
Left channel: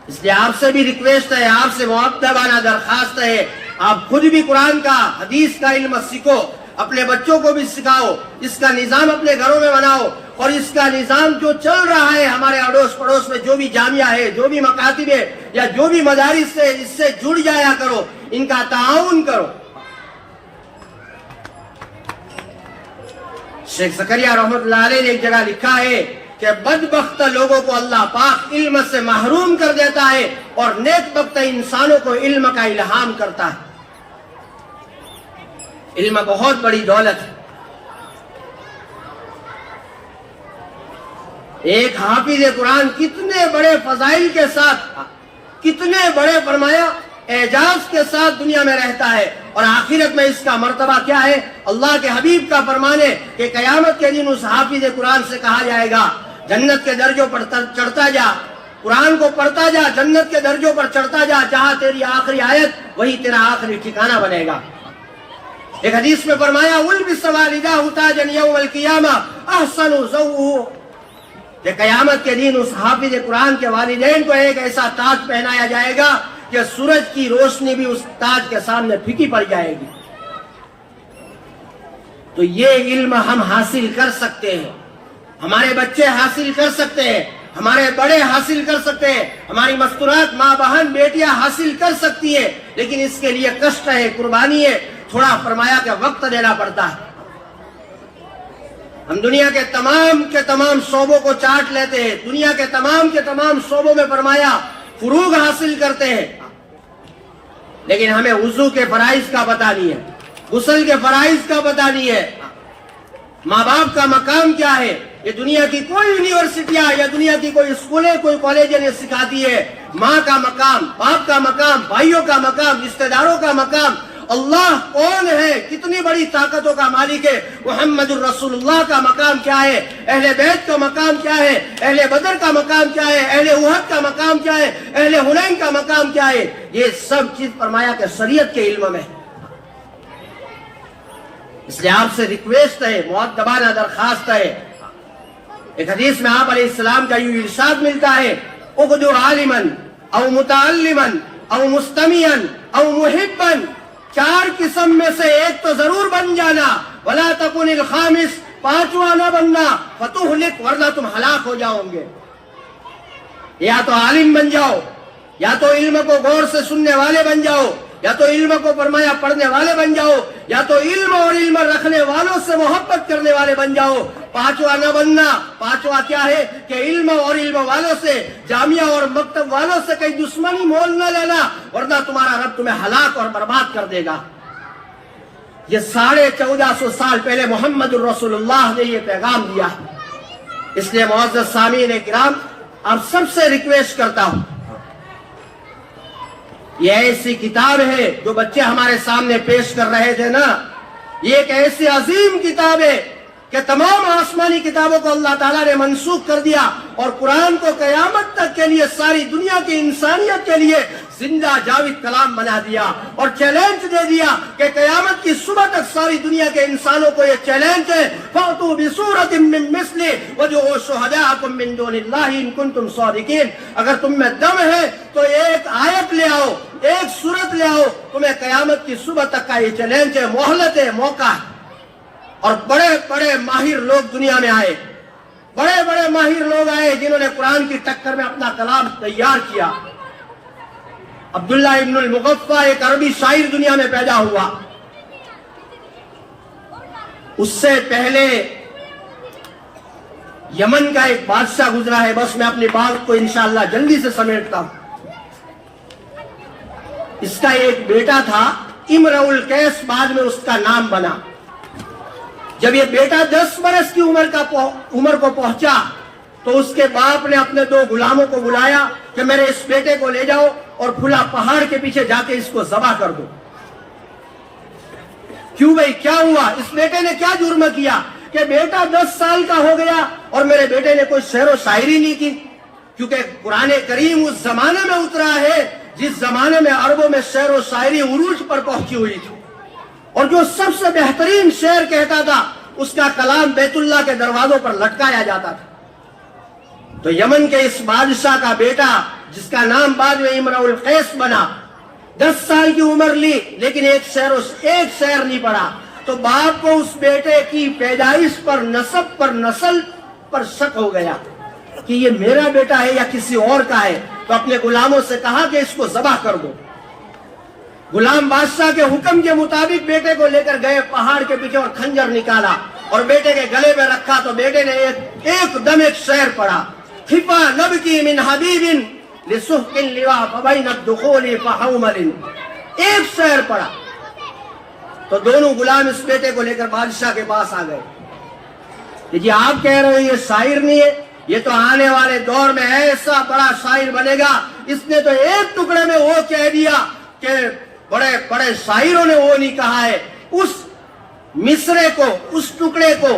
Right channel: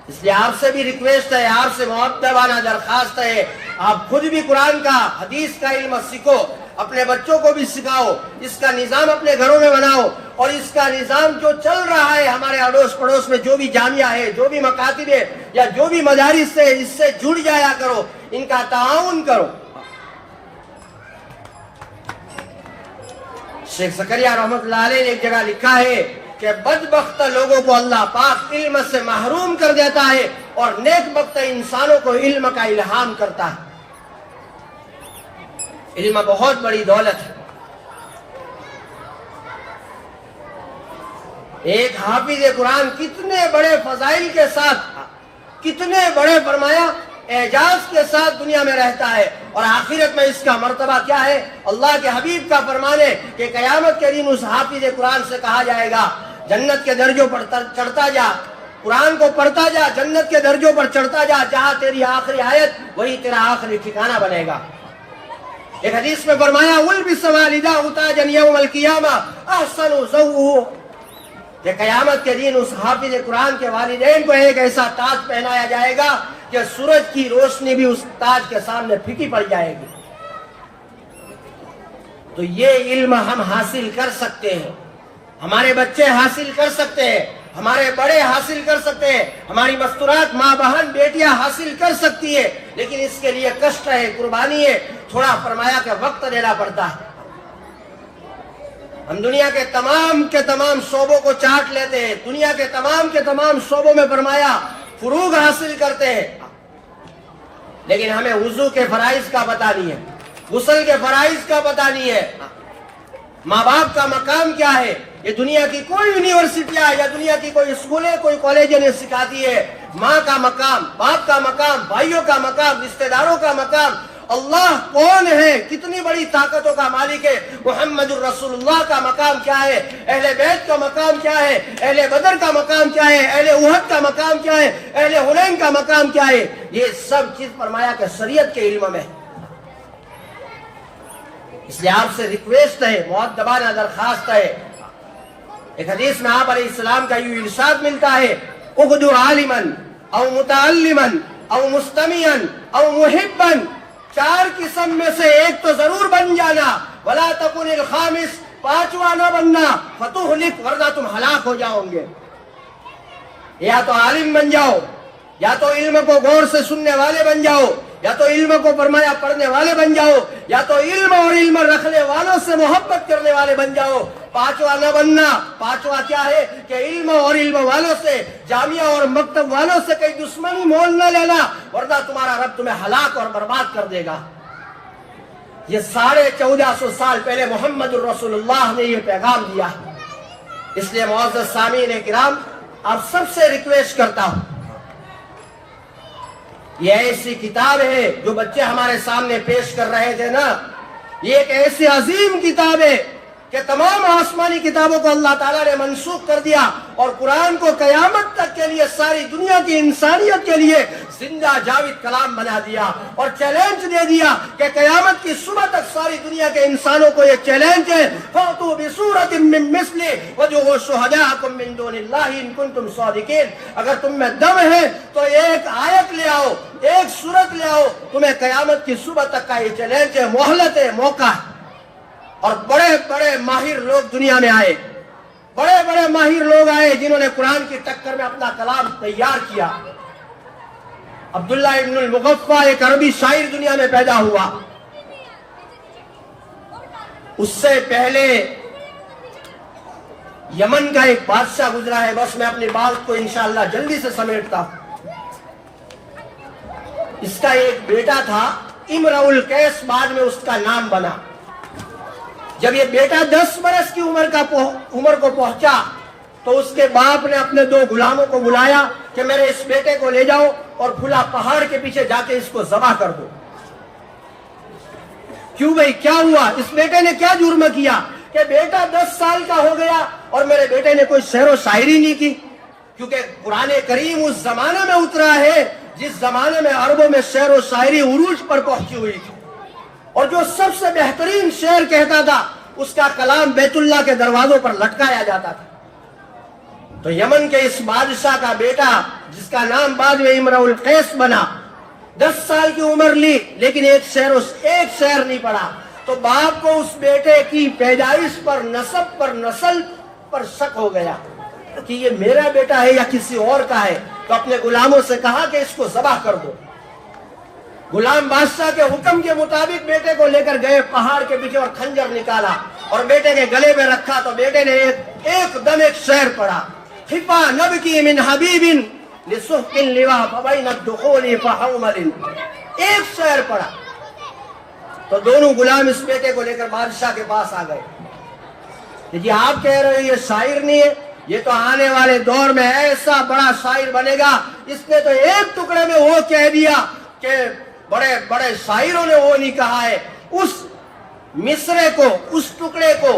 اس لیے آپ سے بھی ریکویسٹ ہے، آپ سے مؤدبانہ درخواست ہے، آپ خود بھی قرآن کا، حدیث کا علم سیکھو، اپنے بچوں کو بھی سکھاؤ، اس کا نظام اپنے گھروں میں بناؤ. اور اس کا نظام جو چل رہا ہے ہمارے اڑوس پڑوس میں، جو بھی جامعہ ہے، جو بھی مکاتب ہے یا جو بھی مدارس ہے، اس سے جڑ جایا کرو، ان کا تعاون کرو. شیخ زکریہ رحمۃ اللہ علیہ نے ایک جگہ لکھا ہے کہ بدبخت لوگوں کو اللہ پاک علم سے محروم کر دیتا ہے اور نیک بخت انسانوں کو علم کا الہام کرتا ہے. علم بہت بڑی دولت ہے. ایک حافظ قرآن کتنے بڑے فضائل کے ساتھ، کتنے بڑے فرمایا اعجاز کے ساتھ دنیا میں رہتا ہے، اور آخرت میں اس کا مرتبہ کیا ہے؟ اللہ کے حبیب کا فرمان ہے کہ قیامت کے دن اس حافظ قرآن سے کہا جائے گا جنت کے درجوں پر چڑھتا جا، قرآن کو پڑھتا جا، جنت کے درجوں پر چڑھتا جا، جہاں تیری آخری آیت وہی تیرا آخری ٹھکانہ بنے گا. ایک حدیث میں فرمایا وَلْبِسَ وَالِدَاهُ تَاجًا يَوْمَ الْقِيَامَةِ أَحْسَنُ زَوْءُهُ، کہ قیامت کے دن اس حافظ قرآن کے والدین کو ایک ایسا تاج پہنایا جائے گا کہ سورج کی روشنی بھی اس تاج کے سامنے پھیکی پڑ جائے گی. تو یہ علم ہم حاصل کر سکتے ہیں، ہمارے بچے حاصل کر سکتے ہیں، ہمارے بڑے حاصل کر سکتے ہیں، ہماری مستورات ماں بہن بیٹیاں حاصل کر سکتی ہے، لیکن اس کے لیے کشٹ ہے، قربانی ہے، تھوڑا فرمایا کہ وقت دینا پڑتا ہے. ہم دنیا کے تمام شعبوں کو چاٹ لیتے ہیں، دنیا کے تمام شعبوں میں فرمایا فروغ حاصل کرتے ہیں، لیکن ہمیں وضو کے فرائض کا پتہ نہیں ہے، غسل کے فرائض کا پتہ نہیں ہے، ماں باپ کا مقام کیا ہے. یہ دنیا کی کوئی یونیورسٹیاں یا دنیا کی کوئی اسکولیں، کوئی کالجیں نہیں سکھاتی ہے. ماں کا مقام، باپ کا مقام، بھائیوں کا مقام، رشتہ داروں کا مقام، اللہ کون ہے، کتنی بڑی طاقتوں کا مالک ہے، محمد الرسول اللہ کا مقام کیا ہے، اہل بیت کا مقام کیا ہے، اہل بدر کا مقام کیا ہے، اہل احد کا مقام کیا ہے، اہل حنین کا مقام کیا ہے. یہ سب چیز فرمایا کہ شریعت کے علم میں. اس لیے آپ سے ریکویسٹ ہے، مؤدبانہ درخواست ہے. ایک حدیث میں آپ علیہ السلام کا یوں ارشاد ملتا ہے اغدو عالما او متعلما او مستمعا او محبا، 4 قسم میں سے ایک تو ضرور بن جانا، ولا تکن الخامس، 5واں نہ بننا، فتہلک، ورنہ تم ہلاک ہو جاؤ گے. یا تو عالم بن جاؤ، یا تو علم کو غور سے سننے والے بن جاؤ، یا تو علم کو فرمایا پڑھنے والے بن جاؤ، یا تو علم اور علم رکھنے والوں سے محبت کرنے والے بن جاؤ. 5واں نہ بننا. 5واں کیا ہے کہ علم اور علم والوں سے، جامعہ اور مکتب والوں سے کوئی دشمنی مول نہ لینا، ورنہ تمہارا رب تمہیں ہلاک اور برباد کر دے گا. یہ 1450 سال پہلے محمد الرسول اللہ نے یہ پیغام دیا. اس لیے معزز سامعین کرام، آپ سب سے ریکویسٹ کرتا ہوں، یہ ایسی کتاب ہے جو بچے ہمارے سامنے پیش کر رہے تھے نا، یہ ایک ایسی عظیم کتاب ہے کہ تمام آسمانی کتابوں کو اللہ تعالیٰ نے منسوخ کر دیا اور قرآن کو قیامت تک کے لیے ساری دنیا کی انسانیت کے لیے زندہ جاوید کلام بنا دیا اور چیلنج دے دیا کہ قیامت کی صبح تک ساری دنیا کے انسانوں کو یہ چیلنج ہے فَأْتُوا بِسُورَةٍ مِّن مِّثْلِهِ وَادْعُوا شُهَدَاءَكُم مِّن دُونِ اللَّهِ إِن كُنتُمْ صَادِقِينَ. اگر تم میں دم ہے تو ایک آیت لے آؤ, ایک سورت لے آؤ. تمہیں قیامت کی صبح تک کا یہ چیلنج ہے, مہلت ہے, موقع ہے. اور بڑے بڑے ماہر لوگ دنیا میں آئے, بڑے بڑے ماہر لوگ آئے جنہوں نے قرآن کی ٹکر میں اپنا کلام تیار کیا. عبداللہ ابن المغفہ ایک عربی شاعر دنیا میں پیدا ہوا. اس سے پہلے یمن کا ایک بادشاہ گزرا ہے. بس میں اپنی بات کو انشاءاللہ جلدی سے سمیٹتا ہوں. اس کا ایک بیٹا تھا امرؤ القیس, بعد میں اس کا نام بنا. جب یہ بیٹا 10 برس کی عمر کو پہنچا تو اس کے باپ نے اپنے 2 غلاموں کو بلایا کہ میرے اس بیٹے کو لے جاؤ اور پھلا پہاڑ کے پیچھے جا کے اس کو ذبح کر دو. کیوں بھائی, کیا ہوا؟ اس بیٹے نے کیا جرم کیا کہ بیٹا 10 سال کا ہو گیا اور میرے بیٹے نے کوئی شعر و شاعری نہیں کی. کیونکہ قرآن کریم اس زمانے میں اترا ہے جس زمانے میں عربوں میں شعر و شاعری عروج پر پہنچی ہوئی تھی, اور جو سب سے بہترین شعر کہتا تھا اس کا کلام بیت اللہ کے دروازوں پر لٹکایا جاتا تھا. تو یمن کے اس بادشاہ کا بیٹا جس کا نام بعد میں امرؤ القیس بنا, 10 سال کی عمر لی لیکن ایک شعر نہیں پڑھا. تو باپ کو اس بیٹے کی پیدائش پر, نسب پر, نسل پر شک ہو گیا کہ یہ میرا بیٹا ہے یا کسی اور کا ہے. تو اپنے غلاموں سے کہا کہ اس کو ذبح کر دو. غلام بادشاہ کے حکم کے مطابق بیٹے کو لے کر گئے پہاڑ کے پیچھے اور خنجر نکالا اور بیٹے کے گلے میں رکھا. تو بیٹے نے ایک دم ایک شعر پڑھا, خفا نبکی من حبیب لسحق اللواء فبین الدخول فحومل. ایک شعر پڑھا. تو دونوں غلام اس بیٹے کو لے کر بادشاہ کے پاس آ گئے. جی آپ کہہ رہے ہیں یہ شاعر نہیں ہے, یہ تو آنے والے دور میں ایسا بڑا شاعر بنے گا. اس نے تو ایک ٹکڑے میں وہ کہہ دیا کہ بڑے بڑے شاعروں نے وہ نہیں کہا ہے. اس مصرے کو, اس ٹکڑے کو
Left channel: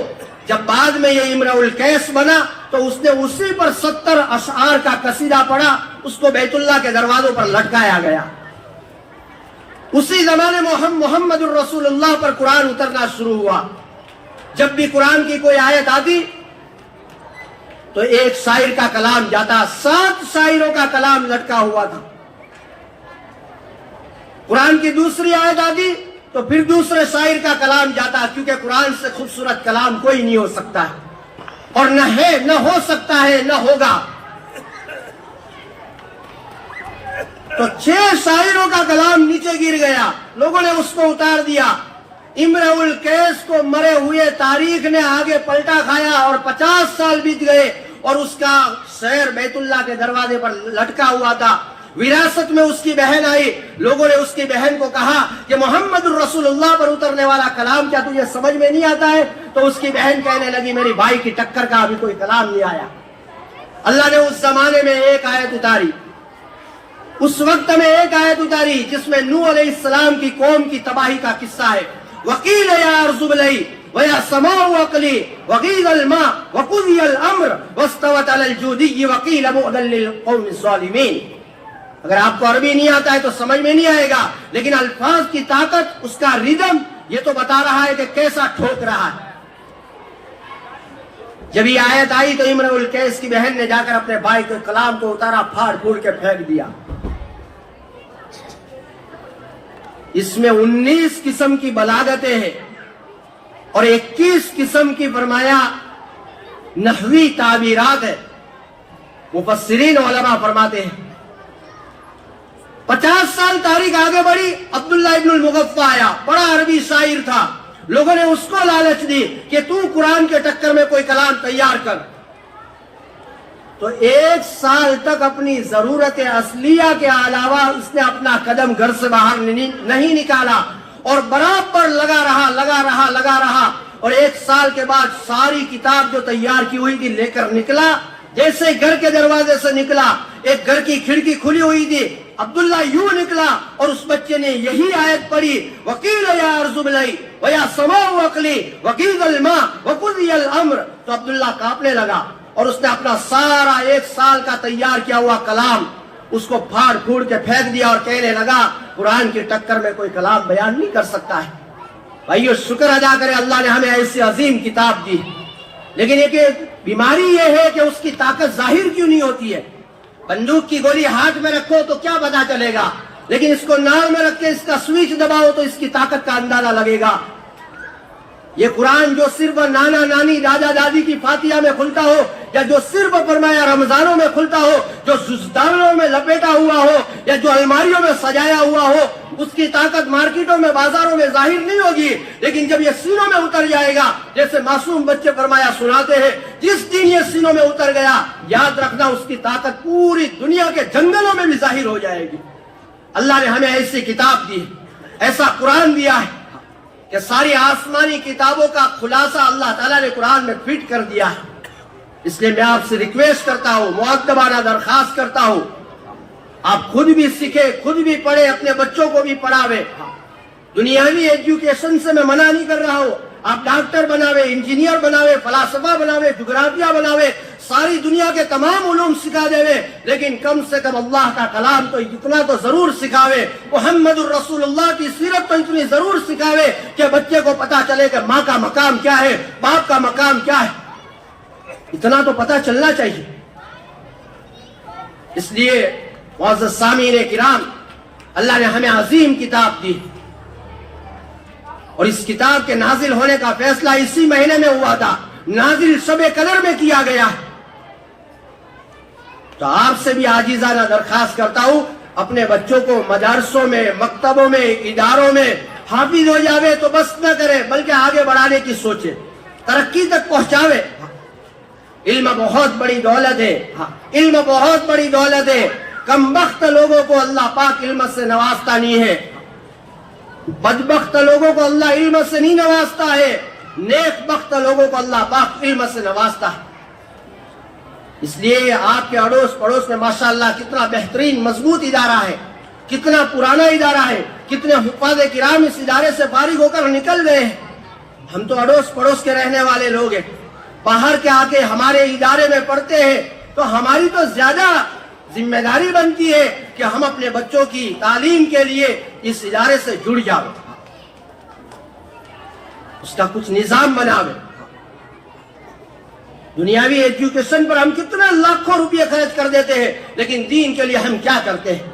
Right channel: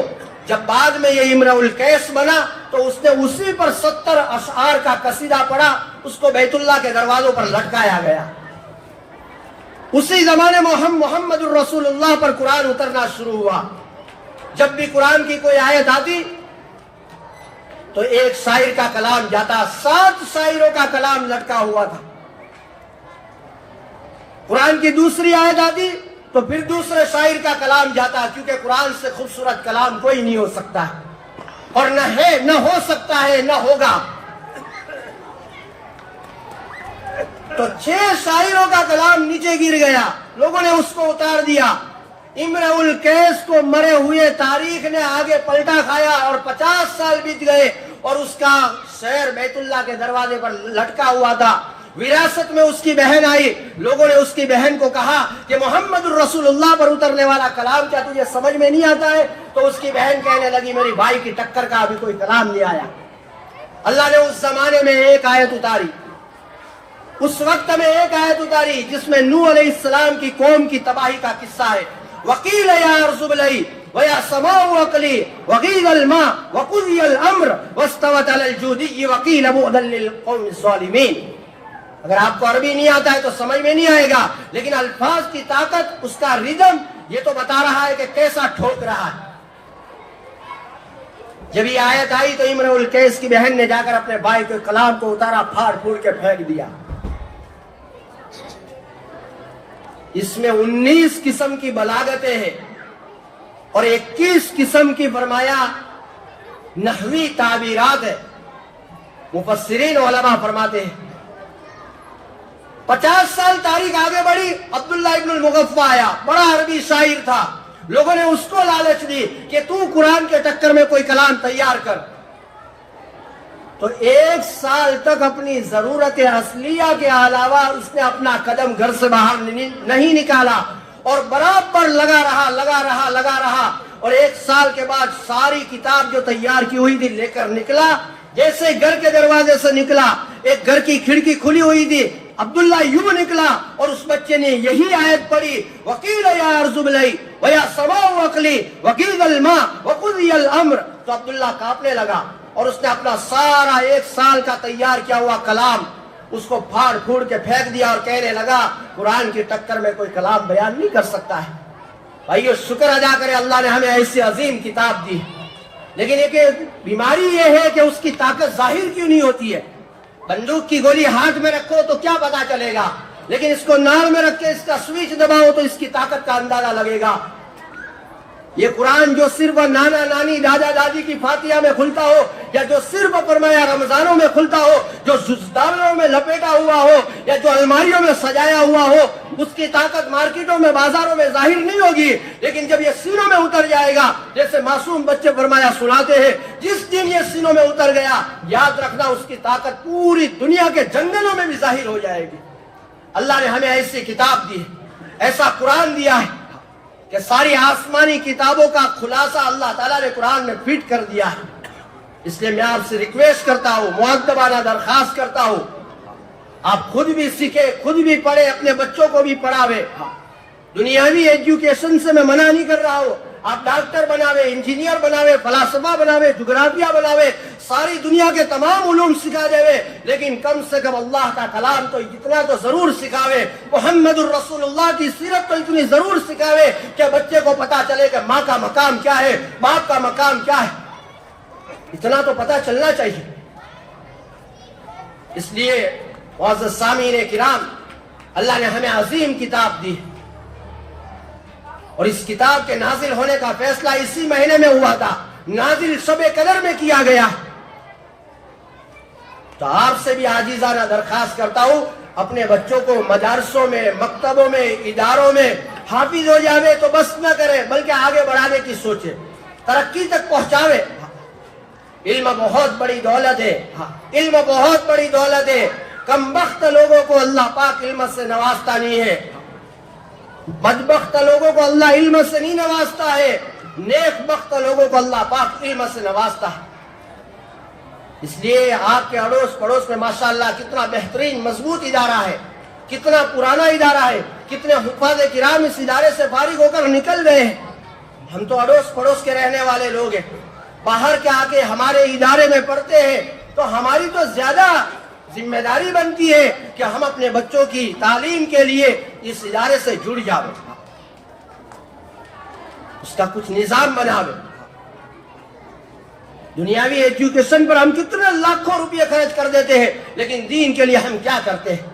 جب بعد میں یہ امرؤ القیس بنا تو اس نے اسی پر 70 اشعار کا قصیدہ پڑھا. اس کو بیت اللہ کے دروازوں پر لٹکایا گیا. اسی زمانے محمد الرسول اللہ پر قرآن اترنا شروع ہوا. جب بھی قرآن کی کوئی آیت آتی تو ایک شاعر کا کلام جاتا, 7 شاعروں کا کلام لٹکا ہوا تھا. قرآن کی دوسری آیت آتی تو پھر دوسرے شاعر کا کلام جاتا, کیونکہ قرآن سے خوبصورت کلام کوئی نہیں ہو سکتا ہے, اور نہ ہے, نہ ہو سکتا ہے, نہ ہوگا. تو 6 شاعروں کا کلام نیچے گر گیا. لوگوں نے اس کو اتار دیا. امرؤ القیس کو مرے ہوئے تاریخ نے آگے پلٹا کھایا اور 50 سال بیت گئے اور اس کا شعر بیت اللہ کے دروازے پر لٹکا ہوا تھا. وراثت میں اس کی بہن آئی. لوگوں نے اس کی بہن کو کہا کہ محمد الرسول اللہ پر اترنے والا کلام کیا تجھے سمجھ میں نہیں آتا ہے؟ تو اس کی بہن کہنے لگی میری بھائی کی ٹکر کا ابھی کوئی کلام نہیں آیا. اللہ نے اس زمانے میں ایک آیت اتاری, اس وقت میں ایک آیت اتاری جس میں نوح علیہ السلام کی قوم کی تباہی کا قصہ ہے. وَقِيلَ يَا أَرْضُ ابْلَعِي وَيَا سَمَاءُ أَقْلِعِي وَغِيضَ الْمَاءُ وَقُضِيَ الْأَمْرُ وَاسْتَوَتْ عَلَى الْجُودِيِّ وَقِيلَ بُعْدًا لِلْقَوْمِ الظَّالِمِينَ. اگر آپ کو عربی نہیں آتا ہے تو سمجھ میں نہیں آئے گا, لیکن الفاظ کی طاقت, اس کا ردم یہ تو بتا رہا ہے کہ کیسا ٹھوک رہا ہے. جب یہ آیت آئی تو امرؤ القیس کی بہن نے جا کر اپنے بھائی کے کلام کو اتارا, پھاڑ پھوڑ کے پھینک دیا. اس میں 19 قسم کی بلاغتیں ہیں اور 21 قسم کی فرمایا نحوی تعبیرات ہے. مفسرین علماء فرماتے ہیں 50 سال تاریخ آگے بڑھی. عبداللہ ابن المغفہ آیا, بڑا عربی شاعر تھا. لوگوں نے اس کو لالچ دی کہ تو قرآن کے ٹکر میں کوئی کلام تیار کر. تو 1 سال تک اپنی ضرورت اصلیہ کے علاوہ اس نے اپنا قدم گھر سے باہر نہیں نکالا اور برابر لگا رہا. اور 1 سال کے بعد ساری کتاب جو تیار کی ہوئی تھی لے کر نکلا. جیسے گھر کے دروازے سے نکلا, ایک گھر کی کھڑکی کھلی ہوئی تھی, عبداللہ یوں نکلا اور اس بچے نے یہی آیت پڑھی, وَقِيلَ يَا أَرْضُ ابْلَعِي وَيَا سَمَاءُ أَقْلِعِي وَغِيضَ الْمَاءُ وَقُضِيَ الْأَمْرُ. تو عبداللہ کانپنے لگا اور اس نے اپنا سارا 1 سال کا تیار کیا ہوا کلام اس کو پھاڑ پھوڑ کے پھینک دیا اور کہنے لگا قرآن کی ٹکر میں کوئی کلام بیان نہیں کر سکتا ہے. بھائیو شکر ادا کرے اللہ نے ہمیں ایسی عظیم کتاب دی. لیکن ایک بیماری یہ ہے کہ اس کی طاقت ظاہر کیوں نہیں ہوتی ہے. بندوق کی گولی ہاتھ میں رکھو تو کیا پتا چلے گا, لیکن اس کو نال میں رکھ کے اس کا سوئچ دباؤ تو اس کی طاقت کا اندازہ لگے گا. یہ قرآن جو صرف نانا نانی دادا دادی کی فاتحہ میں کھلتا ہو, یا جو صرف فرمایا رمضانوں میں کھلتا ہو, جو ززدانوں میں لپیٹا ہوا ہو, یا جو الماریوں میں سجایا ہوا ہو, اس کی طاقت مارکیٹوں میں بازاروں میں ظاہر نہیں ہوگی. لیکن جب یہ سینوں میں اتر جائے گا, جیسے معصوم بچے فرمایا سناتے ہیں, جس دن یہ سینوں میں اتر گیا یاد رکھنا اس کی طاقت پوری دنیا کے جنگلوں میں بھی ظاہر ہو جائے گی. اللہ نے ہمیں ایسی کتاب دی, ایسا قرآن دیا ہے کہ ساری آسمانی کتابوں کا خلاصہ اللہ تعالیٰ نے قرآن میں فٹ کر دیا ہے. اس لیے میں آپ سے ریکویسٹ کرتا ہوں, مؤدبانہ درخواست کرتا ہوں, آپ خود بھی سیکھیں, خود بھی پڑھیں, اپنے بچوں کو بھی پڑھاوے. دنیاوی ایجوکیشن سے میں منع نہیں کر رہا ہوں, آپ ڈاکٹر بناوے, انجینئر بناوے, فلاسفہ بناوے, جغرافیہ بناوے, ساری دنیا کے تمام علوم سکھا دے, لیکن کم سے کم اللہ کا کلام تو اتنا تو ضرور سکھاوے, محمد الرسول اللہ کی سیرت تو اتنی ضرور سکھاوے کہ بچے کو پتا چلے کہ ماں کا مقام کیا ہے, باپ کا مقام کیا ہے. اتنا تو پتا چلنا چاہیے. اس لیے معزز سامعین کرام, اللہ نے ہمیں عظیم کتاب دی, اور اس کتاب کے نازل ہونے کا فیصلہ اسی مہینے میں ہوا تھا, نازل شب قدر میں کیا گیا. تو آپ سے بھی عاجزانہ درخواست کرتا ہوں, اپنے بچوں کو مدارسوں میں, مکتبوں میں, اداروں میں حافظ ہو جاوے تو بس نہ کرے, بلکہ آگے بڑھانے کی سوچے, ترقی تک پہنچاوے. علم بہت بڑی دولت ہے, علم بہت بڑی دولت ہے. کم بخت لوگوں کو اللہ پاک علم سے نوازتا نہیں ہے, بدبخت لوگوں کو اللہ علم سے نہیں نوازتا ہے, نیک بخت لوگوں کو اللہ پاک علم سے نوازتا ہے. اس لیے آپ کے اڑوس پڑوس میں ماشاءاللہ کتنا بہترین مضبوط ادارہ ہے, کتنا پرانا ادارہ ہے, کتنے حفاظ کرام اس ادارے سے فارغ ہو کر نکل گئے ہیں. ہم تو اڑوس پڑوس کے رہنے والے لوگ ہیں, باہر کے آ کے ہمارے ادارے میں پڑھتے ہیں, تو ہماری تو زیادہ ذمہ داری بنتی ہے کہ ہم اپنے بچوں کی تعلیم کے لیے اس ادارے سے جڑ جاؤ, اس کا کچھ نظام بناوے. دنیاوی ایجوکیشن پر ہم کتنے لاکھوں روپے خرچ کر دیتے ہیں, لیکن دین کے لیے ہم کیا کرتے ہیں؟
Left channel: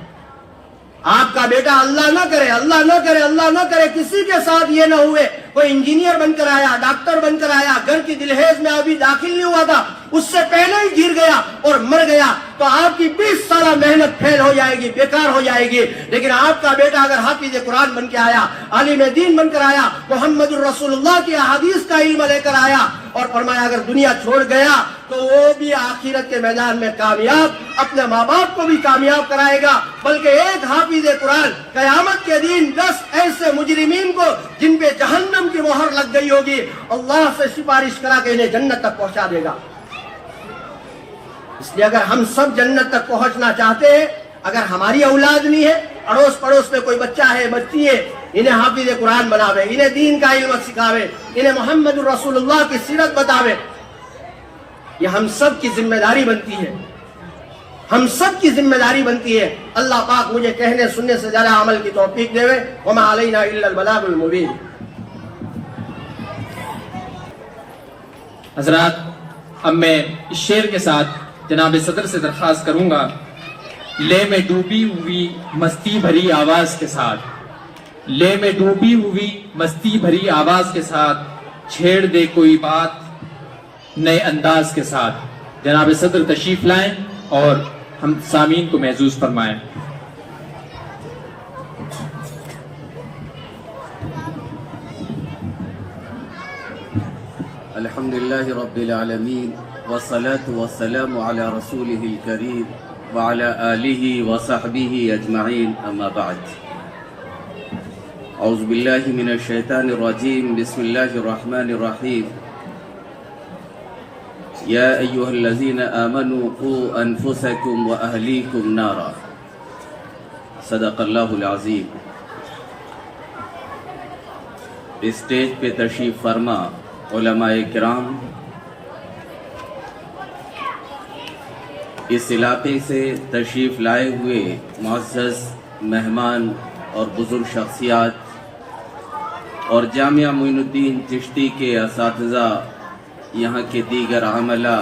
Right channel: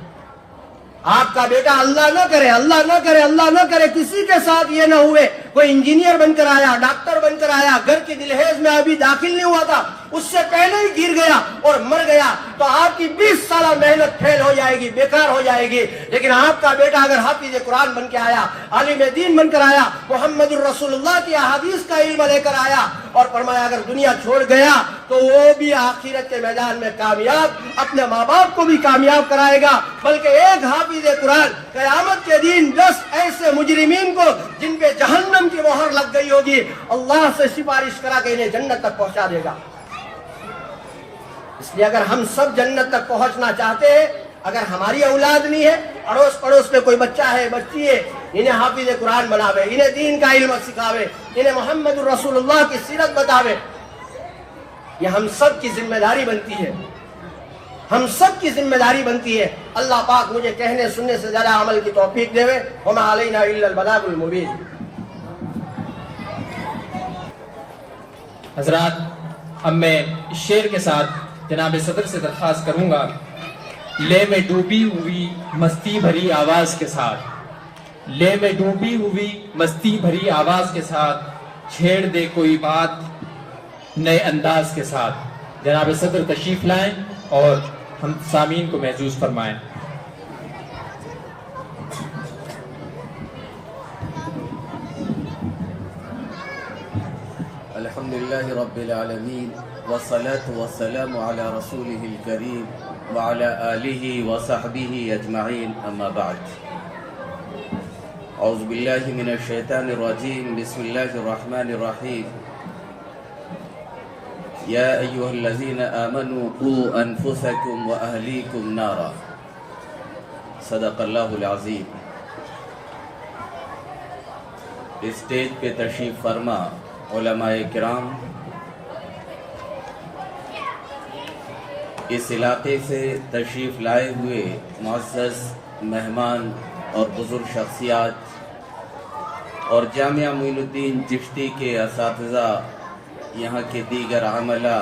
آپ کا بیٹا اللہ نہ کرے, اللہ نہ کرے, اللہ نہ کرے کسی کے ساتھ یہ نہ ہوئے کوئی انجینئر بن کر آیا, ڈاکٹر بن کر آیا, گھر کی دہلیز میں ابھی داخل نہیں ہوا تھا, اس سے پہلے ہی گر گیا اور مر گیا, تو آپ کی 20 سالہ محنت فیل ہو جائے گی, بیکار ہو جائے گی. لیکن آپ کا بیٹا اگر حافظ قرآن بن کے آیا, عالم دین بن کر آیا, محمد الرسول اللہ کی احادیث کا علم لے کر آیا, اور فرمایا اگر دنیا چھوڑ گیا تو وہ بھی آخرت کے میدان میں کامیاب, اپنے ماں باپ کو بھی کامیاب کرائے گا. بلکہ ایک حافظ قرآن قیامت کے دن 10 ایسے مجرمین کو جن پہ جہنم کی مہر لگ گئی ہوگی, اللہ سے سفارش کرا کے انہیں جنت تک پہنچا دے گا. اس لیے اگر ہم سب جنت تک پہنچنا چاہتے ہیں, اگر ہماری اولاد نہیں ہے, اڑوس پڑوس میں کوئی بچہ ہے, بچی ہے, انہیں حافظ قرآن بناوے, انہیں دین کا علم سکھاوے, انہیں محمد الرسول اللہ کی سیرت بتاوے. یہ ہم سب کی ذمہ داری بنتی ہے, ہم سب کی ذمہ داری بنتی ہے. اللہ پاک مجھے کہنے سننے سے زیادہ عمل کی توفیق دے. وما علینا الا البلاغ المبین. حضرات, اب میں اس شعر کے ساتھ جناب صدر سے درخواست کروں گا, لے میں ڈوبی ہوئی مستی بھری آواز کے ساتھ, لے میں ڈوبی ہوئی مستی بھری آواز کے ساتھ, چھیڑ دے کوئی بات نئے انداز کے ساتھ. جناب صدر تشریف لائیں اور ہم سامعین کو محظوظ فرمائیں. الحمدللہ رب العالمین والصلاة والسلام علی رسولہ الکریم وعلی آلہ وصحبہ اجمعین, اما بعد. اعوذ باللہ من الشیطان الرجیم, بسم اللہ الرحمن الرحیم. یا ایہا الذین آمنوا قوا انفسکم واہلیکم نارا. صدق اللہ العظیم. اسٹیج پہ تشریف فرما علماء کرام, اس علاقے سے تشریف لائے ہوئے معزز مہمان اور بزرگ شخصیات اور جامعہ معین الدین چشتی کے اساتذہ، یہاں کے دیگر عملہ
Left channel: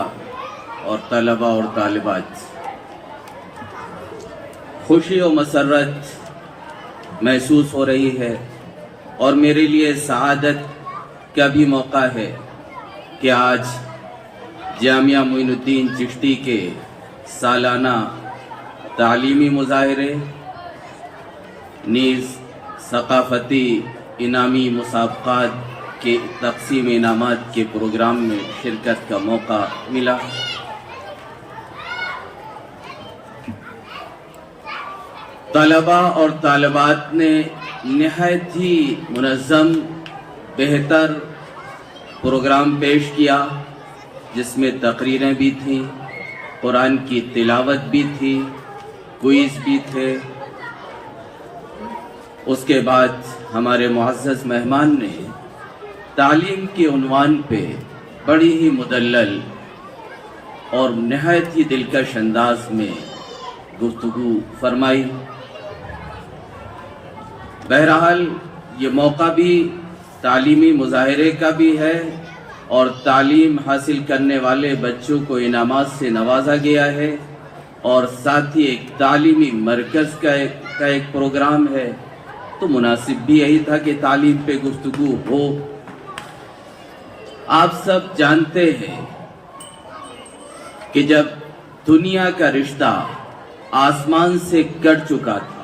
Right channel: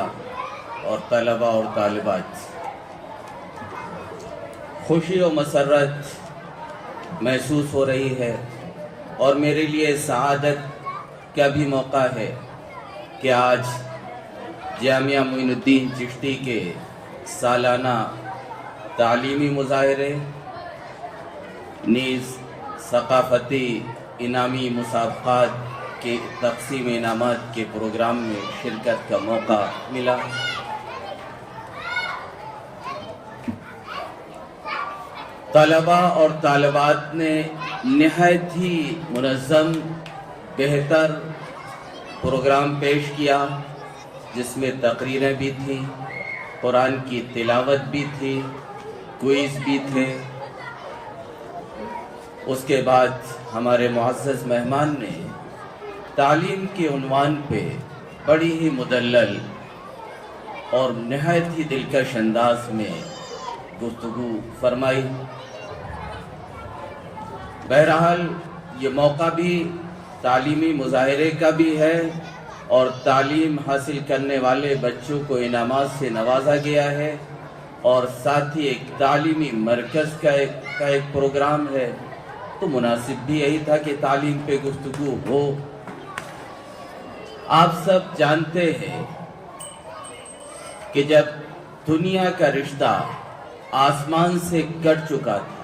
اور طلباء اور طالبات، خوشی و مسرت محسوس ہو رہی ہے اور میرے لیے سعادت کا بھی موقع ہے کہ آج جامعہ معین الدین چشتی کے سالانہ تعلیمی مظاہرے نیز ثقافتی انعامی مسابقات کے تقسیم انعامات کے پروگرام میں شرکت کا موقع ملا۔ طلباء اور طالبات نے نہایت ہی منظم بہتر پروگرام پیش کیا، جس میں تقریریں بھی تھیں، قرآن کی تلاوت بھی تھی، کوئز بھی تھے۔ اس کے بعد ہمارے معزز مہمان نے تعلیم کے عنوان پہ بڑی ہی مدلل اور نہایت ہی دلکش انداز میں گفتگو فرمائی۔ بہرحال یہ موقع بھی تعلیمی مظاہرے کا بھی ہے اور تعلیم حاصل کرنے والے بچوں کو انعامات سے نوازا گیا ہے، اور ساتھ ہی ایک تعلیمی مرکز کا ایک پروگرام ہے، تو مناسب بھی یہی تھا کہ تعلیم پہ گفتگو ہو۔ آپ سب جانتے ہیں کہ جب دنیا کا رشتہ آسمان سے کٹ چکا تھا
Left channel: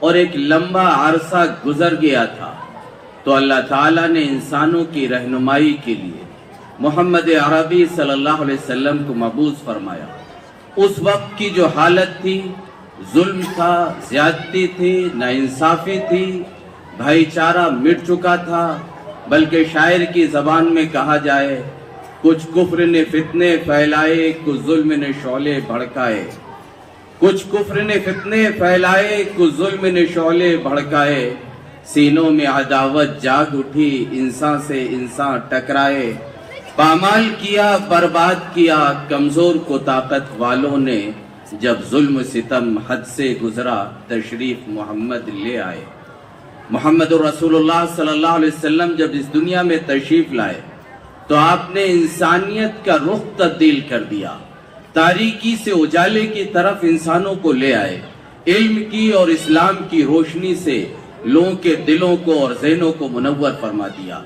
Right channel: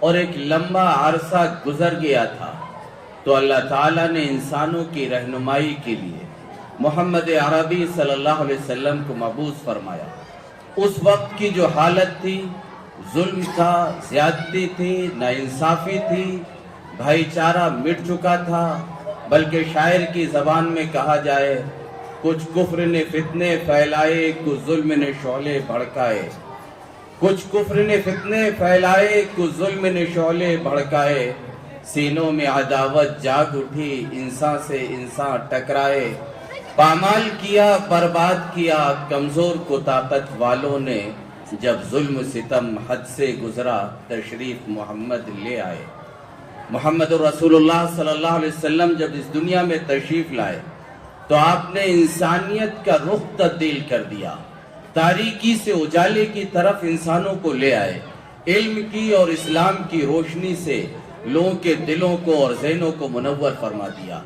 اور ایک لمبا عرصہ گزر گیا تھا، تو اللہ تعالیٰ نے انسانوں کی رہنمائی کے لیے محمد عربی صلی اللہ علیہ وسلم کو مبعوث فرمایا۔ اس وقت کی جو حالت تھی، ظلم تھا، زیادتی تھی، ناانصافی تھی، بھائی چارہ مٹ چکا تھا، بلکہ شاعر کی زبان میں کہا جائے، کچھ کفر نے فتنے پھیلائے، کچھ ظلم نے شعلے بھڑکائے، کچھ کفر نے فتنے پھیلائے، کچھ ظلم نے شعلے بھڑکائے، سینوں میں عداوت جاگ اٹھی، انسان سے انسان ٹکرائے، پامال کیا، برباد کیا کمزور کو طاقت والوں نے، جب ظلم ستم حد سے گزرا تشریف محمد لے آئے۔ محمد رسول اللہ صلی اللہ علیہ وسلم جب اس دنیا میں تشریف لائے تو آپ نے انسانیت کا رخ تبدیل کر دیا، تاریکی سے اجالے کی طرف انسانوں کو لے آئے، علم کی اور اسلام کی روشنی سے لوگوں کے دلوں کو اور ذہنوں کو منور فرما دیا۔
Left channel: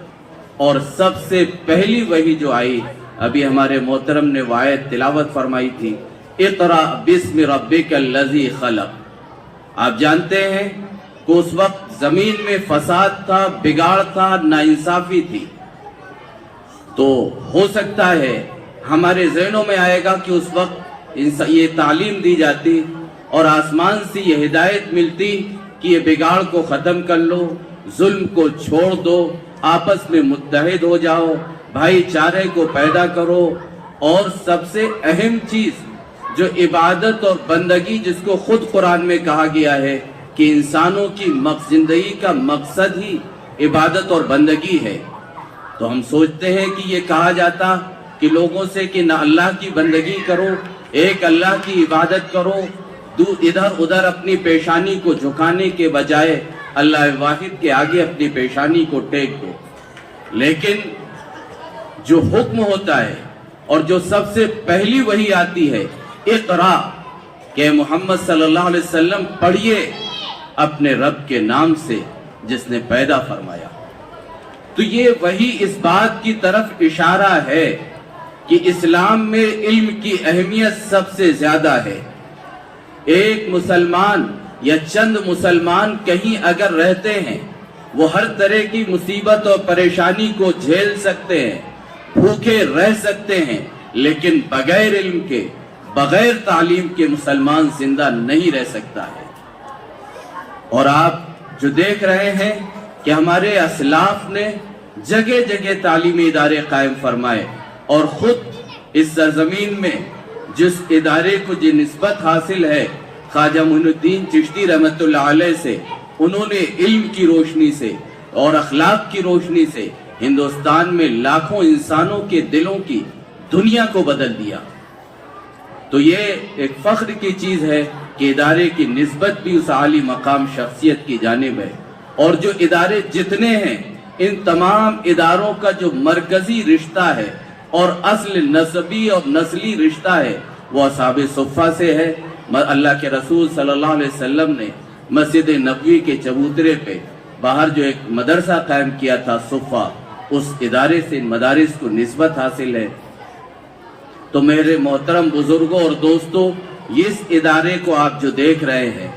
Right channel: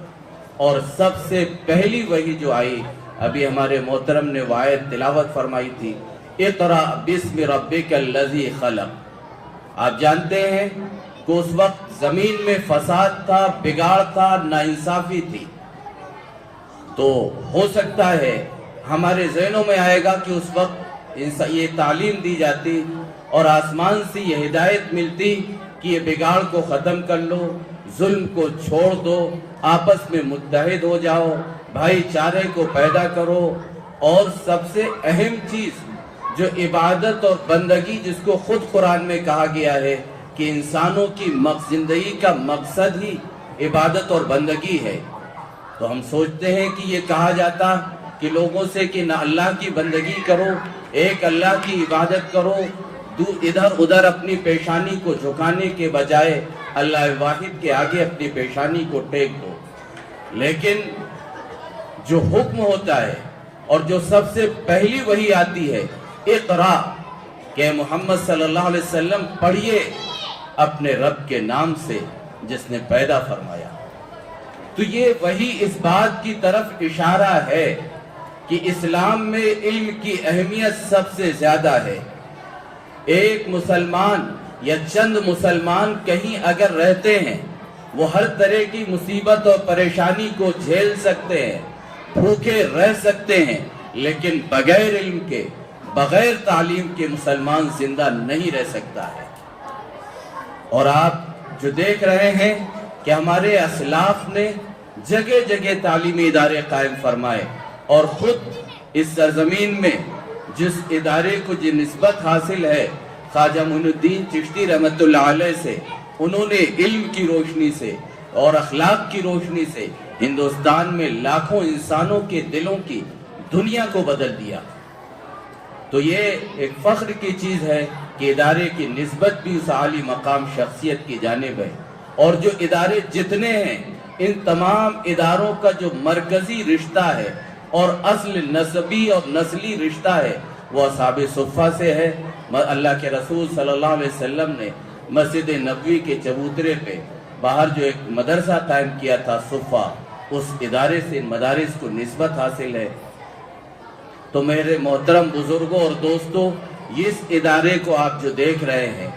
اور سب سے پہلی وحی جو آئی، ابھی ہمارے محترم نے آیت تلاوت فرمائی تھی، اقرأ بسم ربک الذی خلق۔ آپ جانتے ہیں کہ اس وقت زمین میں فساد تھا، بگاڑ تھا، ناانصافی تھی، تو ہو سکتا ہے ہمارے ذہنوں میں آئے گا کہ اس وقت یہ تعلیم دی جاتی اور آسمان سے یہ ہدایت ملتی کہ یہ بگاڑ کو ختم کر لو، ظلم کو چھوڑ دو، آپس میں متحد ہو جاؤ، بھائی چارے کو پیدا کرو، اور سب سے اہم چیز جو عبادت اور بندگی، جس کو خود قرآن میں کہا گیا ہے کہ انسانوں کی زندگی کا مقصد ہی عبادت اور بندگی ہے، تو ہم سوچتے ہیں کہ یہ کہا جاتا کہ لوگوں سے کہ نہ اللہ کی بندگی کرو، ایک اللہ کی عبادت کرو، ادھر ادھر اپنی پیشانی کو جھکانے کے بجائے اللہ واحد کے آگے اپنی پیشانی کو ٹیک دو۔ لیکن جو حکم ہوتا ہے اور جو سب سے پہلی وحی آتی ہے، اقرا، کہ محمد صلی اللہ علیہ وسلم پڑھیے اپنے رب کے نام سے جس نے پیدا فرمایا، تو یہ وحی اس بات کی طرف اشارہ ہے کہ اسلام میں علم کی اہمیت سب سے زیادہ ہے۔ ایک مسلمان یا چند مسلمان کہیں اگر رہتے ہیں، وہ ہر طرح کی مصیبت اور پریشانی کو جھیل سکتے ہیں، بھوکے رہ سکتے ہیں، لیکن بغیر علم کے، بغیر تعلیم کے مسلمان زندہ نہیں رہ سکتا ہے۔ اور آپ جو دیکھ رہے ہیں کہ ہمارے اسلاف نے جگہ جگہ تعلیمی ادارے قائم فرمائے، اور خود اس سرزمین میں جس ادارے کو جو نسبت حاصل ہے خواجہ معین الدین چشتی رحمت اللہ علیہ سے، انہوں نے علم کی روشنی سے اور اخلاق کی روشنی سے ہندوستان میں لاکھوں انسانوں کے دلوں کی دنیا کو بدل دیا۔ تو یہ ایک فخر کی چیز ہے کہ ادارے کی نسبت بھی اس عالی مقام شخصیت کی جانب ہے. اور جو ادارے جتنے ہیں ان تمام اداروں کا جو مرکزی رشتہ ہے اور اصل نسبی اور نسلی رشتہ ہے وہ اصحاب صفہ سے ہے. اللہ کے رسول صلی اللہ علیہ وسلم نے مسجد نبوی کے چبوترے پہ باہر جو ایک مدرسہ قائم کیا تھا صفہ، اس ادارے سے مدارس کو نسبت حاصل ہے. تو میرے محترم بزرگوں اور دوستوں، اس ادارے کو آپ جو دیکھ رہے ہیں،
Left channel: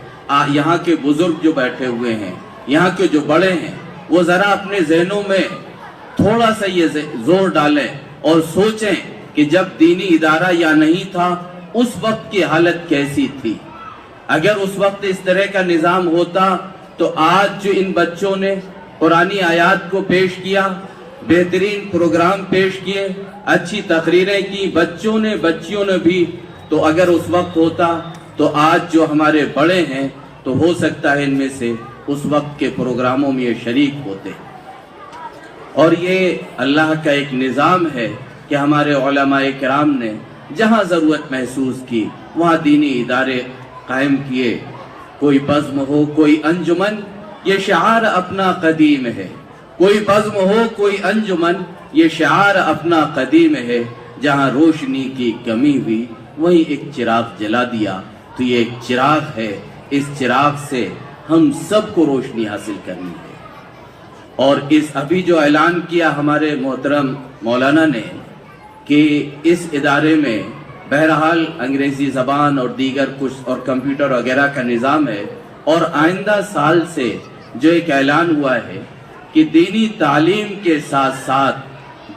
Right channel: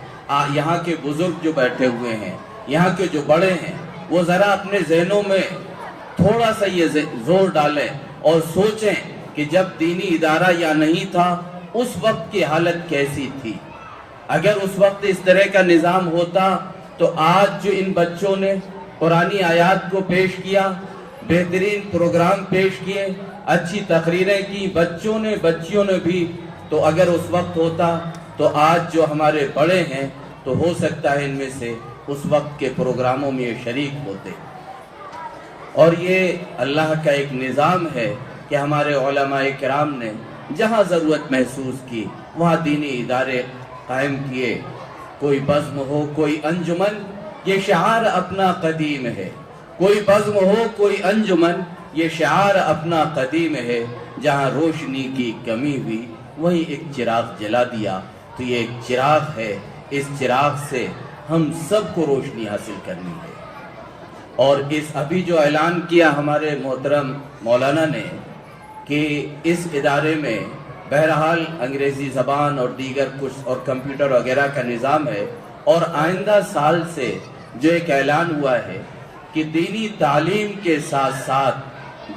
یہاں کے بزرگ جو بیٹھے ہوئے ہیں، یہاں کے جو بڑے ہیں، وہ ذرا اپنے ذہنوں میں تھوڑا سا یہ زور ڈالیں اور سوچیں کہ جب دینی ادارہ یا نہیں تھا اس وقت کی حالت کیسی تھی. اگر اس وقت اس طرح کا نظام ہوتا تو آج جو ان بچوں نے قرآنی آیات کو پیش کیا، بہترین پروگرام پیش کیے، اچھی تقریریں کی بچوں نے بچیوں نے بھی، تو اگر اس وقت ہوتا تو آج جو ہمارے بڑے ہیں تو ہو سکتا ہے ان میں سے اس وقت کے پروگراموں میں یہ شریک ہوتے. اور یہ اللہ کا ایک نظام ہے کہ ہمارے علماء کرام نے جہاں ضرورت محسوس کی وہاں دینی ادارے قائم کیے. کوئی بزم ہو، کوئی انجمن، یہ شعار اپنا قدیم ہے. کوئی بزم ہو، کوئی انجمن، یہ شعار اپنا قدیم ہے. جہاں روشنی کی کمی ہوئی وہی ایک چراغ جلا دیا. تو یہ ایک چراغ ہے، اس چراغ سے ہم سب کو روشنی حاصل کرنی ہے. اور اس ابھی جو اعلان کیا ہمارے محترم مولانا نے کہ اس ادارے میں بہرحال انگریزی زبان اور دیگر کچھ اور کمپیوٹر وغیرہ کا نظام ہے، اور آئندہ سال سے جو ایک اعلان ہوا ہے کہ دینی تعلیم کے ساتھ ساتھ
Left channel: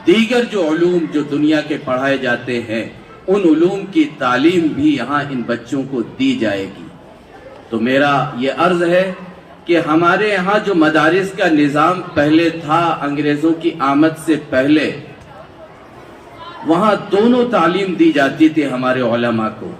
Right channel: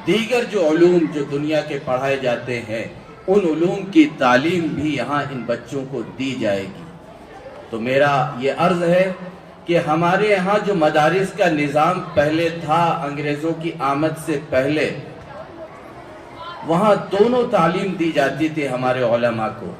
دیگر جو علوم جو دنیا کے پڑھائے جاتے ہیں ان علوم کی تعلیم بھی یہاں ان بچوں کو دی جائے گی. تو میرا یہ عرض ہے کہ ہمارے یہاں جو مدارس کا نظام پہلے تھا انگریزوں کی آمد سے پہلے، وہاں دونوں تعلیم دی جاتی تھی ہمارے علماء کو.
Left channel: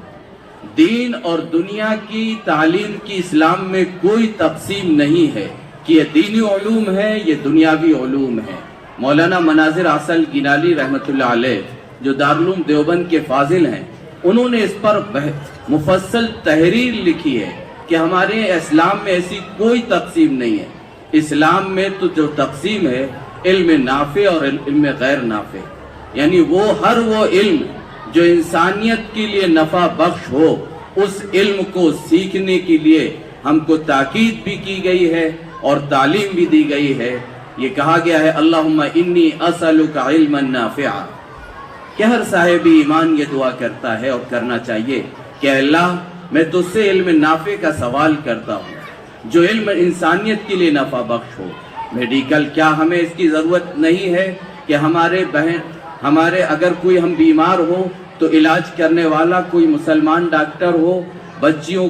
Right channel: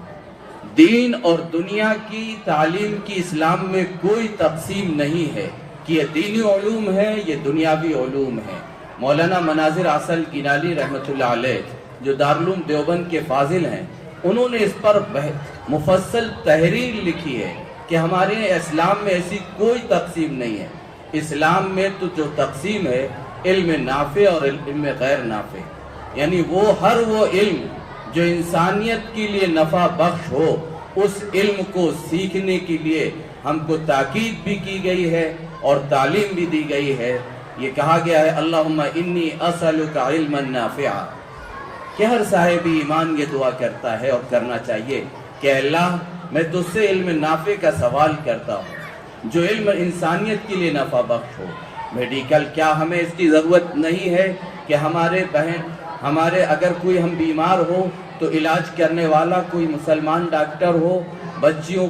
دین اور دنیا کی تعلیم کی اسلام میں کوئی تقسیم نہیں ہے کہ یہ دینی علوم ہے یہ دنیاوی علوم ہے. مولانا مناظر اصل گینالی رحمت اللہ علیہ جو دارالعلوم دیوبند کے فاضل ہیں، انہوں نے اس پر مفصل تحریر لکھی ہے کہ ہمارے اسلام میں ایسی کوئی تقسیم نہیں ہے. اسلام میں تو جو تقسیم ہے علم نافع اور علم غیر نافع، یعنی وہ ہر وہ علم جو انسانیت کے لیے نفع بخش ہو اس علم کو سیکھنے کے لیے ہم کو تاکید بھی کی گئی ہے اور تعلیم بھی دی گئی ہے. یہ کہا گیا ہے اللہم انی اسألک علما نافعا، کہ ہر صاحب ایمان یہ دعا کرتا ہے اور کرنا چاہیے کہ اللہ میں تجھ سے علم نافع کا سوال کرتا ہوں جو علم انسانیت کے لیے نفع بخش ہو. میڈیکل کیا ہمیں اس کی ضرورت نہیں ہے کہ ہمارے اگر کوئی ہم بیمار ہو تو علاج کرنے والا کوئی مسلمان ڈاکٹر ہو، بچوں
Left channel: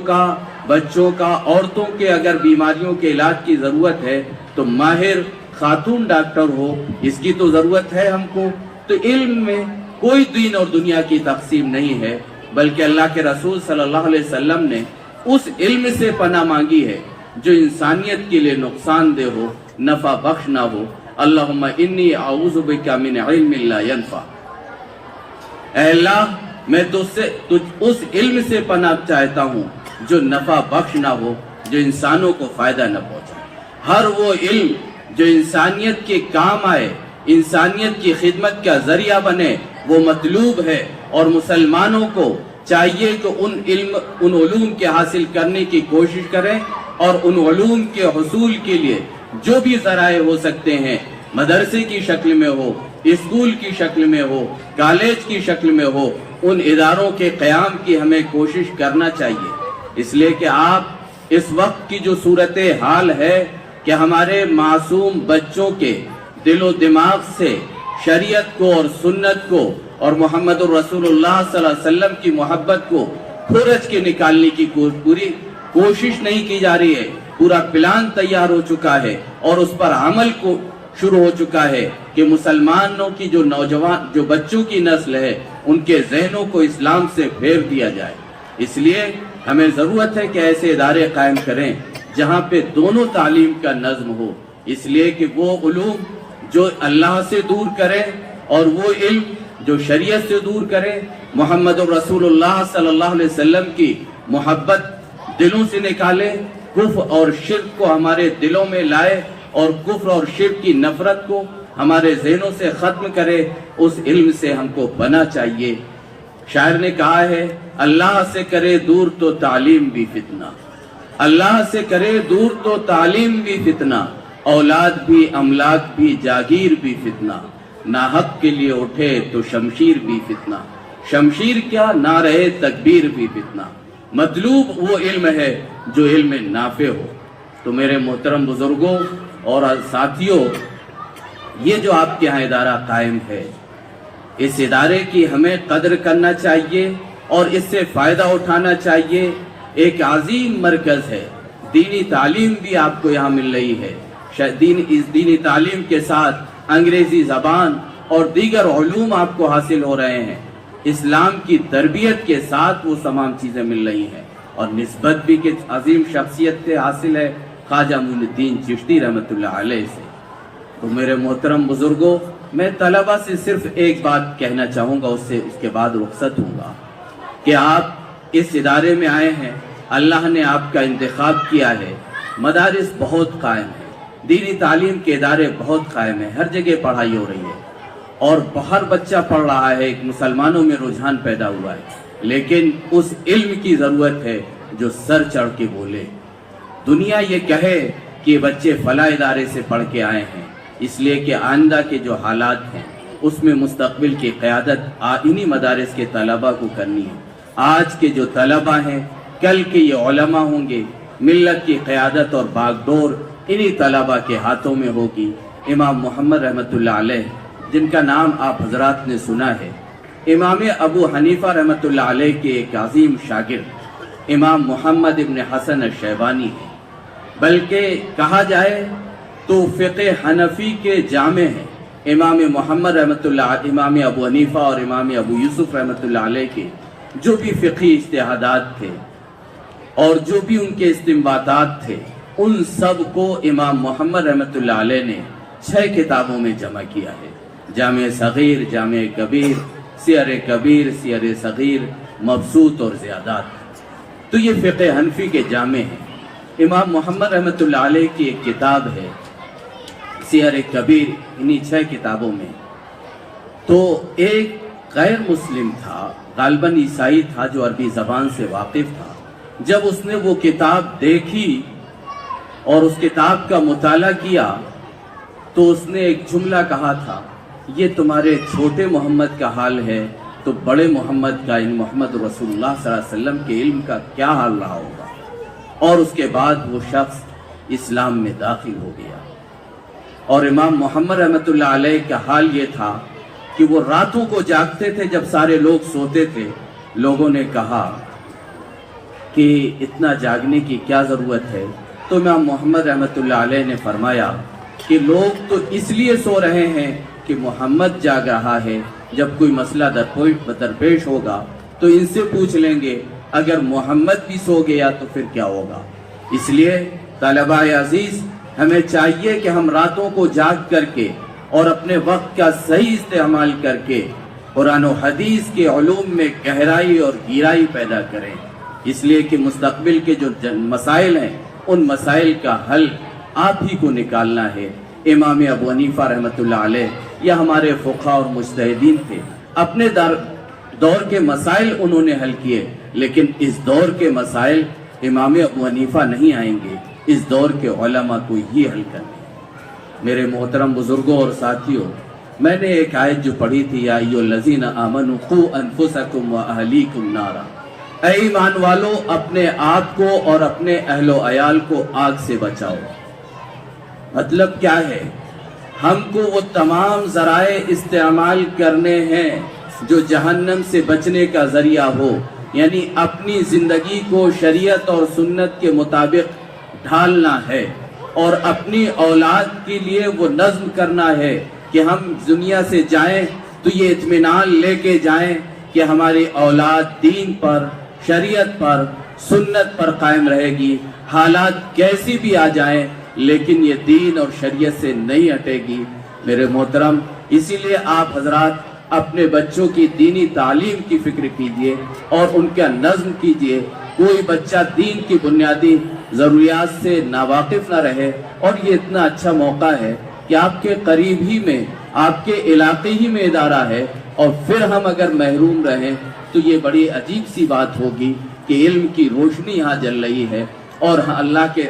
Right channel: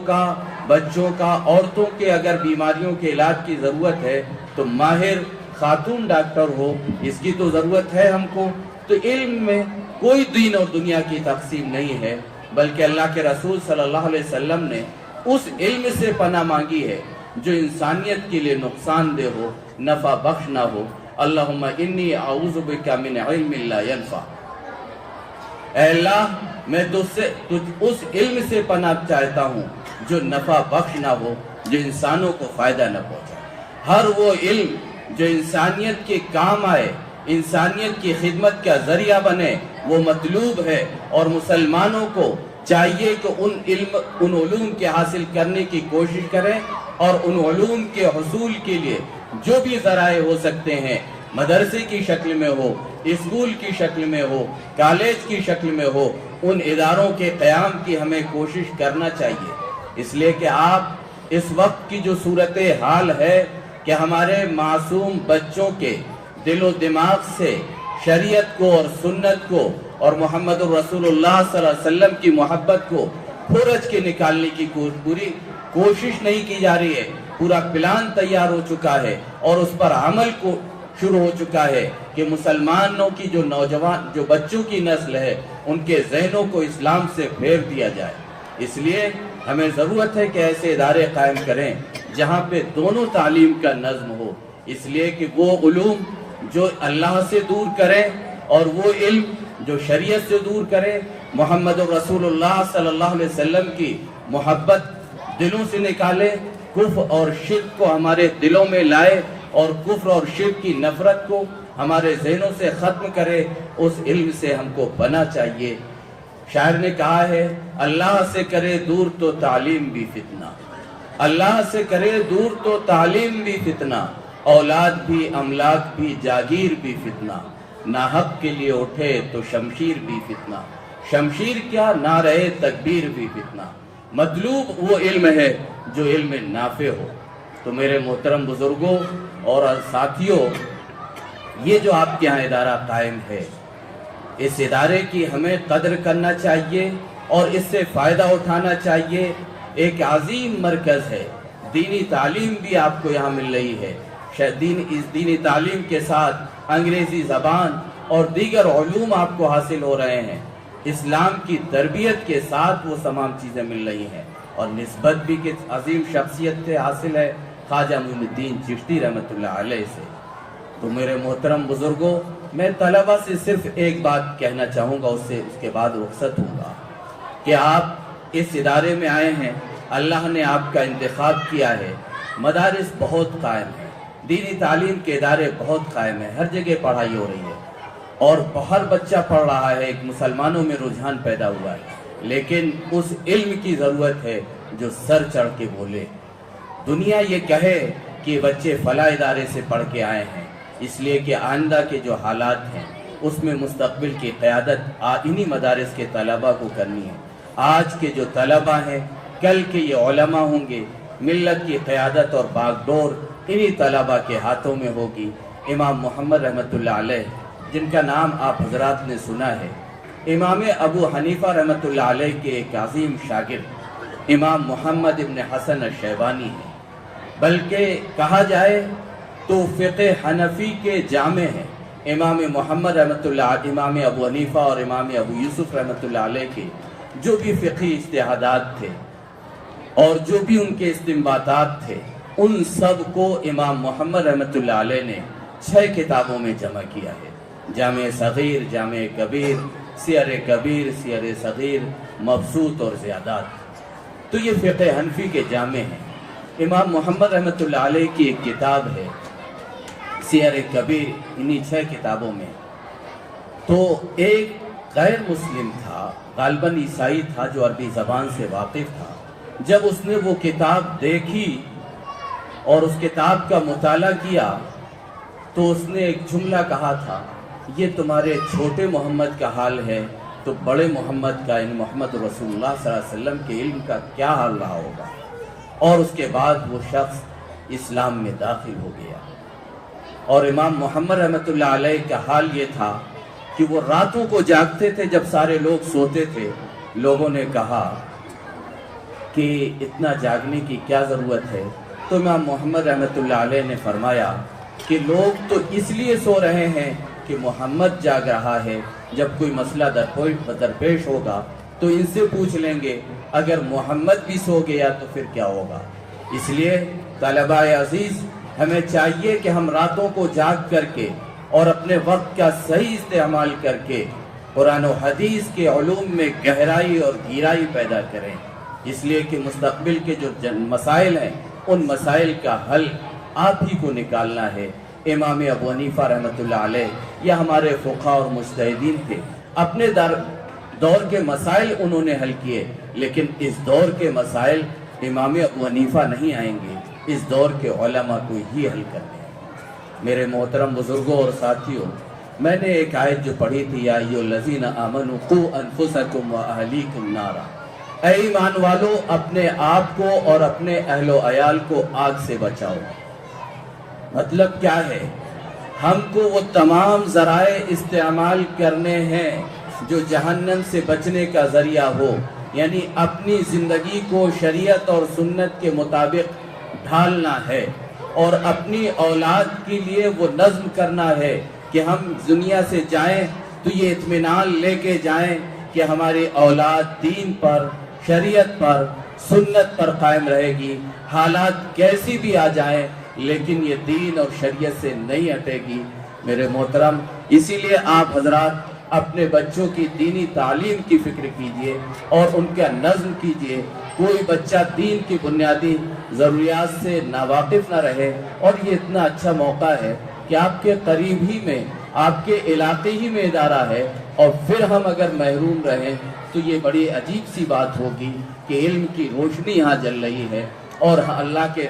کا عورتوں کے اگر بیماریوں کے علاج کی ضرورت ہے تو ماہر خاتون ڈاکٹر ہو، اس کی تو ضرورت ہے ہم کو. تو علم میں کوئی دین اور دنیا کی تقسیم نہیں ہے، بلکہ اللہ کے رسول صلی اللہ علیہ وسلم نے اس علم سے پناہ مانگی ہے جو انسانیت کے لیے نقصان دہ ہو، نفع بخش نہ ہو. اللہم انی اعوذ بک من علم لا ینفع، اے اللہ میں اس علم سے پناہ چاہتا ہوں جو نفع بخش نہ ہو، جو انسانوں کو فائدہ نہ پہنچائے. ہر وہ علم جو انسانیت کے کام آئے، انسانیت کی خدمت کا ذریعہ بنے، وہ مطلوب ہے. اور مسلمانوں کو چاہیے کہ ان علوم کے حاصل کرنے کی کوشش کریں، اور ان علوم کے حصول کے لیے جو بھی ذرائع ہو سکتے ہیں، مدرسے کی شکل میں ہو، اسکول کی شکل میں ہو، کالج کی شکل میں ہو، ان اداروں کے قیام کی ہمیں کوشش کرنا چاہیے. اس لیے کہ آپ اس وقت کی جو صورتحال ہے کہ ہمارے معصوم بچوں کے دل و دماغ سے شریعت کو اور سنت کو اور محمد الرسول اللہ صلی اللہ علیہ وسلم کی محبت کو کھورچ کے نکالنے کی پوری کوشش نہیں کی جا رہی ہے. پورا پلان تیار ہو چکا ہے اور اس پر عمل کو شروع ہو چکا ہے کہ مسلمانوں کی جو نوجوان جو بچوں کی نسل ہے ان کے ذہنوں کو اسلام سے پھیر دیا جائے. اس لیے ہمیں ضرورت ہے کہ ایسے ادارے قائم کریں جہاں پہ دونوں تعلیم کا نظم ہو. اس لیے کہ وہ علوم جو اللہ سے دور کریں اور وہ علم جو شریعت سے دور کرے، محمد رسول اللہ صلی اللہ علیہ وسلم کی محبت دلوں سے نکالے، کفر اور شرک کو ہمارے دلوں میں لائے اور کفر اور شرک کی نفرت کو ہمارے ذہنوں سے ختم کرے، اس علم سے ہم کو بنا چاہیے۔ شاعر نے کہا ہے، اللہ سے کرے دور تو تعلیم بھی فتنہ، اللہ سے کرے دور تو تعلیم بھی فتنہ، اولاد بھی املاک بھی جاگیر بھی فتنہ، ناحق کے لیے اٹھے تو شمشیر بھی فتنہ، شمشیر کیا نہ رہے تکبیر بھی فتنہ۔ مطلوب وہ علم ہے جو علم نافع ہو۔ تو میرے محترم بزرگوں اور ساتھیوں، یہ جو آپ کے ہاں ادارہ قائم ہے، اس ادارے کی ہمیں قدر کرنا چاہیے اور اس سے فائدہ اٹھانا چاہیے۔ ایک عظیم مرکز ہے، دینی تعلیم بھی آپ کو یہاں مل رہی ہے۔ اس دینی تعلیم کے ساتھ انگریزی زبان اور دیگر علوم آپ کو حاصل ہو رہے ہیں، اسلام کی تربیت کے ساتھ وہ تمام چیزیں مل رہی ہیں، اور نسبت بھی کس عظیم شخصیت سے حاصل ہے، خواجہ معین الدین چشتی رحمۃ اللہ علیہ سے۔ تو میرے محترم بزرگوں، میں طلبہ سے صرف ایک بات کہنا چاہوں گا، اس کے بعد رخصت ہوں گا، کہ آپ اس ادارے میں آئے ہیں، اللہ نے آپ کا انتخاب کیا ہے، مدارس بہت قائم ہیں، دینی تعلیم کے ادارے بہت قائم ہیں، ہر جگہ پڑھائی ہو رہی ہے اور ہر بچہ پڑھ رہا ہے، ایک مسلمانوں میں رجحان پیدا ہوا ہے، لیکن اس علم کی ضرورت ہے جو سر چڑھ کے بولے۔ دنیا یہ کہے کہ بچے فلاں ادارے سے پڑھ کے آئے ہیں، اس لیے کہ آئندہ کے جو حالات ہیں اس میں مستقبل کی قیادت انہی مدارس کے طلبہ کو کرنی ہے۔ آج کے جو طلبہ ہیں، کل کے یہ علماء ہوں گے، ملت کی قیادت اور باغڈور انہی طلبہ کے ہاتھوں میں ہوگی۔ امام محمد رحمۃ اللہ علیہ، جن کا نام آپ حضرات نے سنا ہے، امام ابو حنیفہ رحمۃ اللہ علیہ کے ایک عظیم شاگرد امام محمد ابن حسن الشیبانی ہیں، بلکہ کہا جائے تو فقہ حنفی کے جامع ہیں۔ امام محمد رحمۃ اللہ، امام ابو حنیفہ اور امام ابو یوسف رحمۃ اللہ علیہ کے جو بھی فقہی اجتہادات تھے اور جو بھی ان کے استنباطات تھے، ان سب کو امام محمد رحمۃ اللہ علیہ نے 6 کتابوں میں جمع کیا ہے: جامع صغیر، جامع کبیر، سیر کبیر، سیر صغیر، مبسوط اور زیادات۔ تو یہ فقہ حنفی کے جامع ہیں۔ امام محمد رحمۃ اللہ علیہ کی ایک کتاب ہے سیر کبیر، انہی 6 کتابوں میں۔ تو ایک غیر مسلم تھا، غالباً عیسائی تھا، جو عربی زبان سے واقف تھا، جب اس نے وہ کتاب دیکھی اور اس کتاب کا مطالعہ کیا تو اس نے ایک جملہ کہا تھا، یہ تمہارے چھوٹے محمد کا حال ہے تو بڑے محمد کا، یعنی محمد رسول اللہ صلی اللہ علیہ وسلم کے علم کا کیا حال رہا ہوگا۔ اور اس کے بعد وہ شخص اسلام میں داخل ہو گیا۔ اور امام محمد رحمۃ اللہ علیہ کا حال یہ تھا کہ وہ راتوں کو جاگتے تھے جب سارے لوگ سوتے تھے۔ لوگوں نے کہا کہ اتنا جاگنے کی کیا ضرورت ہے؟ تو امام محمد رحمۃ اللہ علیہ نے فرمایا کہ لوگ تو اس لیے سو رہے ہیں کہ محمد جاگ رہا ہے، جب کوئی مسئلہ درپیش ہوگا تو ان سے پوچھ لیں گے، اگر محمد بھی سو گیا تو پھر کیا ہوگا؟ اس لیے طلبہ عزیز، ہمیں چاہیے کہ ہم راتوں کو جاگ کر کے اور اپنے وقت کا صحیح استعمال کر کے قرآن و حدیث کے علوم میں گہرائی اور گہرائی پیدا کریں، اس لیے کہ مستقبل کے جو مسائل ہیں ان مسائل کا حل آپ ہی کو نکالنا ہے۔ امام ابو حنیفہ رحمۃ اللہ علیہ یا ہمارے فقہا اور مجتہدین تھے، اپنے دور کے مسائل انہوں نے حل کیے، لیکن اس دور کے مسائل امام ابو حنیفہ نہیں آئیں گے، اس دور کے علماء کو ہی حل کرنے۔ میرے محترم بزرگوں اور ساتھیوں، میں نے ایک آیت جو پڑھی تھی، یا ایھا الذین آمنوا قوا انفسکم واہلیکم نارا، اے ایمان والو اپنے آپ کو اور اپنے اہل و عیال کو آگ سے بچاؤ۔ مطلب کیا ہے؟ ہم کو وہ تمام ذرائع استعمال کرنے ہیں جو جہنم سے بچنے کا ذریعہ ہو، یعنی اپنی زندگی کو شریعت اور سنت کے مطابق ڈھالنا ہے، اور اپنی اولاد کے لیے وہ نظم کرنا ہے کہ ہم دنیا سے جائیں تو یہ اطمینان لے کے جائیں کہ ہماری اولاد دین پر، شریعت پر، سنت پر قائم رہے گی، حالات کیسی بھی آ جائیں لیکن یہ دین اور شریعت سے نہیں ہٹے گی۔ میرے محترم، اسی لیے آپ حضرات اپنے بچوں کی دینی تعلیم کی فکر کیجئے اور ان کا نظم کیجئے. کوئی بچہ دین کی بنیادی ضروریات سے ناواقف نہ رہے. اور یہ اتنا اچھا موقع ہے کہ آپ کے قریب ہی میں، آپ کے علاقے ہی میں ادارہ ہے، اور پھر ہم اگر محروم رہیں تو یہ بڑی عجیب سی بات ہوگی کہ علم کی روشنی یہاں جل رہی ہے، اور اللہ کے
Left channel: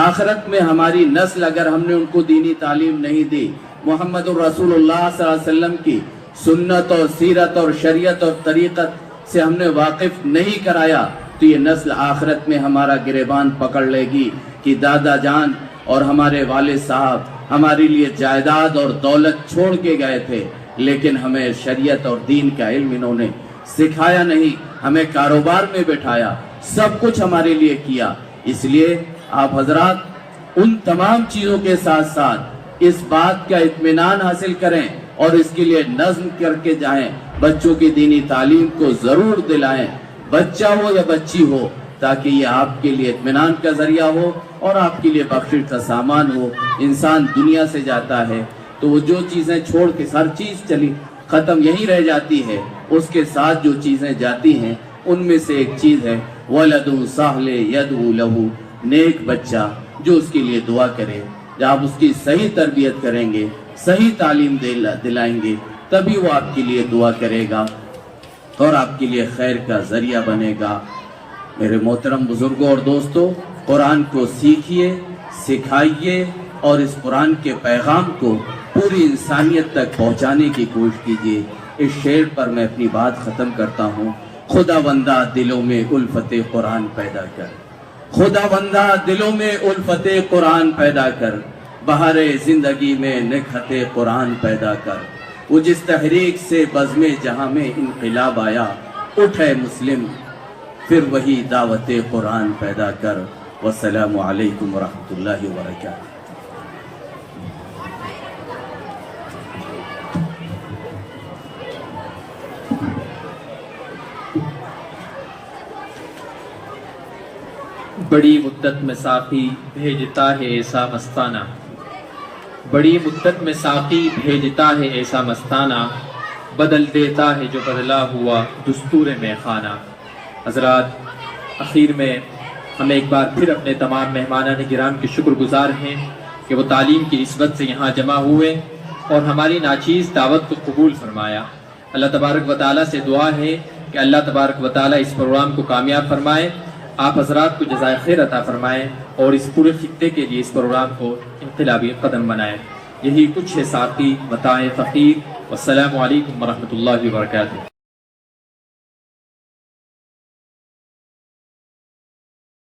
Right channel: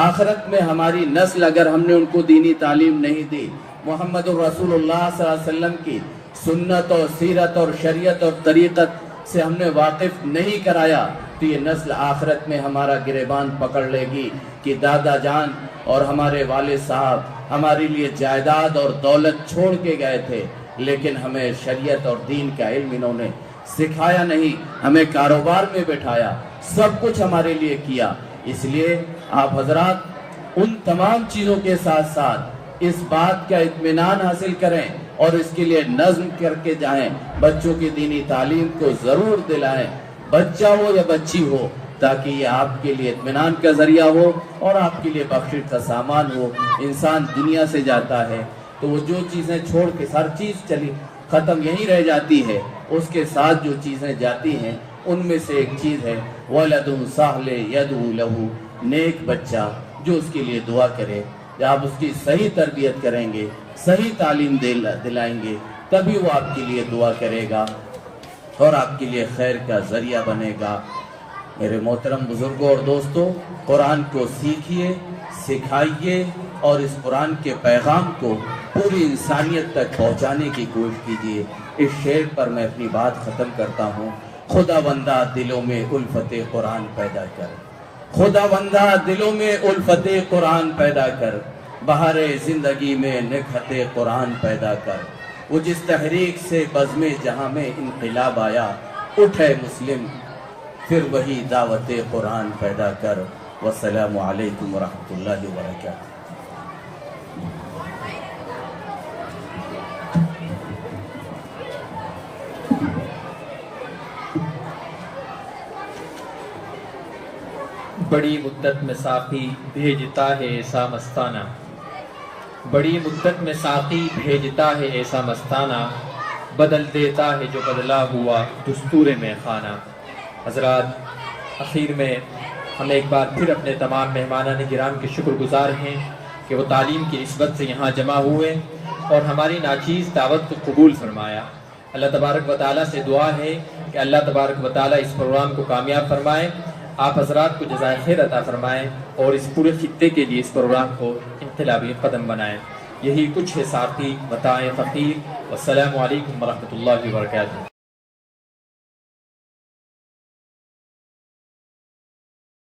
آخرت میں ہماری نسل اگر ہم نے ان کو دینی تعلیم نہیں دی، محمد الرسول اللہ صلی اللہ علیہ وسلم کی سنت اور سیرت اور شریعت اور طریقت سے ہم نے واقف نہیں کرایا، تو یہ نسل آخرت میں ہمارا گریبان پکڑ لے گی کہ دادا جان اور ہمارے والد صاحب ہمارے لیے جائیداد اور دولت چھوڑ کے گئے تھے، لیکن ہمیں شریعت اور دین کا علم انہوں نے سکھایا نہیں، ہمیں کاروبار میں بٹھایا، سب کچھ ہمارے لیے کیا. اس لیے آپ حضرات ان تمام چیزوں کے ساتھ ساتھ اس بات کا اطمینان حاصل کریں اور اس کے لیے نظم کر کے جائیں. بچوں کی دینی تعلیم کو ضرور دلائیں، بچہ ہو یا بچی ہو، تاکہ یہ آپ کے لیے اطمینان کا ذریعہ ہو اور آپ کے لیے بخشش کا سامان ہو. انسان دنیا سے جاتا ہے تو وہ جو چیزیں چھوڑ کے ہر چیز چلی ختم یہی رہ جاتی ہے، اس کے ساتھ جو چیزیں جاتی ہیں ان میں سے ایک چیز ہے وَلَدٌ صَالِحٌ يَدْعُو لَهُ، نیک بچہ جو اس کے لیے دعا کرے. جب آپ اس کی صحیح تربیت کریں گے، صحیح تعلیم دلائیں گے، تبھی وہ آپ کے لیے دعا کرے گا اور آپ کے لیے خیر کا ذریعہ بنے گا. میرے محترم بزرگوں اور دوستوں، قرآن کو سیکھیے، سکھائیے اور اس قرآن کے پیغام کو پوری انسانیت تک پہنچانے کی کوشش کیجیے. اس شعر پر میں اپنی بات ختم کرتا ہوں. خدا بندہ دلوں میں الفت قرآن پیدا کر، خدا بندہ دلوں میں الفت قرآن پیدا کر، بہار زندگی میں نکہت قرآن پیدا کر. وہ جس تحریک سے بزم جہاں میں انقلاب آیا، اٹھے مسلم پھر وہی دعوت قرآن پیدا کر. والسلام علیکم ورحمۃ اللہ وبرکاتہ. بڑی مدت میں ساقی بھیجتا ہے ایسا مستانہ، بڑی مدت میں ساقی بھیجتا ہے ایسا مستانہ، بدل دیتا ہے جو بدلا ہوا دستور میں خانہ. حضرات، اخیر میں ہم ایک بار پھر اپنے تمام مہمانان کرام کے شکر گزار ہیں کہ وہ تعلیم کی نسبت سے یہاں جمع ہوئے اور ہماری ناچیز دعوت کو قبول فرمایا. اللہ تبارک و تعالیٰ سے دعا ہے کہ اللہ تبارک و تعالیٰ اس پروگرام کو کامیاب فرمائے، آپ حضرات کو جزائے خیر عطا فرمائے اور اس پورے خطے کے لیے اس پروگرام کو انقلابی قدم بنائے. یہی کچھ ہے ساقی متاع فقیر. والسلام علیکم ورحمۃ اللہ وبرکاتہ.